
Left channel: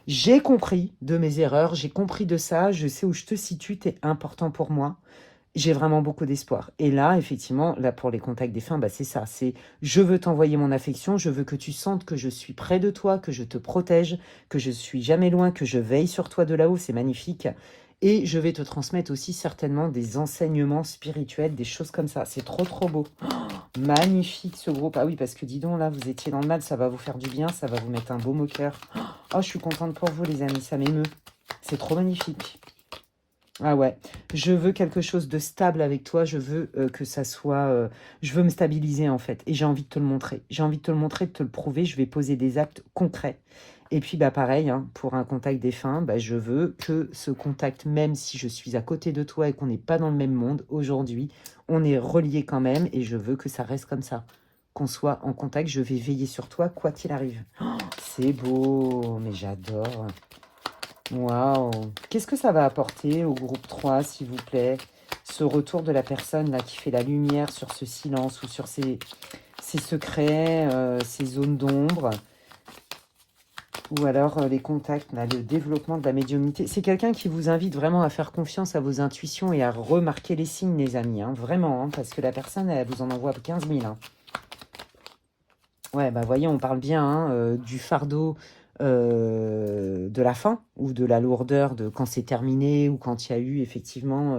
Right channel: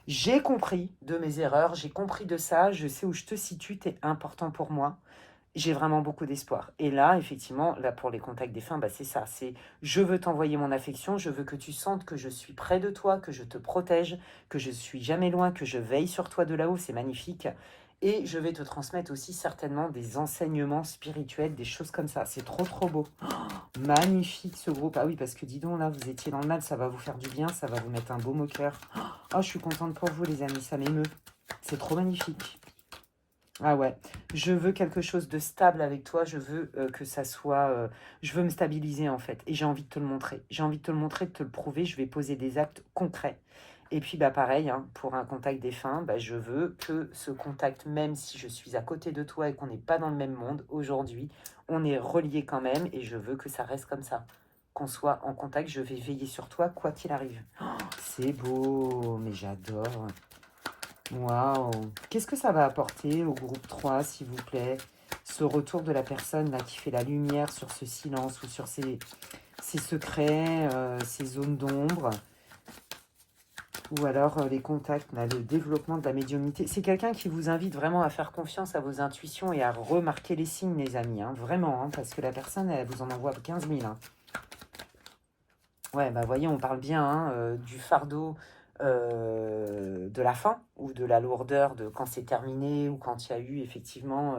j'ai compris de mes erreurs, j'ai compris de ça, je sais où je te situe, tu es important pour moi. J'ai vraiment beaucoup d'espoir. Et là, effectivement, là pour les contacts défunts, bah, c'est ça. C'est je veux t'envoyer mon affection, je veux que tu sentes que je suis près de toi, que je te protège, que je suis jamais loin, que je veille sur toi de là-haut. C'est magnifique. Et je vais te transmettre aussi certainement des enseignements spirituels, des choses comme ça. C'est trop beau. Oh, magnifique ce groupe. Ah oui, parce que dis donc, là, vous étiez dans le mal, ça va vous faire du bien, ça va vous mettre un beau au cœur. Oh, je suis contente pour vous, les amis, ça m'émeut. C'est trop magnifique. Ah ouais, je veux quelque chose de stable avec toi, je veux que ça soit... je veux me stabiliser en fait, et j'ai envie de te le montrer. J'ai envie de te le montrer, de te le prouver, je vais poser des actes concrets. Et puis bah pareil, hein, pour un contact défunt, bah, je veux que ce contact, même si je suis à côté de toi et qu'on n'est pas dans le même monde, aujourd'hui, on est reliés quand même, et je veux que ça reste comme ça. Qu'on soit en contact, je vais veiller sur toi, quoi qu'il arrive. Oh, c'est beau, mais j'adore. Waouh! Qu'est-ce que ça va apporter au groupe 3, s'il vous plaît? Ce retour de la personne là qui fait la lumière sur ce silence ou sur ses secrets, ces zones d'ombre. Ou alors les contacts, là, le développement de la médiumnité. C'est quelqu'un qui vous invite vraiment à faire confiance à vos intuitions et à remarquer les signes, les amis. Hein, vraiment, hein, parce que la personne, elle vous en envoie 15 000. Hein. Ouais, bah voyez, on parle bien hein, du fardeau de la fin ou de la lourdeur de quand c'est terminé ou quand il y a eu effectivement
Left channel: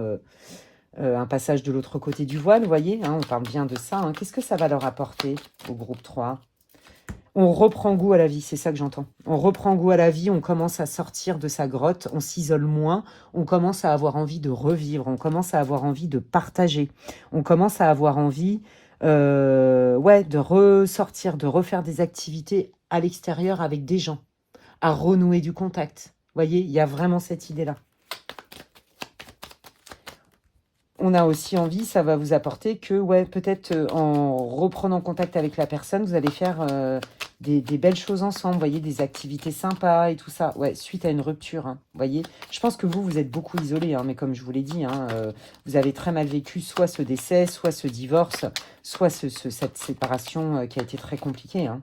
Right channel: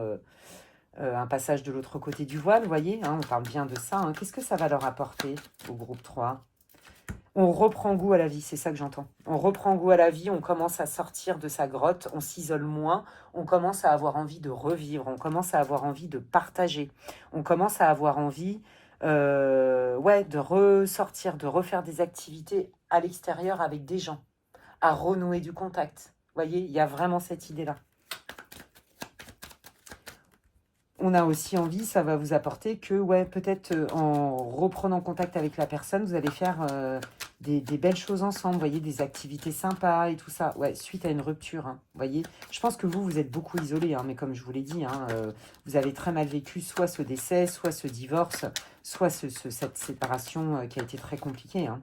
un passage de l'autre côté du voile, vous voyez, hein, on parle bien de ça. Hein. Qu'est-ce que ça va leur apporter au groupe 3? On reprend goût à la vie, c'est ça que j'entends. On reprend goût à la vie, on commence à sortir de sa grotte, on s'isole moins, on commence à avoir envie de revivre, on commence à avoir envie de partager, on commence à avoir envie Ouais, de ressortir, de refaire des activités à l'extérieur avec des gens, à renouer du contact. Vous voyez, il y a vraiment cette idée-là. On a aussi envie, ça va vous apporter que, ouais, peut-être en reprenant contact avec la personne, vous allez faire des belles choses ensemble, vous voyez, des activités sympas et tout ça. Ouais, suite à une rupture, hein, vous voyez. Je pense que vous êtes beaucoup isolé, hein, mais comme je vous l'ai dit, hein, vous avez très mal vécu soit ce décès, soit ce divorce, soit cette séparation qui a été très compliquée, hein.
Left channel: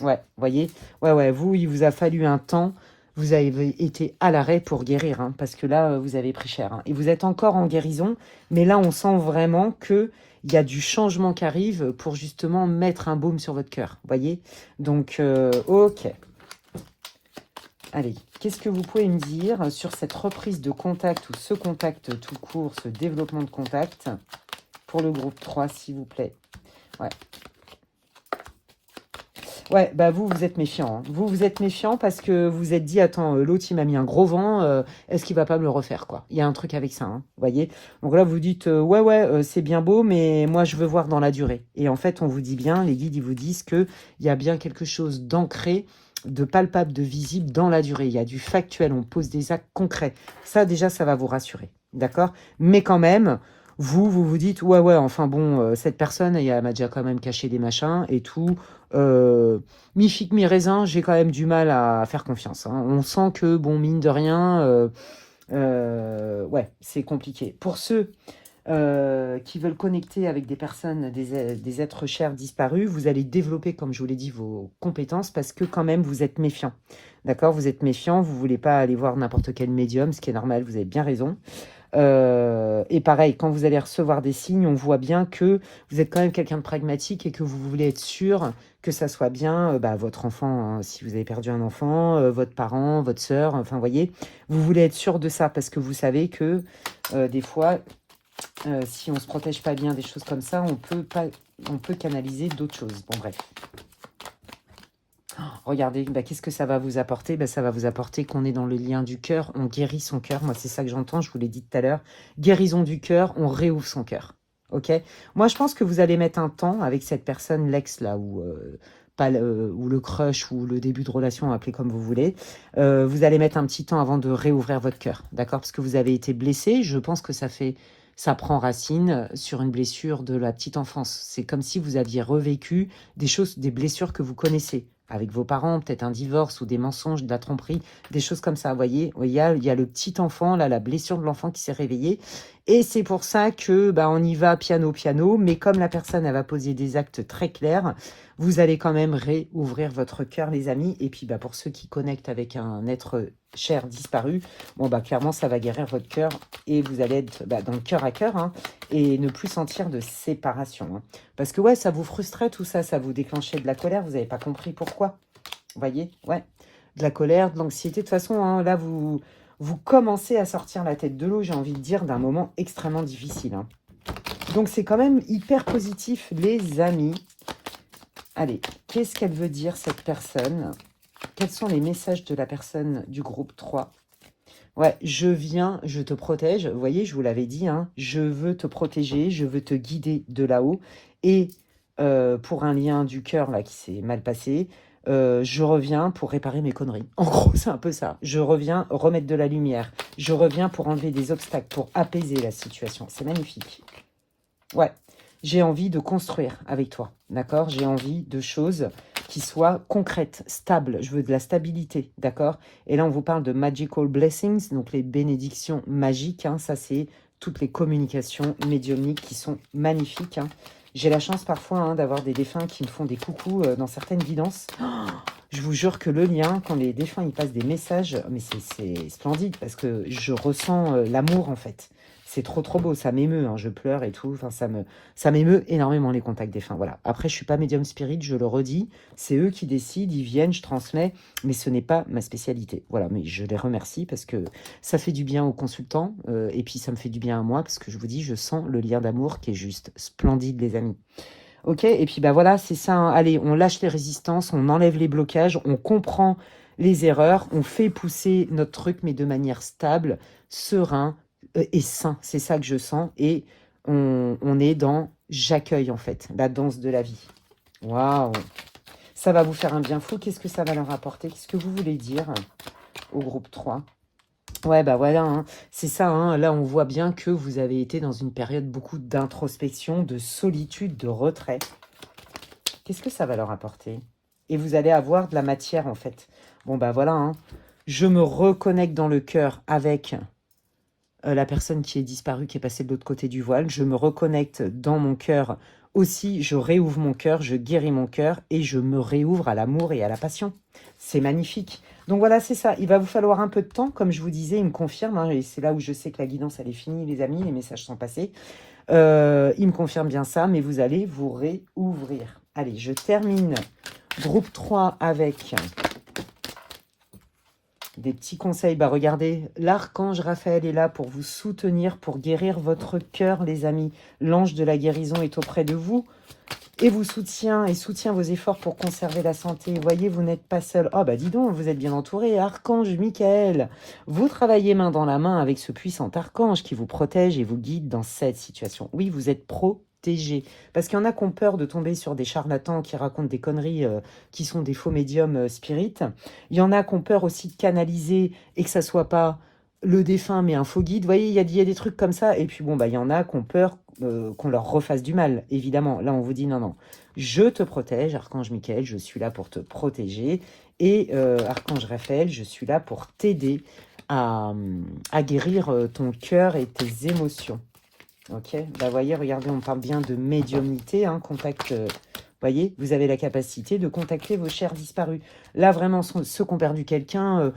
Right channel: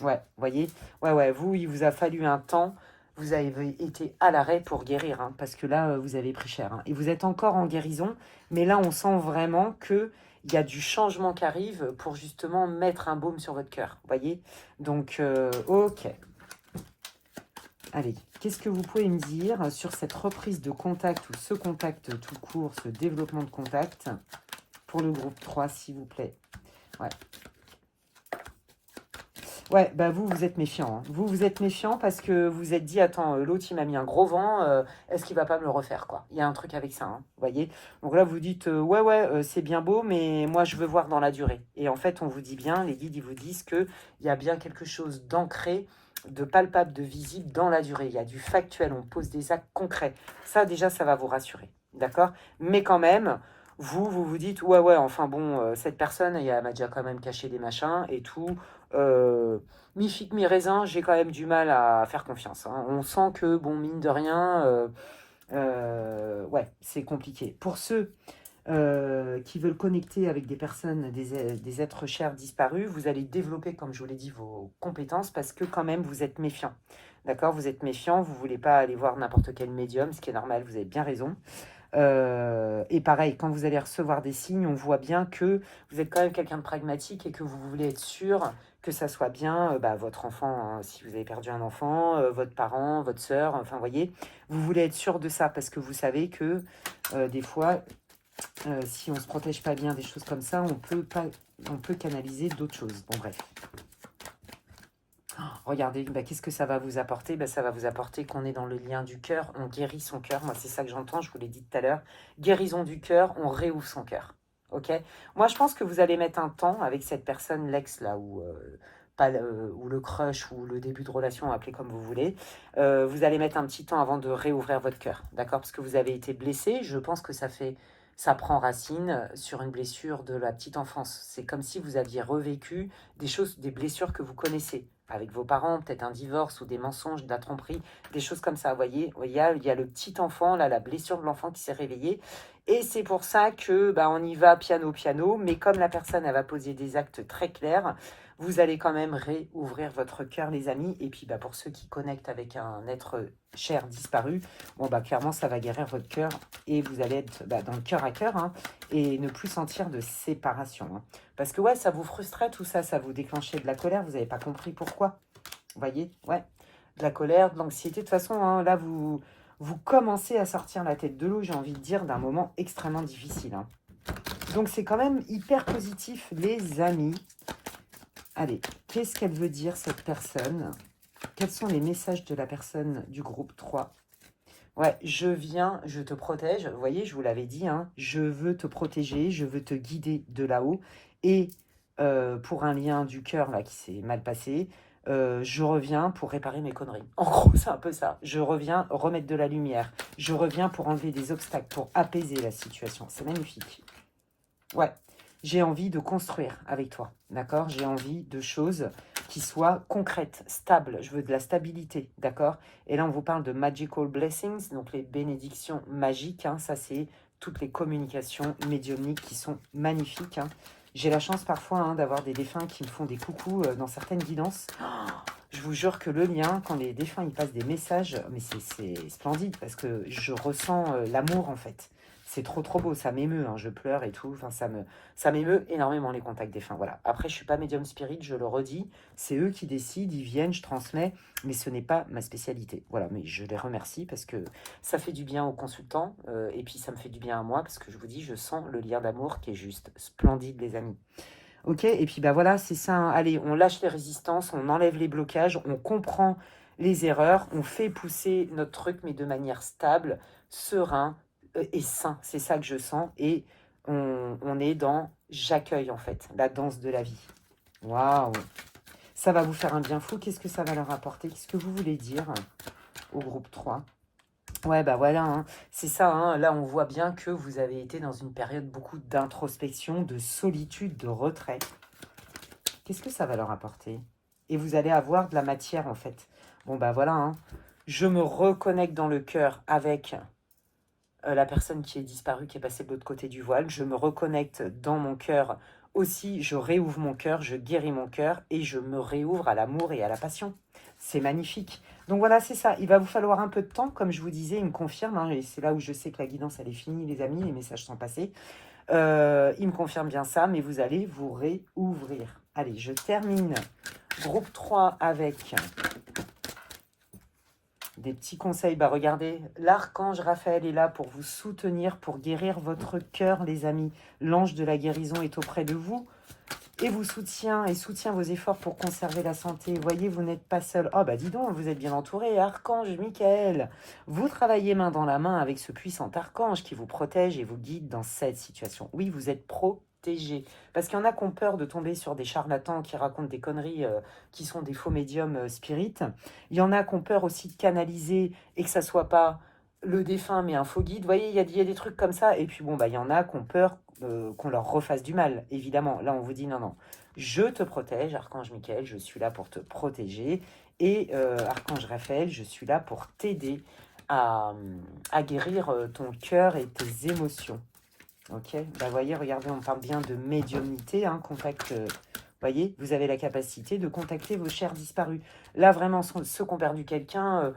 Ouais, vous voyez, ouais, vous, il vous a fallu un temps. Vous avez été à l'arrêt pour guérir, hein, parce que là, vous avez pris cher, hein. Et vous êtes encore en guérison, mais là, on sent vraiment qu'il y a du changement qui arrive pour justement mettre un baume sur votre cœur. Vous voyez? Donc, ok. Allez, qu'est-ce que vous pouvez me dire sur cette reprise de contact ou ce contact tout court, ce développement de contact pour le groupe 3, s'il vous plaît? Ouais. Ouais, bah vous, vous êtes méfiant, hein. Vous êtes méfiant parce que vous vous êtes dit, attends, l'autre, il m'a mis un gros vent, est-ce qu'il va pas me le refaire, quoi? Il y a un truc avec ça, hein, vous voyez? Donc là, vous dites, ouais, c'est bien beau, mais moi, je veux voir dans la durée. Et en fait, on vous dit bien, les guides, ils vous disent qu'il y a bien quelque chose d'ancré, de palpable, de visible dans la durée. Il y a du factuel, on pose des actes concrets. Ça, déjà, ça va vous rassurer, d'accord? Mais quand même, vous dites, ouais, enfin bon, cette personne, elle m'a déjà quand même caché des machins et tout. Mi figue, mi raisin, j'ai quand même du mal à faire confiance, hein. On sent que, bon, mine de rien, ouais, c'est compliqué. Pour ceux qui veulent connecter avec des personnes, des êtres chers disparus, vous allez développer, comme je vous l'ai dit, vos compétences parce que quand même, vous êtes méfiant. D'accord? Vous êtes méfiant, vous ne voulez pas aller voir n'importe quel médium, ce qui est normal, vous avez bien raison. Et pareil, quand vous allez recevoir des signes, on voit bien que vous êtes quand même quelqu'un de pragmatique et que vous voulez être sûr que ça soit bien votre enfant, hein, si vous avez perdu un enfant, votre parent, votre sœur, enfin, vous voyez, vous voulez être sûr de ça parce que vous savez que des fois, si on ne se protège pas bien des choses comme ça, on peut canaliser d'autres choses. Bon, bref. Regardez, qu'est-ce que ça va vous apporter? Ça va vous apporter qu'on est dans le lien du cœur, on guérit son cœur. Moi, c'est ça que j'entends, je vous l'ai dit tout à l'heure. Guérison du cœur, on réouvre son cœur. Ok? Moi, je pense que vous allez mettre un temps avec cette personne, l'ex, là, ou le crush, ou le début de relation, appelez comme vous voulez. Vous allez mettre un petit temps avant de réouvrir votre cœur. D'accord? Parce que vous avez été blessé. Je pense que ça prend racine sur une blessure de la petite enfance. C'est comme si vous aviez revécu des choses, des blessures que vous connaissez avec vos parents, peut-être un divorce ou des mensonges, de la tromperie, des choses comme ça. Vous voyez, il y a le petit enfant, là, la blessure de l'enfant qui s'est réveillée. Et c'est pour ça que on y va piano, mais comme la personne, elle va poser des actes très clairs, vous allez quand même réouvrir votre cœur, les amis. Et puis, pour ceux qui connectent avec un être cher disparu, clairement, ça va guérir votre cœur et vous allez être dans le cœur à cœur, hein, et ne plus sentir de séparation, hein. Parce que, ouais, ça vous frustrait tout ça, ça vous déclenchait de la colère, vous n'avez pas compris pourquoi. Vous voyez, ouais, de la colère, de l'anxiété. De toute façon, hein, là, vous commencez à sortir la tête de l'eau, j'ai envie de dire, d'un moment extrêmement difficile, hein. Donc, c'est quand même hyper positif, les amis. Allez, qu'est-ce qu'elle veut dire, cette personne? Quels sont les messages de la personne du groupe 3? Ouais, je viens, je te protège. Vous voyez, je vous l'avais dit, hein, je veux te protéger, je veux te guider de là-haut. Et pour un lien du cœur là qui s'est mal passé, je reviens pour réparer mes conneries. En gros, c'est un peu ça. Je reviens remettre de la lumière. Je reviens pour enlever des obstacles, pour apaiser la situation. C'est magnifique. Ouais, j'ai envie de construire avec toi, d'accord? J'ai envie de choses qui soient concrètes, stables. Je veux de la stabilité, d'accord? Et là, on vous parle de magical blessings, donc les bénédictions magiques, hein. Ça, c'est toutes les communications médiumniques qui sont magnifiques, hein. J'ai la chance parfois, hein, d'avoir des défunts qui me font des coucous dans certaines guidances. Je vous jure que le lien, quand les défunts ils passent des messages, mais c'est splendide parce que je ressens l'amour en fait. C'est trop beau, ça m'émeut, hein, je pleure et tout, enfin, ça m'émeut énormément les contacts défunts, voilà. Après, je suis pas médium spirit, je le redis, c'est eux qui décident, ils viennent, je transmets, mais ce n'est pas ma spécialité. Voilà, mais je les remercie parce que ça fait du bien aux consultants, et puis ça me fait du bien à moi, parce que je vous dis, je sens le lien d'amour qui est juste splendide, les amis. Ok, et puis voilà, c'est ça, hein. Allez, on lâche les résistances, on enlève les blocages, on comprend les erreurs, on fait pousser notre truc, mais de manière stable, serein, et sain. C'est ça que je sens. Et On est dans j'accueille en fait, la danse de la vie. Waouh! Ça va vous faire un bien fou. Qu'est-ce que ça va leur apporter? Qu'est-ce que vous voulez dire au groupe 3? Ouais, bah voilà, hein. C'est ça, hein. Là, on voit bien que vous avez été dans une période beaucoup d'introspection, de solitude, de retrait. Qu'est-ce que ça va leur apporter? Et vous allez avoir de la matière, en fait. Bon, bah voilà, hein. Je me reconnecte dans le cœur avec la personne qui est disparue, qui est passée de l'autre côté du voile. Je me reconnecte dans mon cœur aussi. Je réouvre mon cœur, je guéris mon cœur et je me réouvre à l'amour et à la passion. C'est magnifique. Donc voilà, c'est ça. Il va vous falloir un peu de temps, comme je vous disais, il me confirme. Hein, et c'est là où je sais que la guidance, elle est finie, les amis, les messages sont passés. Il me confirme bien ça, mais vous allez vous réouvrir. Allez, je termine groupe 3 avec des petits conseils. Bah regardez, l'archange Raphaël est là pour vous soutenir, pour guérir votre cœur, les amis. L'ange de la guérison est auprès de vous et vous soutient vos efforts pour conserver la santé. Voyez, vous n'êtes pas seul. Oh bah dis donc, vous êtes bien entouré. Archange Michael, vous travaillez main dans la main avec ce puissant archange qui vous protège et vous guide dans cette situation. Oui, vous êtes protégé. Parce qu'il y en a qui ont peur de tomber sur des charlatans qui racontent des conneries, qui sont des faux médiums spirites. Il y en a qui ont peur aussi de canaliser et que ça soit pas le défunt mais un faux guide. Vous voyez, il y a des trucs comme ça. Et puis bon, bah il y en a qui ont peur qu'on leur refasse du mal, évidemment. Là, on vous dit non, non. Je te protège, Archange Michael, je suis là pour te protéger. Et Archange Raphaël, je suis là pour t'aider à guérir ton cœur et tes émotions. Ok, bah voyez, regardez, on parle bien de médiumnité, hein, contact. Voyez, vous avez la capacité de contacter vos chers disparus. Là, vraiment, ceux qui ont perdu quelqu'un,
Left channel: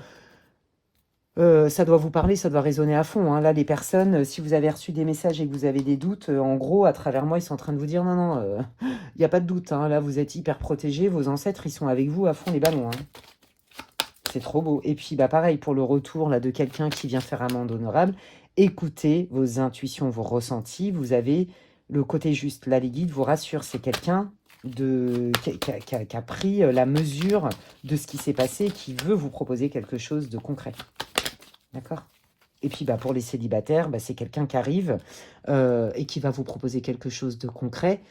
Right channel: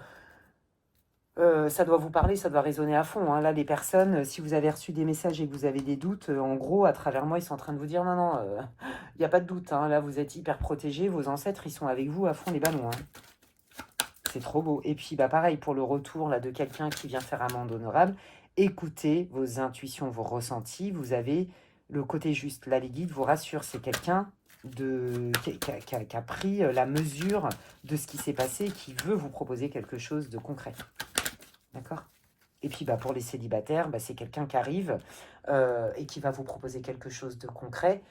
ça doit vous parler, ça doit résonner à fond. Hein. Là, les personnes, si vous avez reçu des messages et que vous avez des doutes, en gros, à travers moi, ils sont en train de vous dire non, non, il n'y a pas de doute. Hein. Là, vous êtes hyper protégés, vos ancêtres, ils sont avec vous à fond les ballons. Hein. C'est trop beau. Et puis, bah, pareil, pour le retour là, de quelqu'un qui vient faire amende honorable, écoutez vos intuitions, vos ressentis. Vous avez le côté juste. Là, les guides vous rassurent. C'est quelqu'un qui a pris la mesure de ce qui s'est passé et qui veut vous proposer quelque chose de concret. D'accord? Et puis, bah, pour les célibataires, bah, c'est quelqu'un qui arrive et qui va vous proposer quelque chose de concret.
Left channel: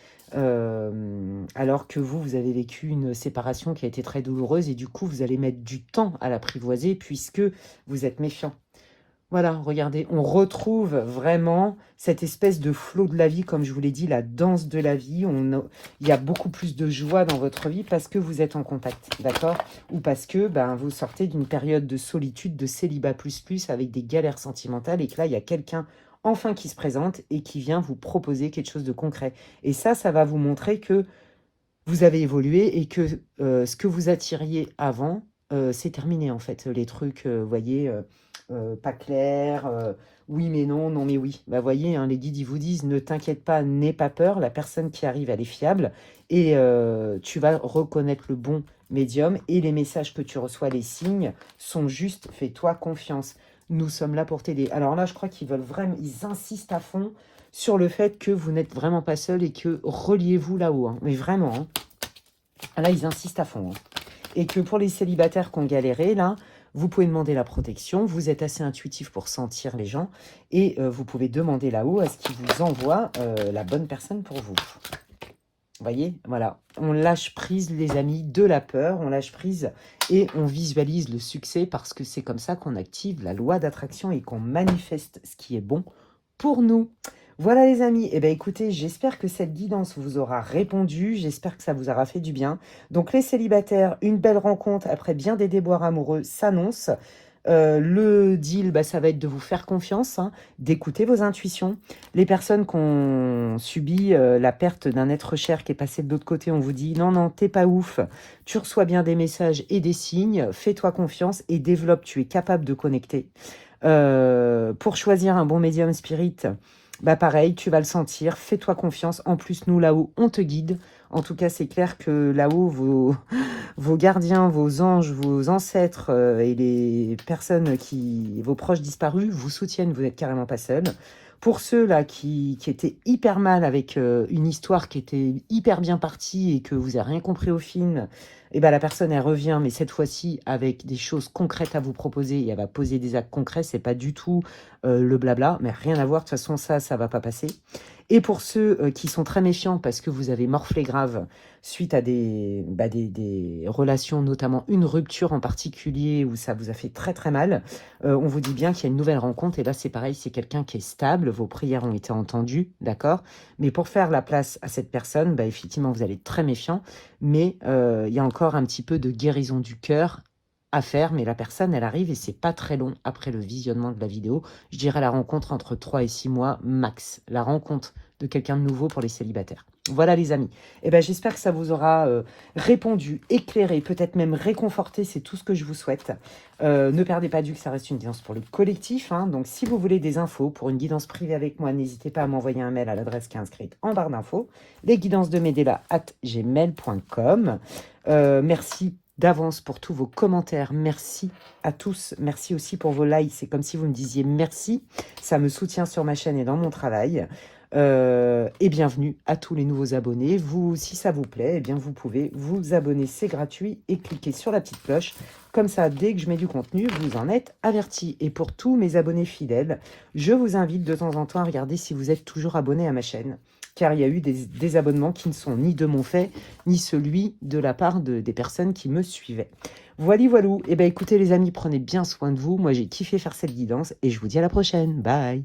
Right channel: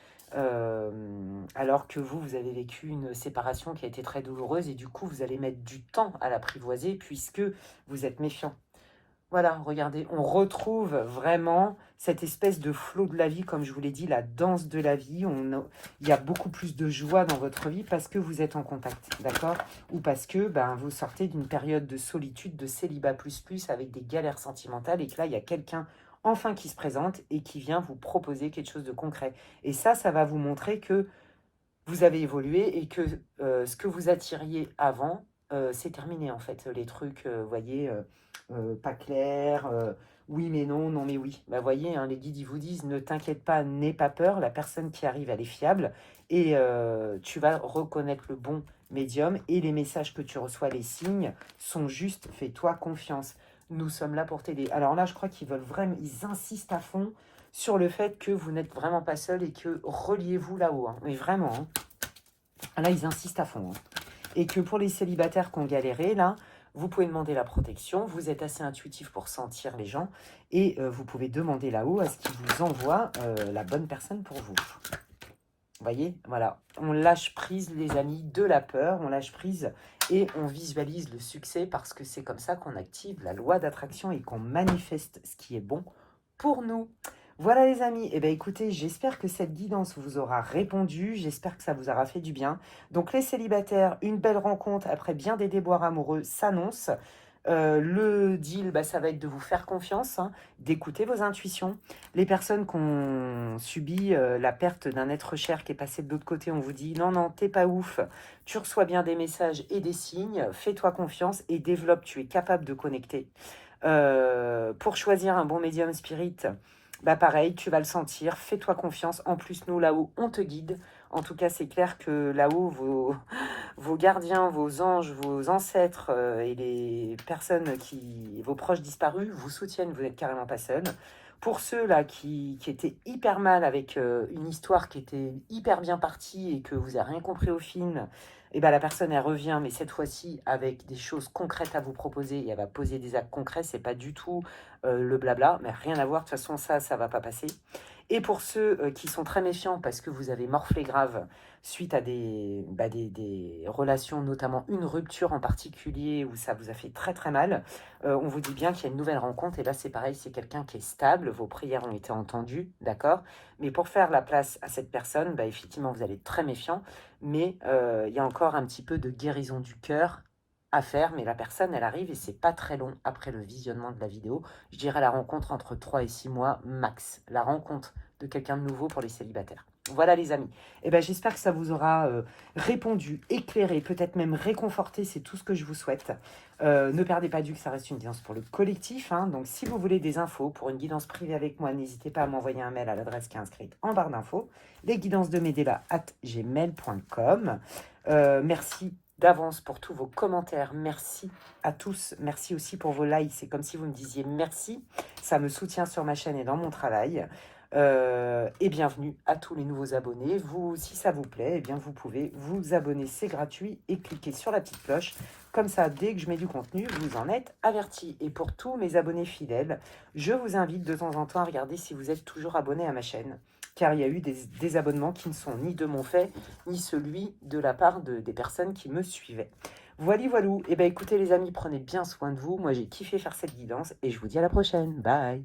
Alors que vous avez vécu une séparation qui a été très douloureuse et du coup, vous allez mettre du temps à l'apprivoiser puisque vous êtes méfiant. Voilà, regardez, on retrouve vraiment cette espèce de flot de la vie, comme je vous l'ai dit, la danse de la vie. Il y a beaucoup plus de joie dans votre vie parce que vous êtes en contact, d'accord? Ou parce que ben, vous sortez d'une période de solitude, de célibat plus, avec des galères sentimentales et que là, il y a quelqu'un enfin qui se présente et qui vient vous proposer quelque chose de concret. Et ça va vous montrer que vous avez évolué et que ce que vous attiriez avant, c'est terminé en fait. Les trucs, vous voyez, pas clairs, oui mais non, non mais oui. Bah, voyez, hein, les guides, ils vous disent, ne t'inquiète pas, n'aie pas peur, la personne qui arrive, elle est fiable et tu vas reconnaître le bon médium et les messages que tu reçois, les signes, sont justes, fais-toi confiance. Nous sommes là pour t'aider. Alors là, je crois qu'ils veulent vraiment, ils insistent à fond sur le fait que vous n'êtes vraiment pas seul et que reliez-vous là-haut. Hein. Mais vraiment, hein. Là, ils insistent à fond. Hein. Et que pour les célibataires qui ont galéré, là, vous pouvez demander la protection. Vous êtes assez intuitif pour sentir les gens. Et vous pouvez demander là-haut à ce qu'ils vous envoient la bonne personne pour vous. Vous voyez, voilà. On lâche prise, les amis, de la peur. On lâche prise et on visualise le succès parce que c'est comme ça qu'on active la loi d'attraction et qu'on manifeste ce qui est bon pour nous. Voilà les amis, eh bien écoutez, j'espère que cette guidance vous aura répondu, j'espère que ça vous aura fait du bien. Donc les célibataires, une belle rencontre après bien des déboires amoureux s'annonce. Le deal, bah, ça va être de vous faire confiance, hein, d'écouter vos intuitions. Les personnes qui ont subi la perte d'un être cher qui est passé de l'autre côté, on vous dit non, non, t'es pas ouf, tu reçois bien des messages et des signes, fais-toi confiance et développe, tu es capable de connecter. Pour choisir un bon médium spirit, bah pareil, tu vas le sentir, fais-toi confiance. En plus, nous, là-haut, on te guide. En tout cas, c'est clair que là-haut, vos gardiens, vos anges, vos ancêtres et les personnes vos proches disparus, vous soutiennent, vous n'êtes carrément pas seul. Pour ceux-là qui étaient hyper mal avec une histoire qui était hyper bien partie et que vous n'avez rien compris au film, et ben la personne, elle revient, mais cette fois-ci avec des choses concrètes à vous proposer, et elle va poser des actes concrets, c'est pas du tout le blabla, mais rien à voir, de toute façon, ça va pas passer. Et pour ceux qui sont très méfiants parce que vous avez morflé grave suite à des relations, notamment une rupture en particulier où ça vous a fait très très mal, on vous dit bien qu'il y a une nouvelle rencontre. Et là, c'est pareil, c'est quelqu'un qui est stable, vos prières ont été entendues, d'accord? Mais pour faire la place à cette personne, effectivement, vous allez être très méfiant, mais il y a encore un petit peu de guérison du cœur à faire, mais la personne, elle arrive et c'est pas très long après le visionnement de la vidéo. Je dirais la rencontre entre 3 et 6 mois max. La rencontre de quelqu'un de nouveau pour les célibataires. Voilà les amis. Eh ben, j'espère que ça vous aura répondu, éclairé, peut-être même réconforté. C'est tout ce que je vous souhaite. Ne perdez pas de vue que ça reste une guidance pour le collectif. Hein. Donc si vous voulez des infos pour une guidance privée avec moi, n'hésitez pas à m'envoyer un mail à l'adresse qui est inscrite en barre d'infos. lesguidancesdemedela@gmail.com. Merci d'avance pour tous vos commentaires. Merci à tous. Merci aussi pour vos likes. C'est comme si vous me disiez merci. Ça me soutient sur ma chaîne et dans mon travail. Et bienvenue à tous les nouveaux abonnés. Vous, si ça vous plaît, eh bien vous pouvez vous abonner, c'est gratuit, et cliquer sur la petite cloche. Comme ça, dès que je mets du contenu, vous en êtes avertis. Et pour tous mes abonnés fidèles, je vous invite de temps en temps à regarder si vous êtes toujours abonné à ma chaîne. Car il y a eu des abonnements qui ne sont ni de mon fait, ni celui de la part des personnes qui me suivaient. Voilà, voilà. Eh bien, écoutez les amis, prenez bien soin de vous. Moi, j'ai kiffé faire cette guidance et je vous dis à la prochaine. Bye.